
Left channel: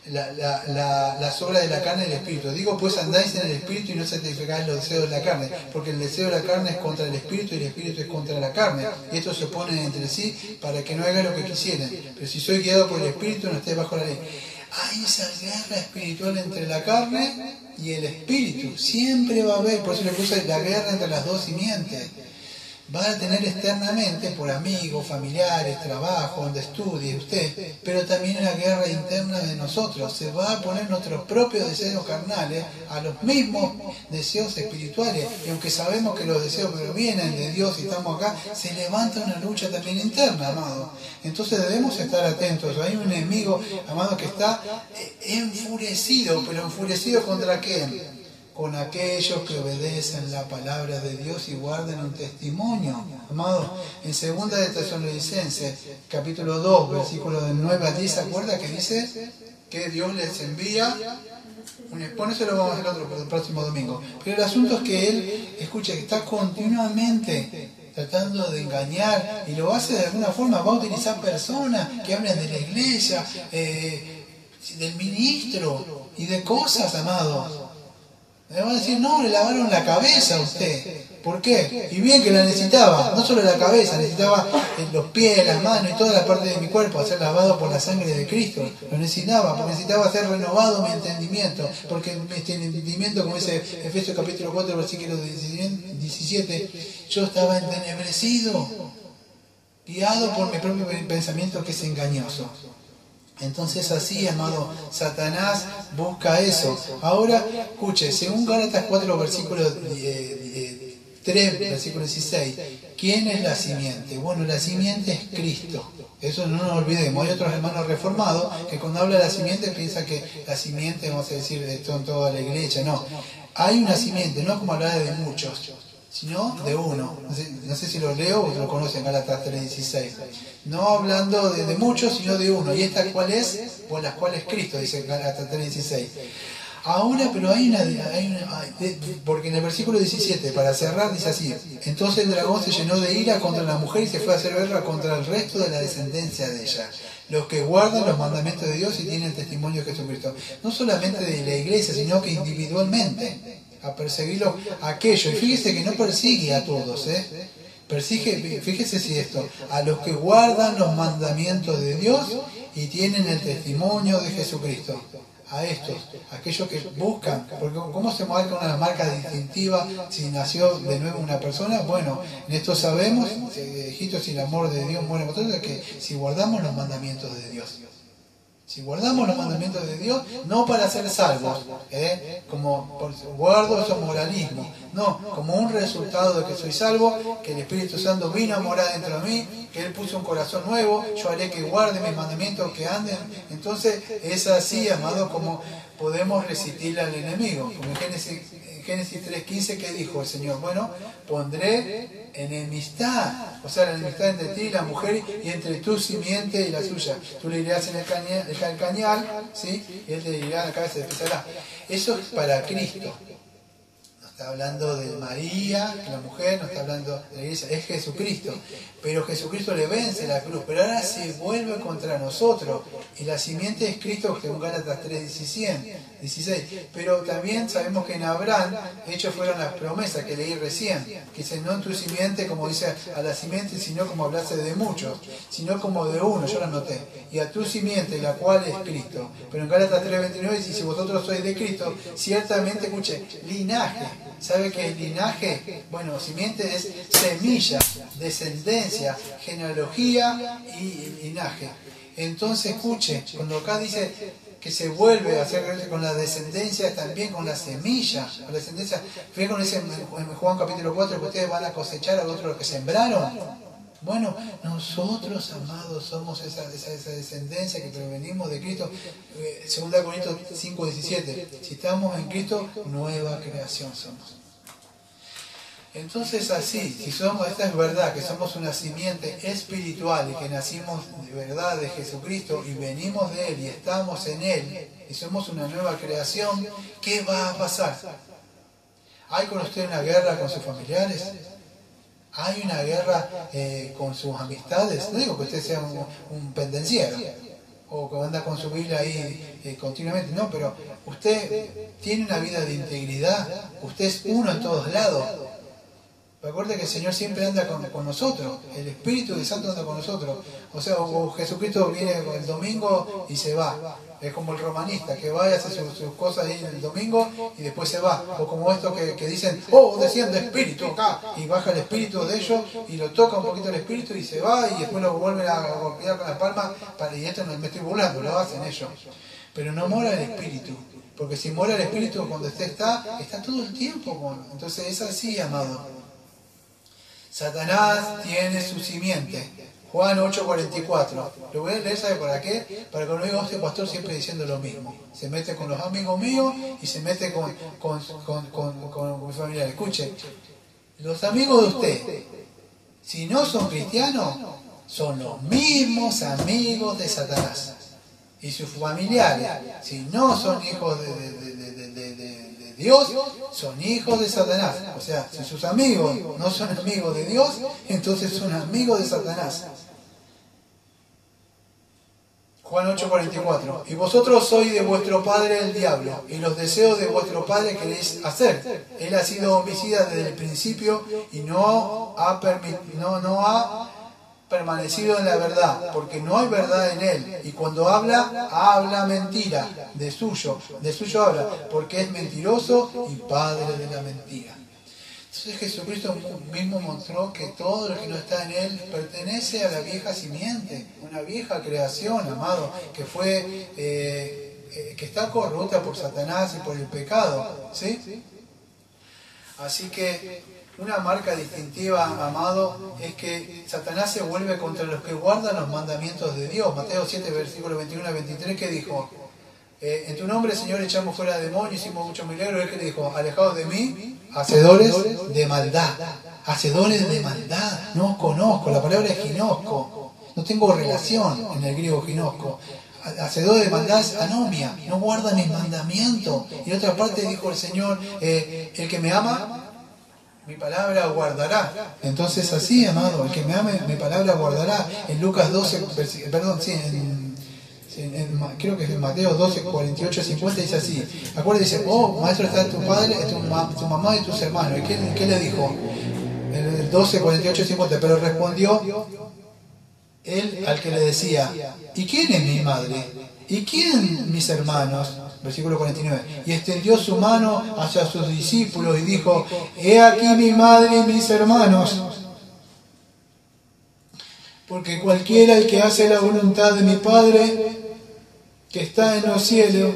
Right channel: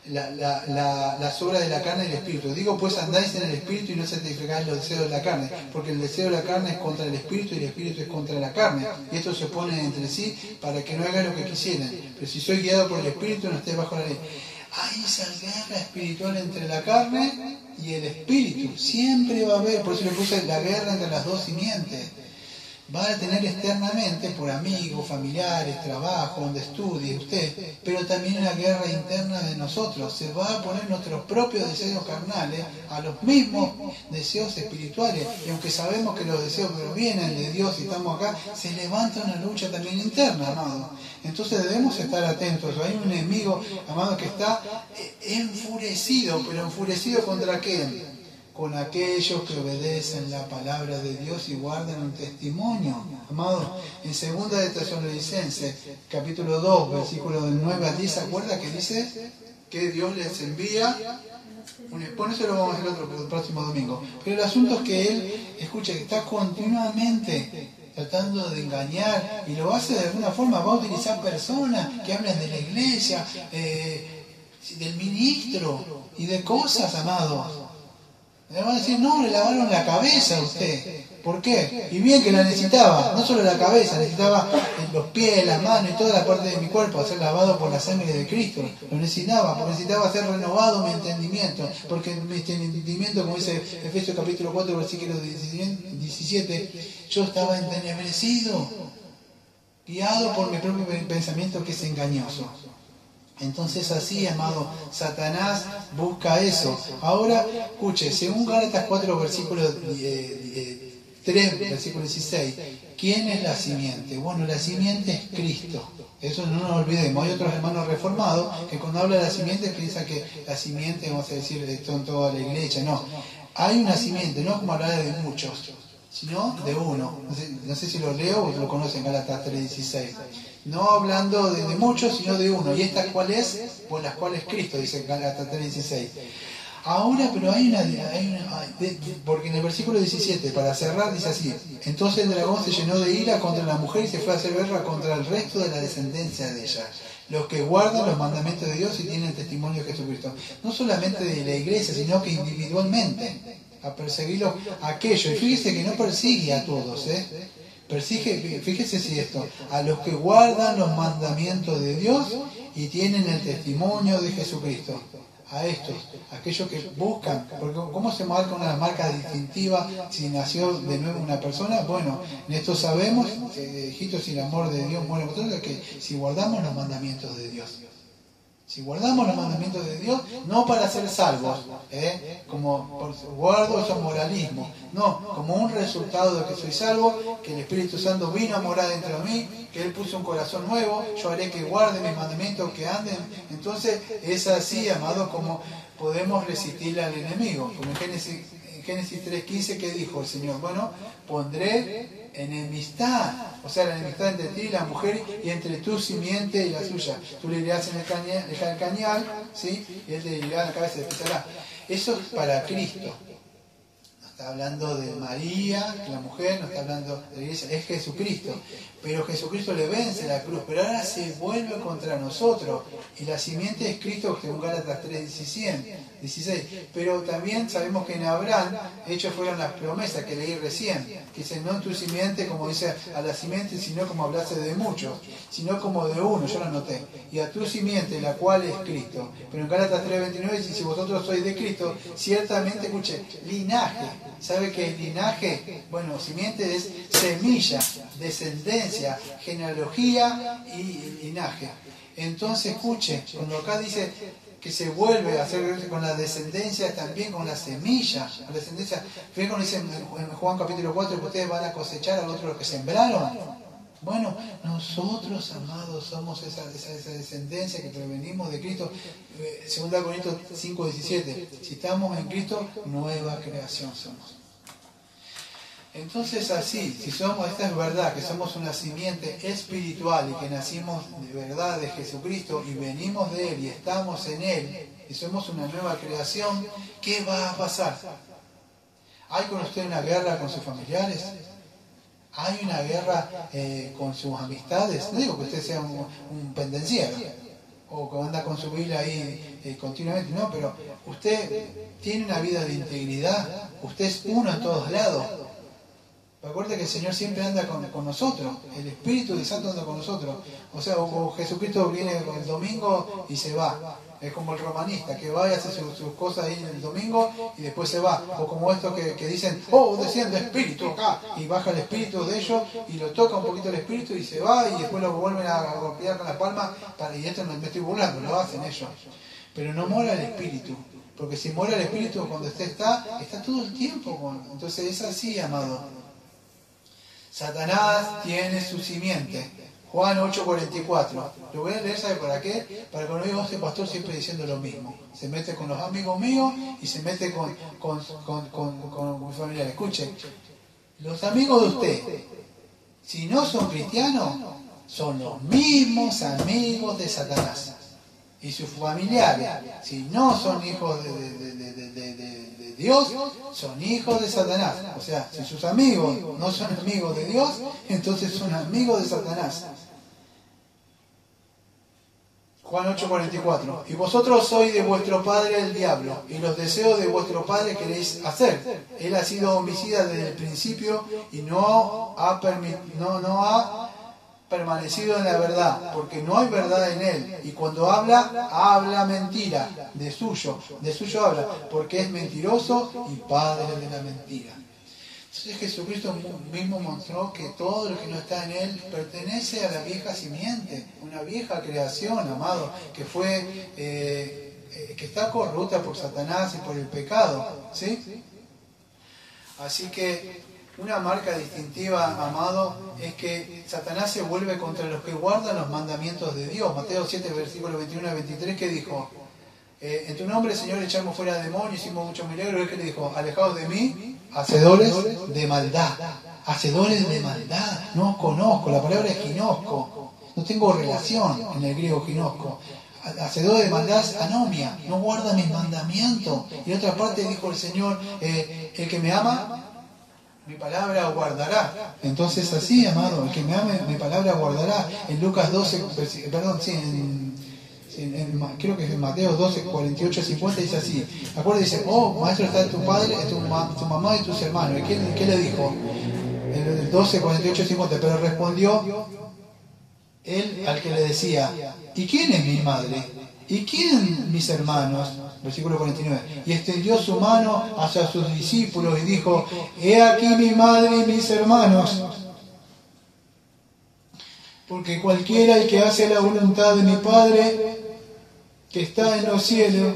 Las obras de la carne y el espíritu. Digo, pues andáis en el espíritu y no satisfagáis los deseos de la carne, porque el deseo de la carne es contra el espíritu y el espíritu es contra la carne, y estos se oponen entre sí para que no hagan lo que quisieren. Pero si sois guiados por el espíritu, no estéis bajo la ley. Hay esa guerra espiritual entre la carne y el espíritu. Siempre va a haber, por eso le puse la guerra entre las dos simientes. Va a tener externamente por amigos, familiares, trabajo, donde estudie usted, pero también una guerra interna de nosotros. Se va a poner nuestros propios deseos carnales a los mismos deseos espirituales. Y aunque sabemos que los deseos provienen de Dios y estamos acá, se levanta una lucha también interna, amado. Entonces debemos estar atentos. Hay un enemigo, amado, que está enfurecido, pero enfurecido ¿contra qué? Con aquellos que obedecen la palabra de Dios y guardan un testimonio. Amado, en 2 de Tesalonicenses, capítulo 2, versículo del 9 a 10, ¿se acuerda que dice que Dios les envía? Bueno, eso lo vamos a hacer el próximo domingo. Pero el asunto es que él, escucha, que está continuamente tratando de engañar, y lo hace de alguna forma. Va a utilizar personas que hablan de la iglesia, del ministro y de cosas, amados. Le van a decir, no, le lavaron la cabeza a usted. ¿Por qué? Y bien que la necesitaba, no solo la cabeza, necesitaba los pies, las manos y todas las partes de mi cuerpo a ser lavado por la sangre de Cristo. Lo necesitaba, porque necesitaba ser renovado mi entendimiento, porque mi entendimiento, como dice Efesios capítulo 4, versículo 17, yo estaba entenebrecido, guiado por mi propio pensamiento que es engañoso. Entonces así, amado, Satanás busca eso. Ahora, escuche, según Gálatas 4, versículo 3, versículo 16, ¿quién es la simiente? Bueno, la simiente es Cristo. Eso no nos olvidemos. Hay otros hermanos reformados que cuando habla de la simiente piensan que la simiente, vamos a decir, de toda la iglesia. No, hay una simiente, no como hablar de muchos, sino de uno. No sé si lo leo o lo conocen, Gálatas 3:16. No hablando de muchos, sino de uno. ¿Y esta cuál es? Pues las cuales Cristo, dice Gálatas 3:16. Ahora, pero porque en el versículo 17, para cerrar, dice así: entonces el dragón se llenó de ira contra la mujer y se fue a hacer guerra contra el resto de la descendencia de ella, los que guardan los mandamientos de Dios y tienen testimonio de Jesucristo. No solamente de la iglesia, sino que individualmente, a perseguirlos a aquellos. Y fíjese que no persigue a todos, persigue, fíjese si esto, a los que guardan los mandamientos de Dios y tienen el testimonio de Jesucristo. A estos, aquellos que buscan, porque ¿cómo se marca una marca distintiva si nació de nuevo una persona? Bueno, en esto sabemos, hijito, si el amor de Dios muere en vosotros, que si guardamos los mandamientos de Dios. Si guardamos los mandamientos de Dios, no para ser salvos, como guardo esos moralismo, no, como un resultado de que soy salvo, que el Espíritu Santo vino a morar dentro de mí, que Él puso un corazón nuevo, yo haré que guarde mis mandamientos, que anden. Entonces es así, amado, como podemos resistir al enemigo. Como en Génesis 3:15, ¿qué dijo el Señor? Bueno, pondré enemistad, o sea, la enemistad entre ti y la mujer, y entre tu simiente y la suya. Tú le dirás en el calcañal, ¿sí? Y él te dirá en la cabeza, y te pisará. Eso es para Cristo. No está hablando de María, la mujer, no está hablando de la iglesia, es Jesucristo. Pero Jesucristo le vence la cruz, pero ahora se vuelve contra nosotros. Y la simiente es Cristo, según Gálatas 3:16. Pero también sabemos que en Abraham, hechos fueron las promesas que leí recién, que dice, no en tu simiente, como dice a la simiente, sino como hablase de muchos, sino como de uno, yo lo anoté. Y a tu simiente, la cual es Cristo. Pero en Gálatas 3:29 dice, si vosotros sois de Cristo, ciertamente, escuche, linaje. ¿Sabe qué es linaje? Bueno, simiente es semilla, descendencia, genealogía y linaje. Entonces, escuche, cuando acá dice que se vuelve a hacer con la descendencia, también con la semilla, con la descendencia. Fíjense cuando dice en Juan capítulo 4 que ustedes van a cosechar a otros que sembraron. Bueno, nosotros, amados, somos esa descendencia que provenimos de Cristo. 2 Corintios 5:17. Si estamos en Cristo, nueva creación somos. Entonces así, si somos, esta es verdad, que somos una simiente espiritual y que nacimos de verdad de Jesucristo y venimos de Él y estamos en Él y somos una nueva creación, ¿qué va a pasar? ¿Hay con usted una guerra con sus familiares? ¿Hay una guerra con sus amistades? No digo que usted sea un pendenciero o que anda con su Biblia ahí continuamente, no, pero usted tiene una vida de integridad, usted es uno en todos lados. Recuerde que el Señor siempre anda con nosotros, el Espíritu de Santo anda con nosotros. O sea, o Jesucristo viene el domingo y se va. Es como el romanista, que va y hace sus cosas ahí el domingo y después se va. O como estos que dicen, oh, desciende Espíritu acá, y baja el Espíritu de ellos y lo toca un poquito el Espíritu y se va y después lo vuelven a golpear con la palma. Y esto no me estoy burlando, lo hacen ellos. Pero no mora el Espíritu. Porque si mora el Espíritu, cuando usted está todo el tiempo. Entonces es así, amado. Satanás tiene su simiente. Juan 8:44. Lo voy a leer, ¿sabe para qué? Para que no diga este pastor siempre diciendo lo mismo. Se mete con los amigos míos y se mete con familiares. Escuche, los amigos de usted, si no son cristianos, son los mismos amigos de Satanás. Y sus familiares, si no son hijos de Dios, son hijos de Satanás. O sea, si sus amigos no son amigos de Dios, entonces son amigos de Satanás. Juan 8:44. Y vosotros sois de vuestro padre el diablo, y los deseos de vuestro padre queréis hacer. Él ha sido homicida desde el principio y no ha permanecido en la verdad, porque no hay verdad en él, y cuando habla mentira, de suyo habla, porque es mentiroso y padre de la mentira. Entonces Jesucristo mismo mostró que todo lo que no está en él pertenece a la vieja simiente, una vieja creación, amado, que fue que está corrupta por Satanás y por el pecado, ¿sí? Así que una marca distintiva, amado, es que Satanás se vuelve contra los que guardan los mandamientos de Dios. Mateo 7, versículos 21 a 23, que dijo, en tu nombre, Señor, echamos fuera demonios, hicimos muchos milagros. ¿Qué le dijo? Alejados de mí, hacedores de maldad. Hacedores de maldad. No os conozco, la palabra es ginosco. No tengo relación en el griego ginosco. Hacedores de maldad es anomia. No guarda mis mandamientos. Y en otra parte dijo el Señor, el que me ama, mi palabra guardará. Entonces así, amado, el que me ame, mi palabra guardará. En Lucas 12, creo que es en Mateo 12, 48, 50, dice así. Acuérdate, dice, oh, maestro, está tu padre, tu mamá y tus hermanos. ¿Y qué le dijo? En el 12, 48, 50. Pero respondió él al que le decía, ¿y quién es mi madre? ¿Y quién mis hermanos? Versículo 49. Y extendió su mano hacia sus discípulos y dijo, he aquí mi madre y mis hermanos. Porque cualquiera el que hace la voluntad de mi Padre, que está en los cielos,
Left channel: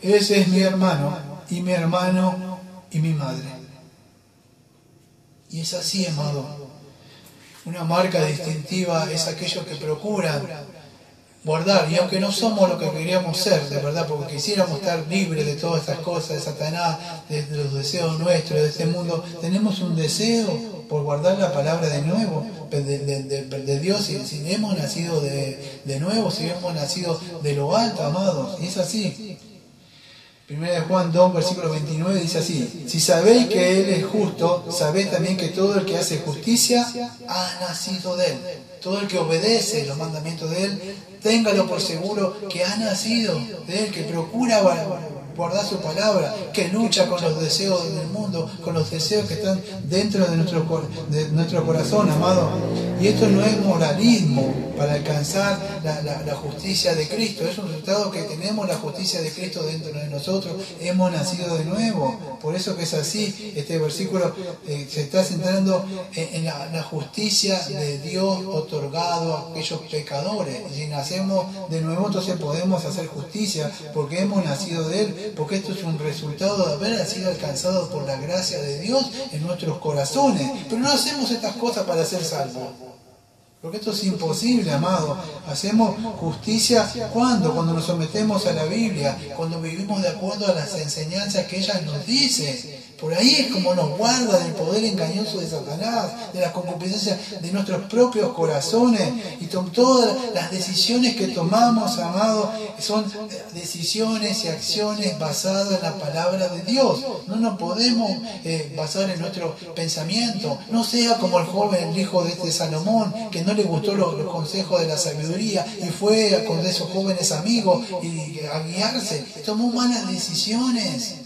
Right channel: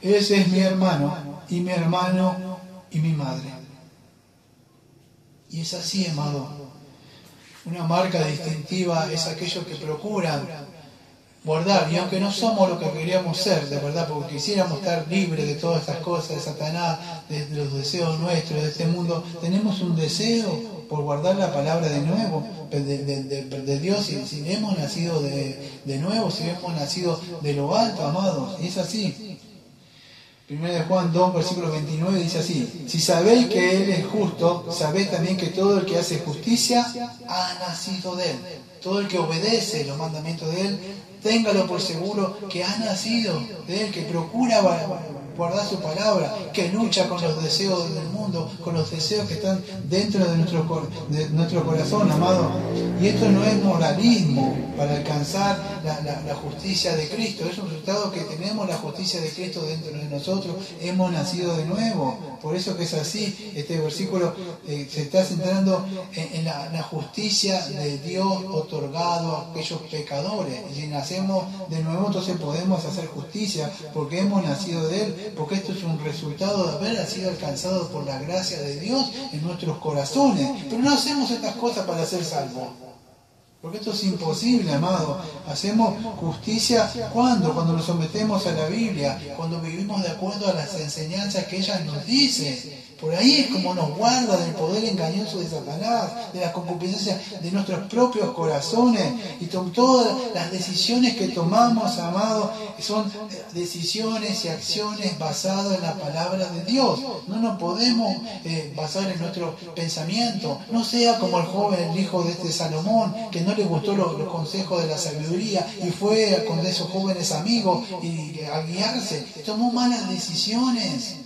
ese es mi hermano y mi madre. Y es así, amado. Una marca distintiva es aquellos que procuran guardar, y aunque no somos lo que queríamos ser, de verdad, porque quisiéramos estar libres de todas estas cosas, de Satanás, de los deseos nuestros, de este mundo, tenemos un deseo por guardar la palabra de nuevo, de Dios, si hemos nacido de nuevo, si hemos nacido de lo alto, amados, y es así. 1 Juan 2, versículo 29 dice así: si sabéis que Él es justo, sabéis también que todo el que hace justicia ha nacido de Él. Todo el que obedece los mandamientos de Él, téngalo por seguro que ha nacido de Él, que procura guardar su palabra, que lucha con los deseos del mundo, con los deseos que están dentro de nuestro corazón, amado. Y esto no es moralismo para alcanzar la justicia de Cristo, es un resultado que tenemos la justicia de Cristo dentro de nosotros, hemos nacido de nuevo. Por eso que es así, este versículo se está centrando en la justicia de Dios otorgado a aquellos pecadores. Y si nacemos de nuevo, entonces podemos hacer justicia porque hemos nacido de Él, porque esto es un resultado de haber sido alcanzado por la gracia de Dios en nuestros corazones. Pero no hacemos estas cosas para ser salvos, porque esto es imposible, amado. Hacemos justicia cuando nos sometemos a la Biblia, cuando vivimos de acuerdo a las enseñanzas que ella nos dice. Por ahí es como nos guarda del poder engañoso de Satanás, de la concupiscencia de nuestros propios corazones. Y todas las decisiones que tomamos, amado, son decisiones y acciones basadas en la palabra de Dios. No nos podemos basar en nuestro pensamiento. No sea como el joven, el hijo de este Salomón, que no le gustó los consejos de la sabiduría y fue con esos jóvenes amigos y a guiarse. Tomó malas decisiones.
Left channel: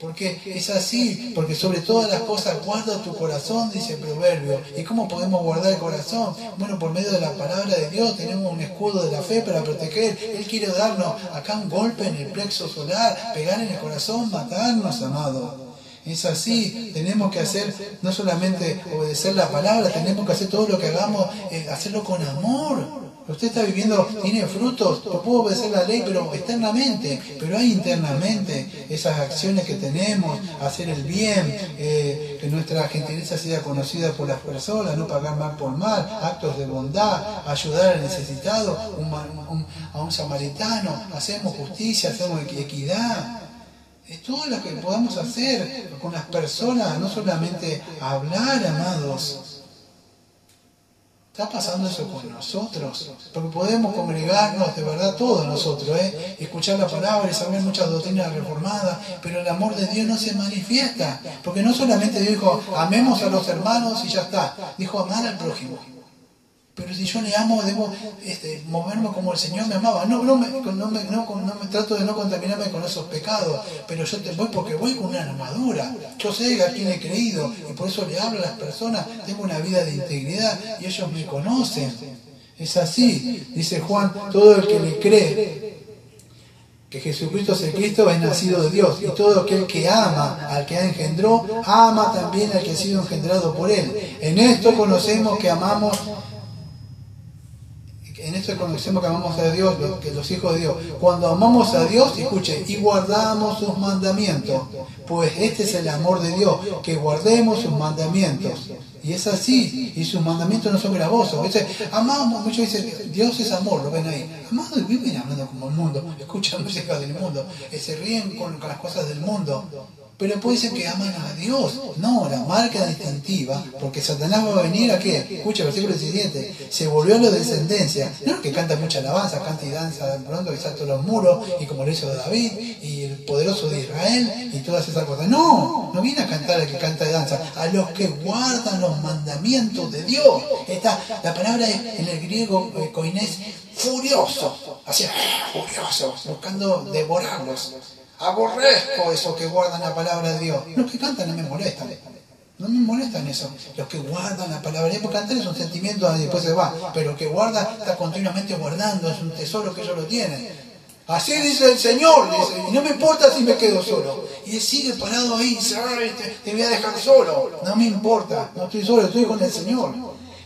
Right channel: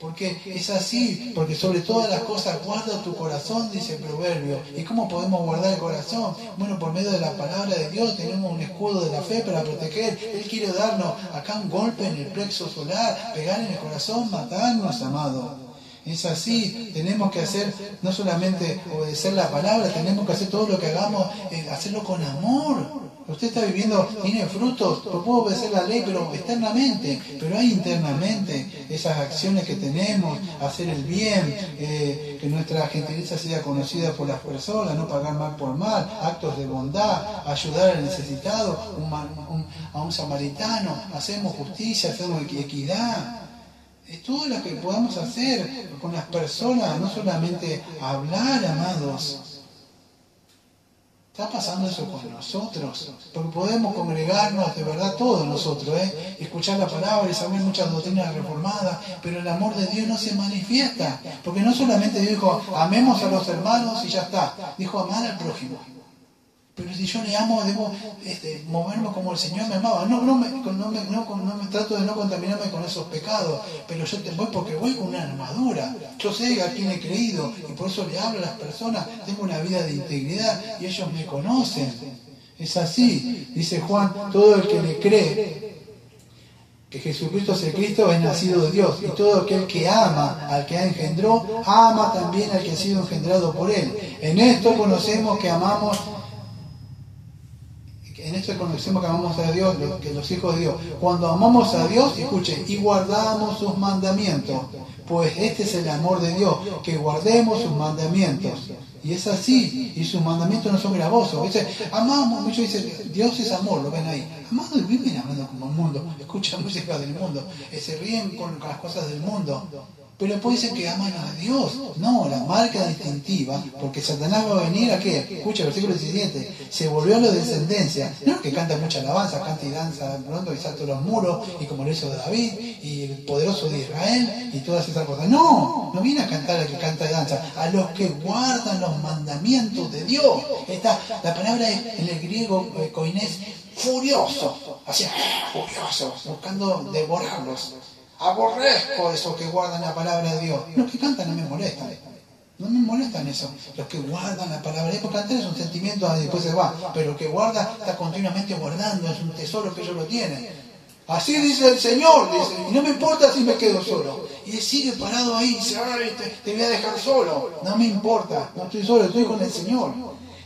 Porque es así, porque sobre todas las cosas guarda tu corazón, dice el proverbio. ¿Y cómo podemos guardar el corazón? Bueno, por medio de la palabra de Dios tenemos un escudo de la fe para proteger. Él quiere darnos acá un golpe en el plexo solar, pegar en el corazón, matarnos, amado. Es así, tenemos que hacer, no solamente obedecer la palabra, tenemos que hacer todo lo que hagamos, hacerlo con amor. Usted está viviendo, tiene frutos, no puedo obedecer la ley, pero externamente, pero hay internamente esas acciones que tenemos, hacer el bien, que nuestra gentileza sea conocida por las personas, no pagar mal por mal, actos de bondad, ayudar al necesitado, a un samaritano, hacemos justicia, hacemos equidad. Todo lo que podamos hacer con las personas, no solamente hablar, amados. Está pasando eso con nosotros, porque podemos congregarnos de verdad todos nosotros, escuchar la palabra y saber muchas doctrinas reformadas, pero el amor de Dios no se manifiesta, porque no solamente Dios dijo, amemos a los hermanos y ya está, dijo amar al prójimo. Pero si yo le amo, debo moverme como el Señor me amaba. No me trato de no contaminarme con esos pecados, pero yo voy porque voy con una armadura. Yo sé a quién he creído y por eso le hablo a las personas. Tengo una vida de integridad y ellos me conocen. Es así, dice Juan, todo el que le cree que Jesucristo es el Cristo es nacido de Dios, y todo aquel que ama al que engendró, ama también al que ha sido engendrado por Él. En esto conocemos que amamos a Dios, que los hijos de Dios. Cuando amamos a Dios, escuche, y guardamos sus mandamientos, pues este es el amor de Dios, que guardemos sus mandamientos. Y es así, y sus mandamientos no son gravosos. Amamos, muchos dicen, Dios es amor, lo ven ahí. Amado, y viven hablando como el mundo, escuchan música del mundo, se ríen con las cosas del mundo. Pero puede ser que aman a Dios. No, la marca distintiva, porque Satanás va a venir a qué. Escucha el versículo 17. Se volvió a la descendencia. No es que canta mucha alabanza, canta y danza pronto y salta los muros, y como lo hizo David, y el poderoso de Israel, y todas esas cosas. No viene a cantar al que canta y danza, a los que guardan los mandamientos de Dios. La palabra es en el griego koinés, furioso, así, furioso, buscando devorarlos. Aborrezco esos que guardan la palabra de Dios. Los que cantan no me molestan. No me molestan eso. Los que guardan la palabra de Dios, porque cantar es un sentimiento y después se va. Pero el que guarda está continuamente guardando, es un tesoro que ellos lo tienen. Así dice el Señor, dice, y no me importa si me quedo solo. Y él sigue parado ahí, dice, te voy a dejar solo. No me importa, no estoy solo, estoy con el Señor.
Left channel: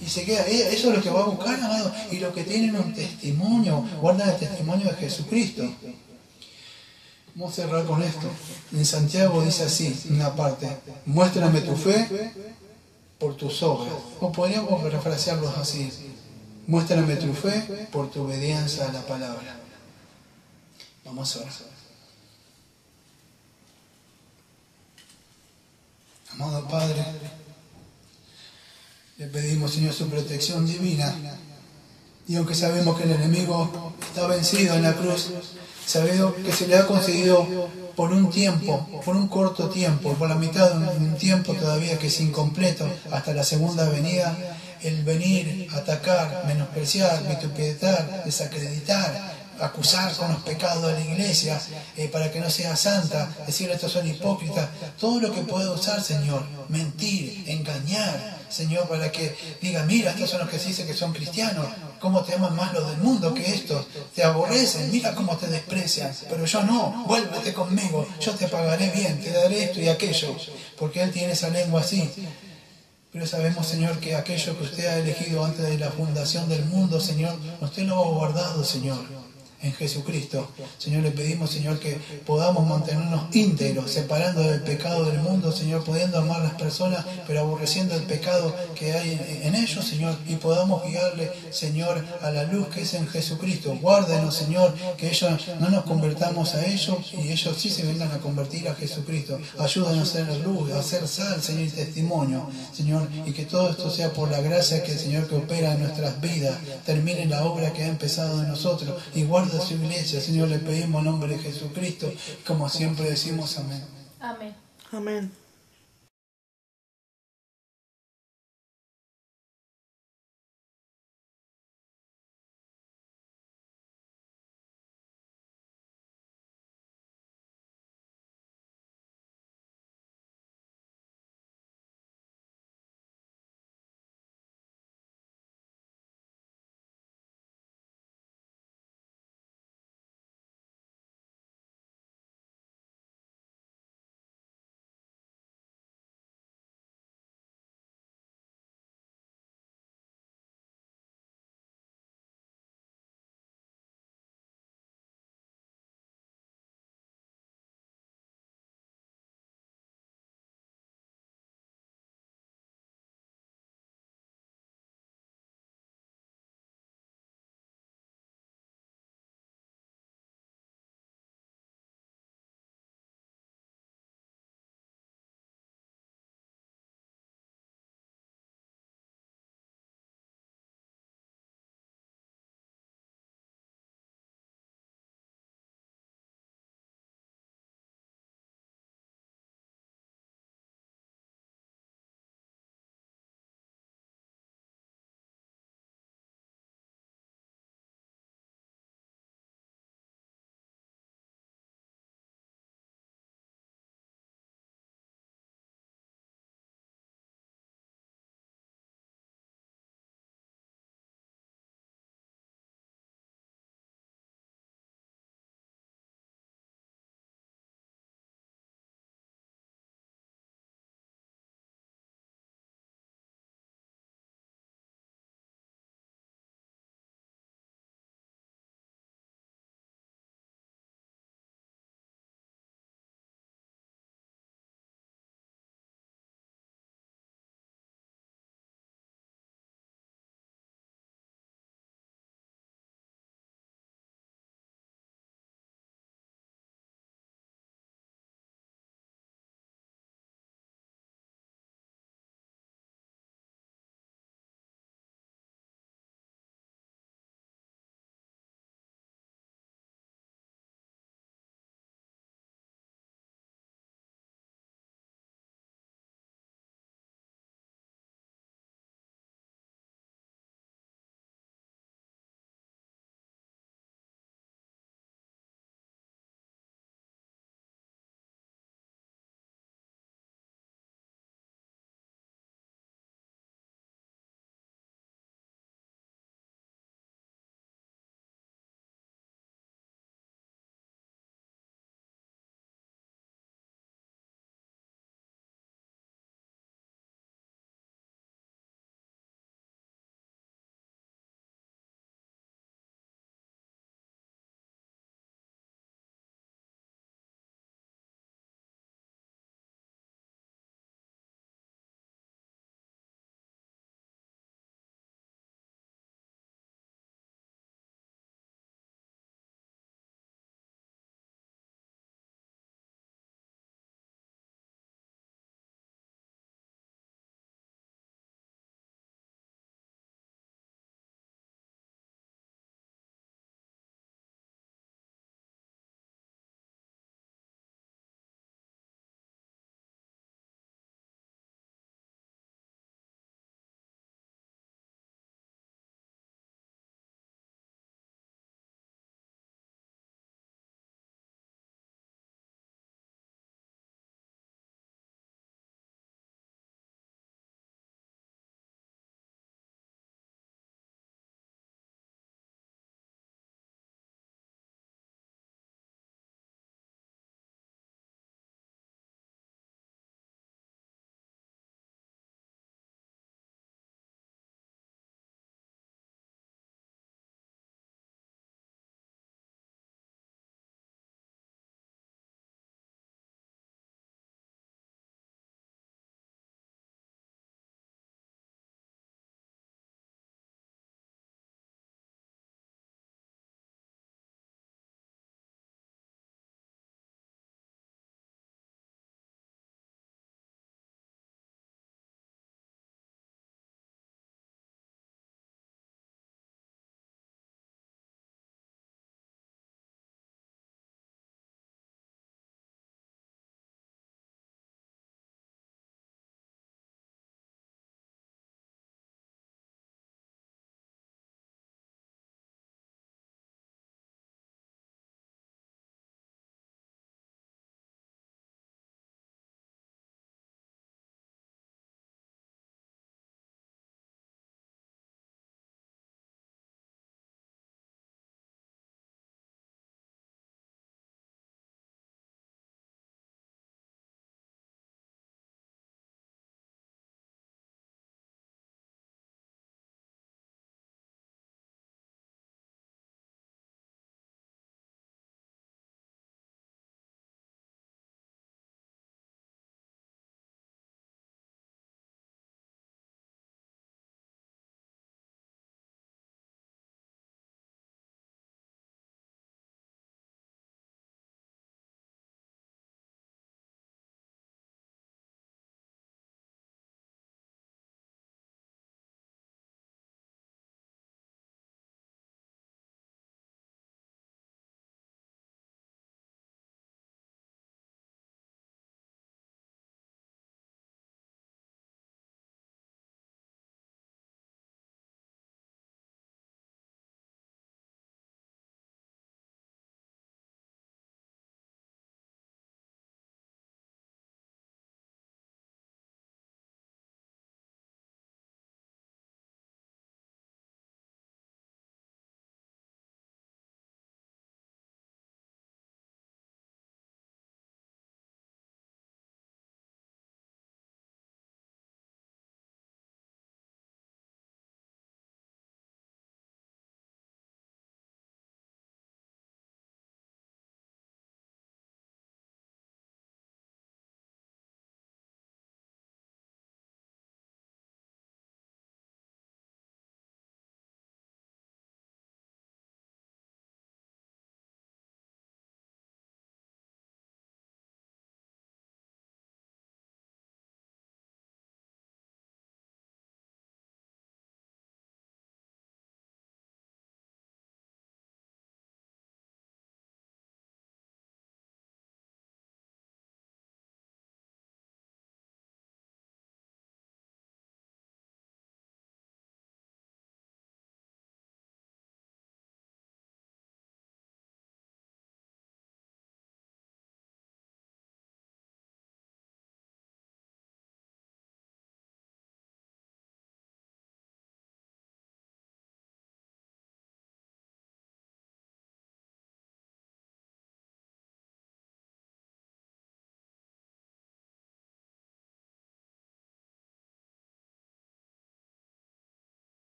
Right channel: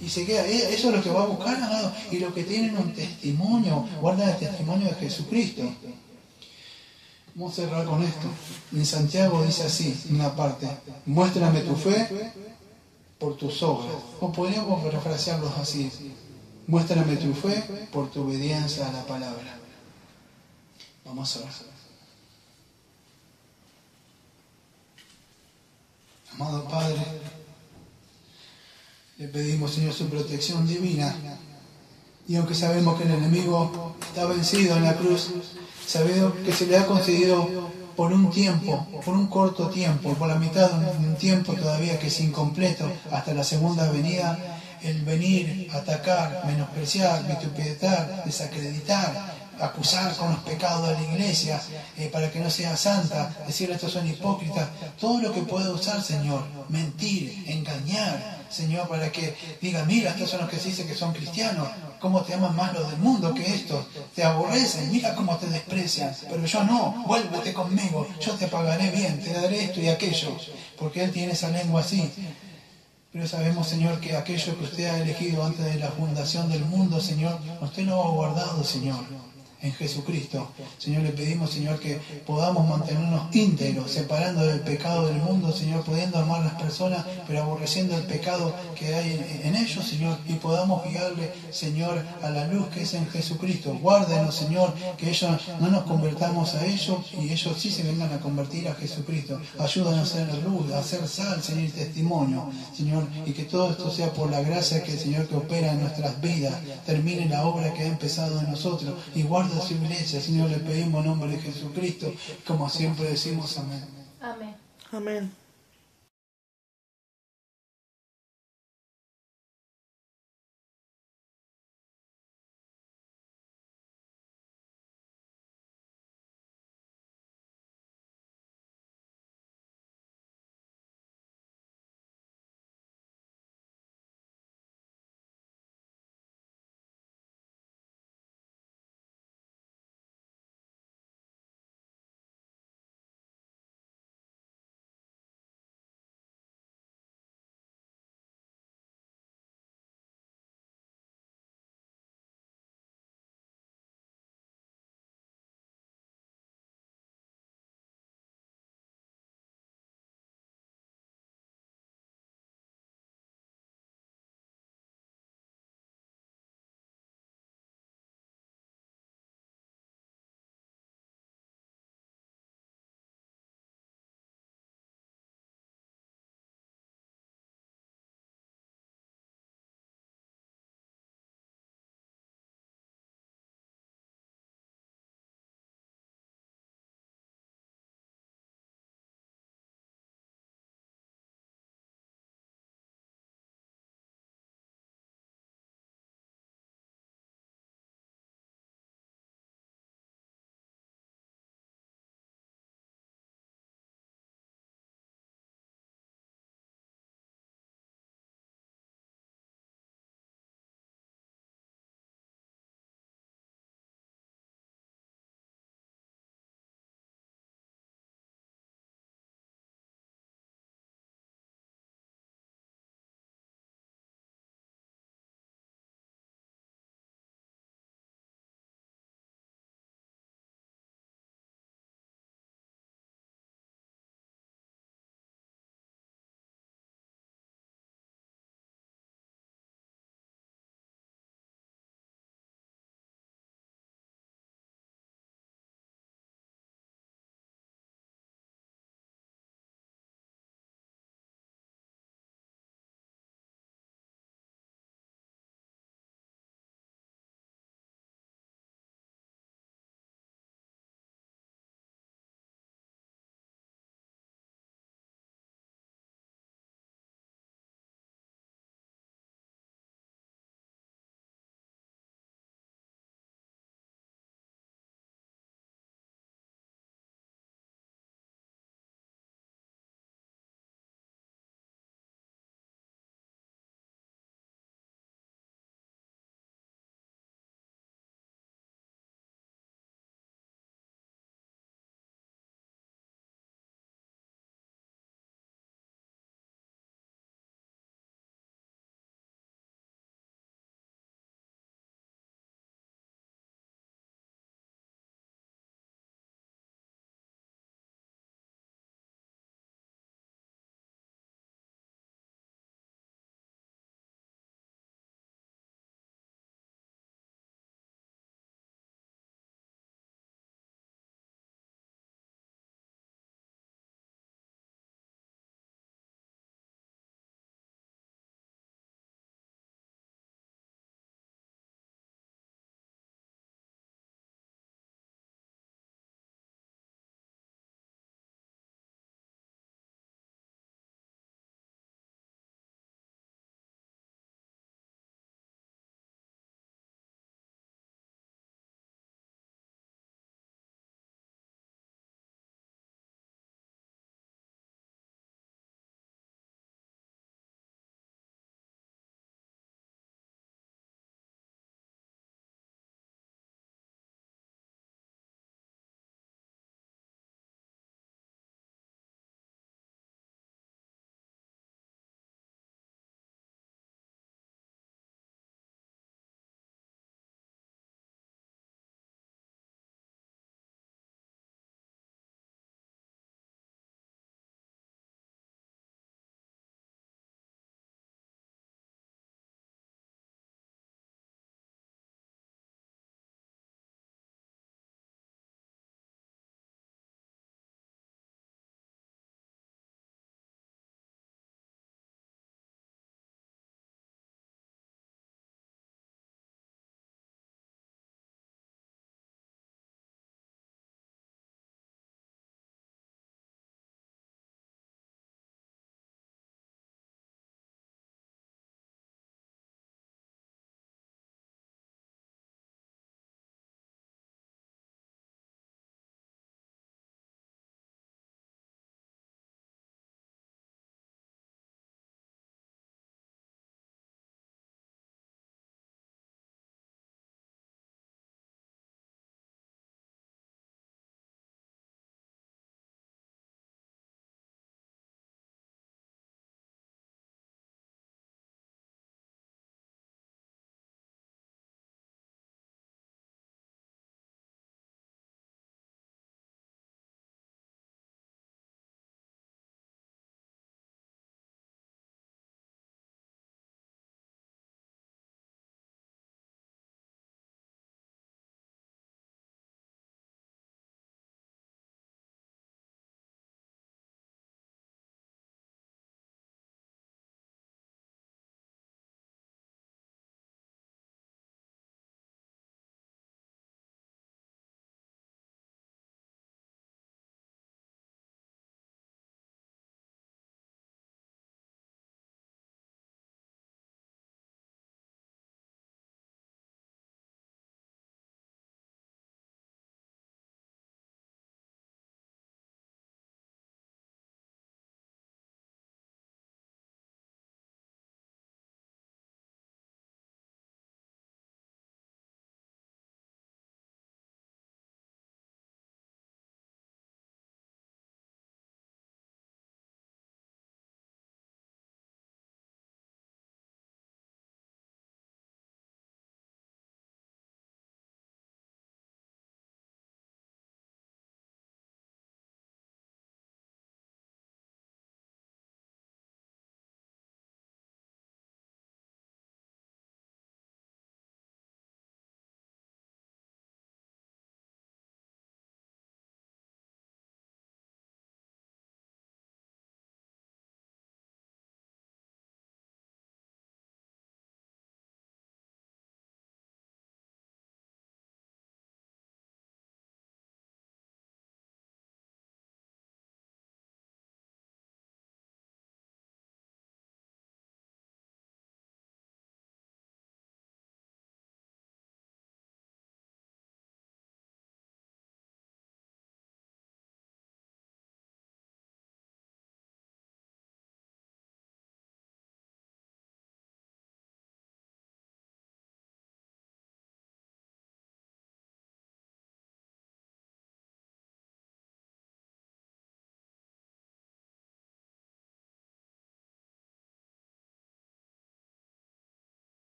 Y se queda, eso es lo que va a buscar, amado. Y los que tienen un testimonio, guardan el testimonio de Jesucristo. Vamos a cerrar con esto. En Santiago dice así, en una parte: muéstrame tu fe por tus obras. O podríamos parafrasearlos así: muéstrame tu fe por tu obediencia a la palabra. Vamos a ver. Amado Padre, le pedimos, Señor, su protección divina. Y aunque sabemos que el enemigo está vencido en la cruz, sabemos que se le ha concedido por un tiempo, por un corto tiempo, por la mitad de un tiempo todavía que es incompleto, hasta la segunda venida, el venir, atacar, menospreciar, vituperar, desacreditar, acusar con los pecados de la iglesia, para que no sea santa, decir estos son hipócritas, todo lo que pueda usar, Señor, mentir, engañar, Señor, para que diga, mira, estos son los que se dice que son cristianos, cómo te aman más los del mundo que estos, te aborrecen, mira cómo te desprecian, pero yo no, vuélvete conmigo, yo te pagaré bien, te daré esto y aquello, porque Él tiene esa lengua así. Pero sabemos, Señor, que aquello que usted ha elegido antes de la fundación del mundo, Señor, usted lo ha guardado, Señor, en Jesucristo. Señor, le pedimos, Señor, que podamos mantenernos íntegros, separando del pecado del mundo, Señor, pudiendo amar a las personas, pero aborreciendo el pecado que hay en ellos, Señor, y podamos guiarle, Señor, a la luz que es en Jesucristo. Guárdenos, Señor, que ellos no nos convertamos a ellos y ellos sí se vengan a convertir a Jesucristo. Ayúdanos a ser la luz, a ser sal, Señor, y testimonio, Señor, y que todo esto sea por la gracia que el Señor que opera en nuestras vidas, termine la obra que ha empezado en nosotros y guarde a su iglesia. Señor, le pedimos en nombre de Jesucristo, como siempre decimos, amén. Amén. Amén.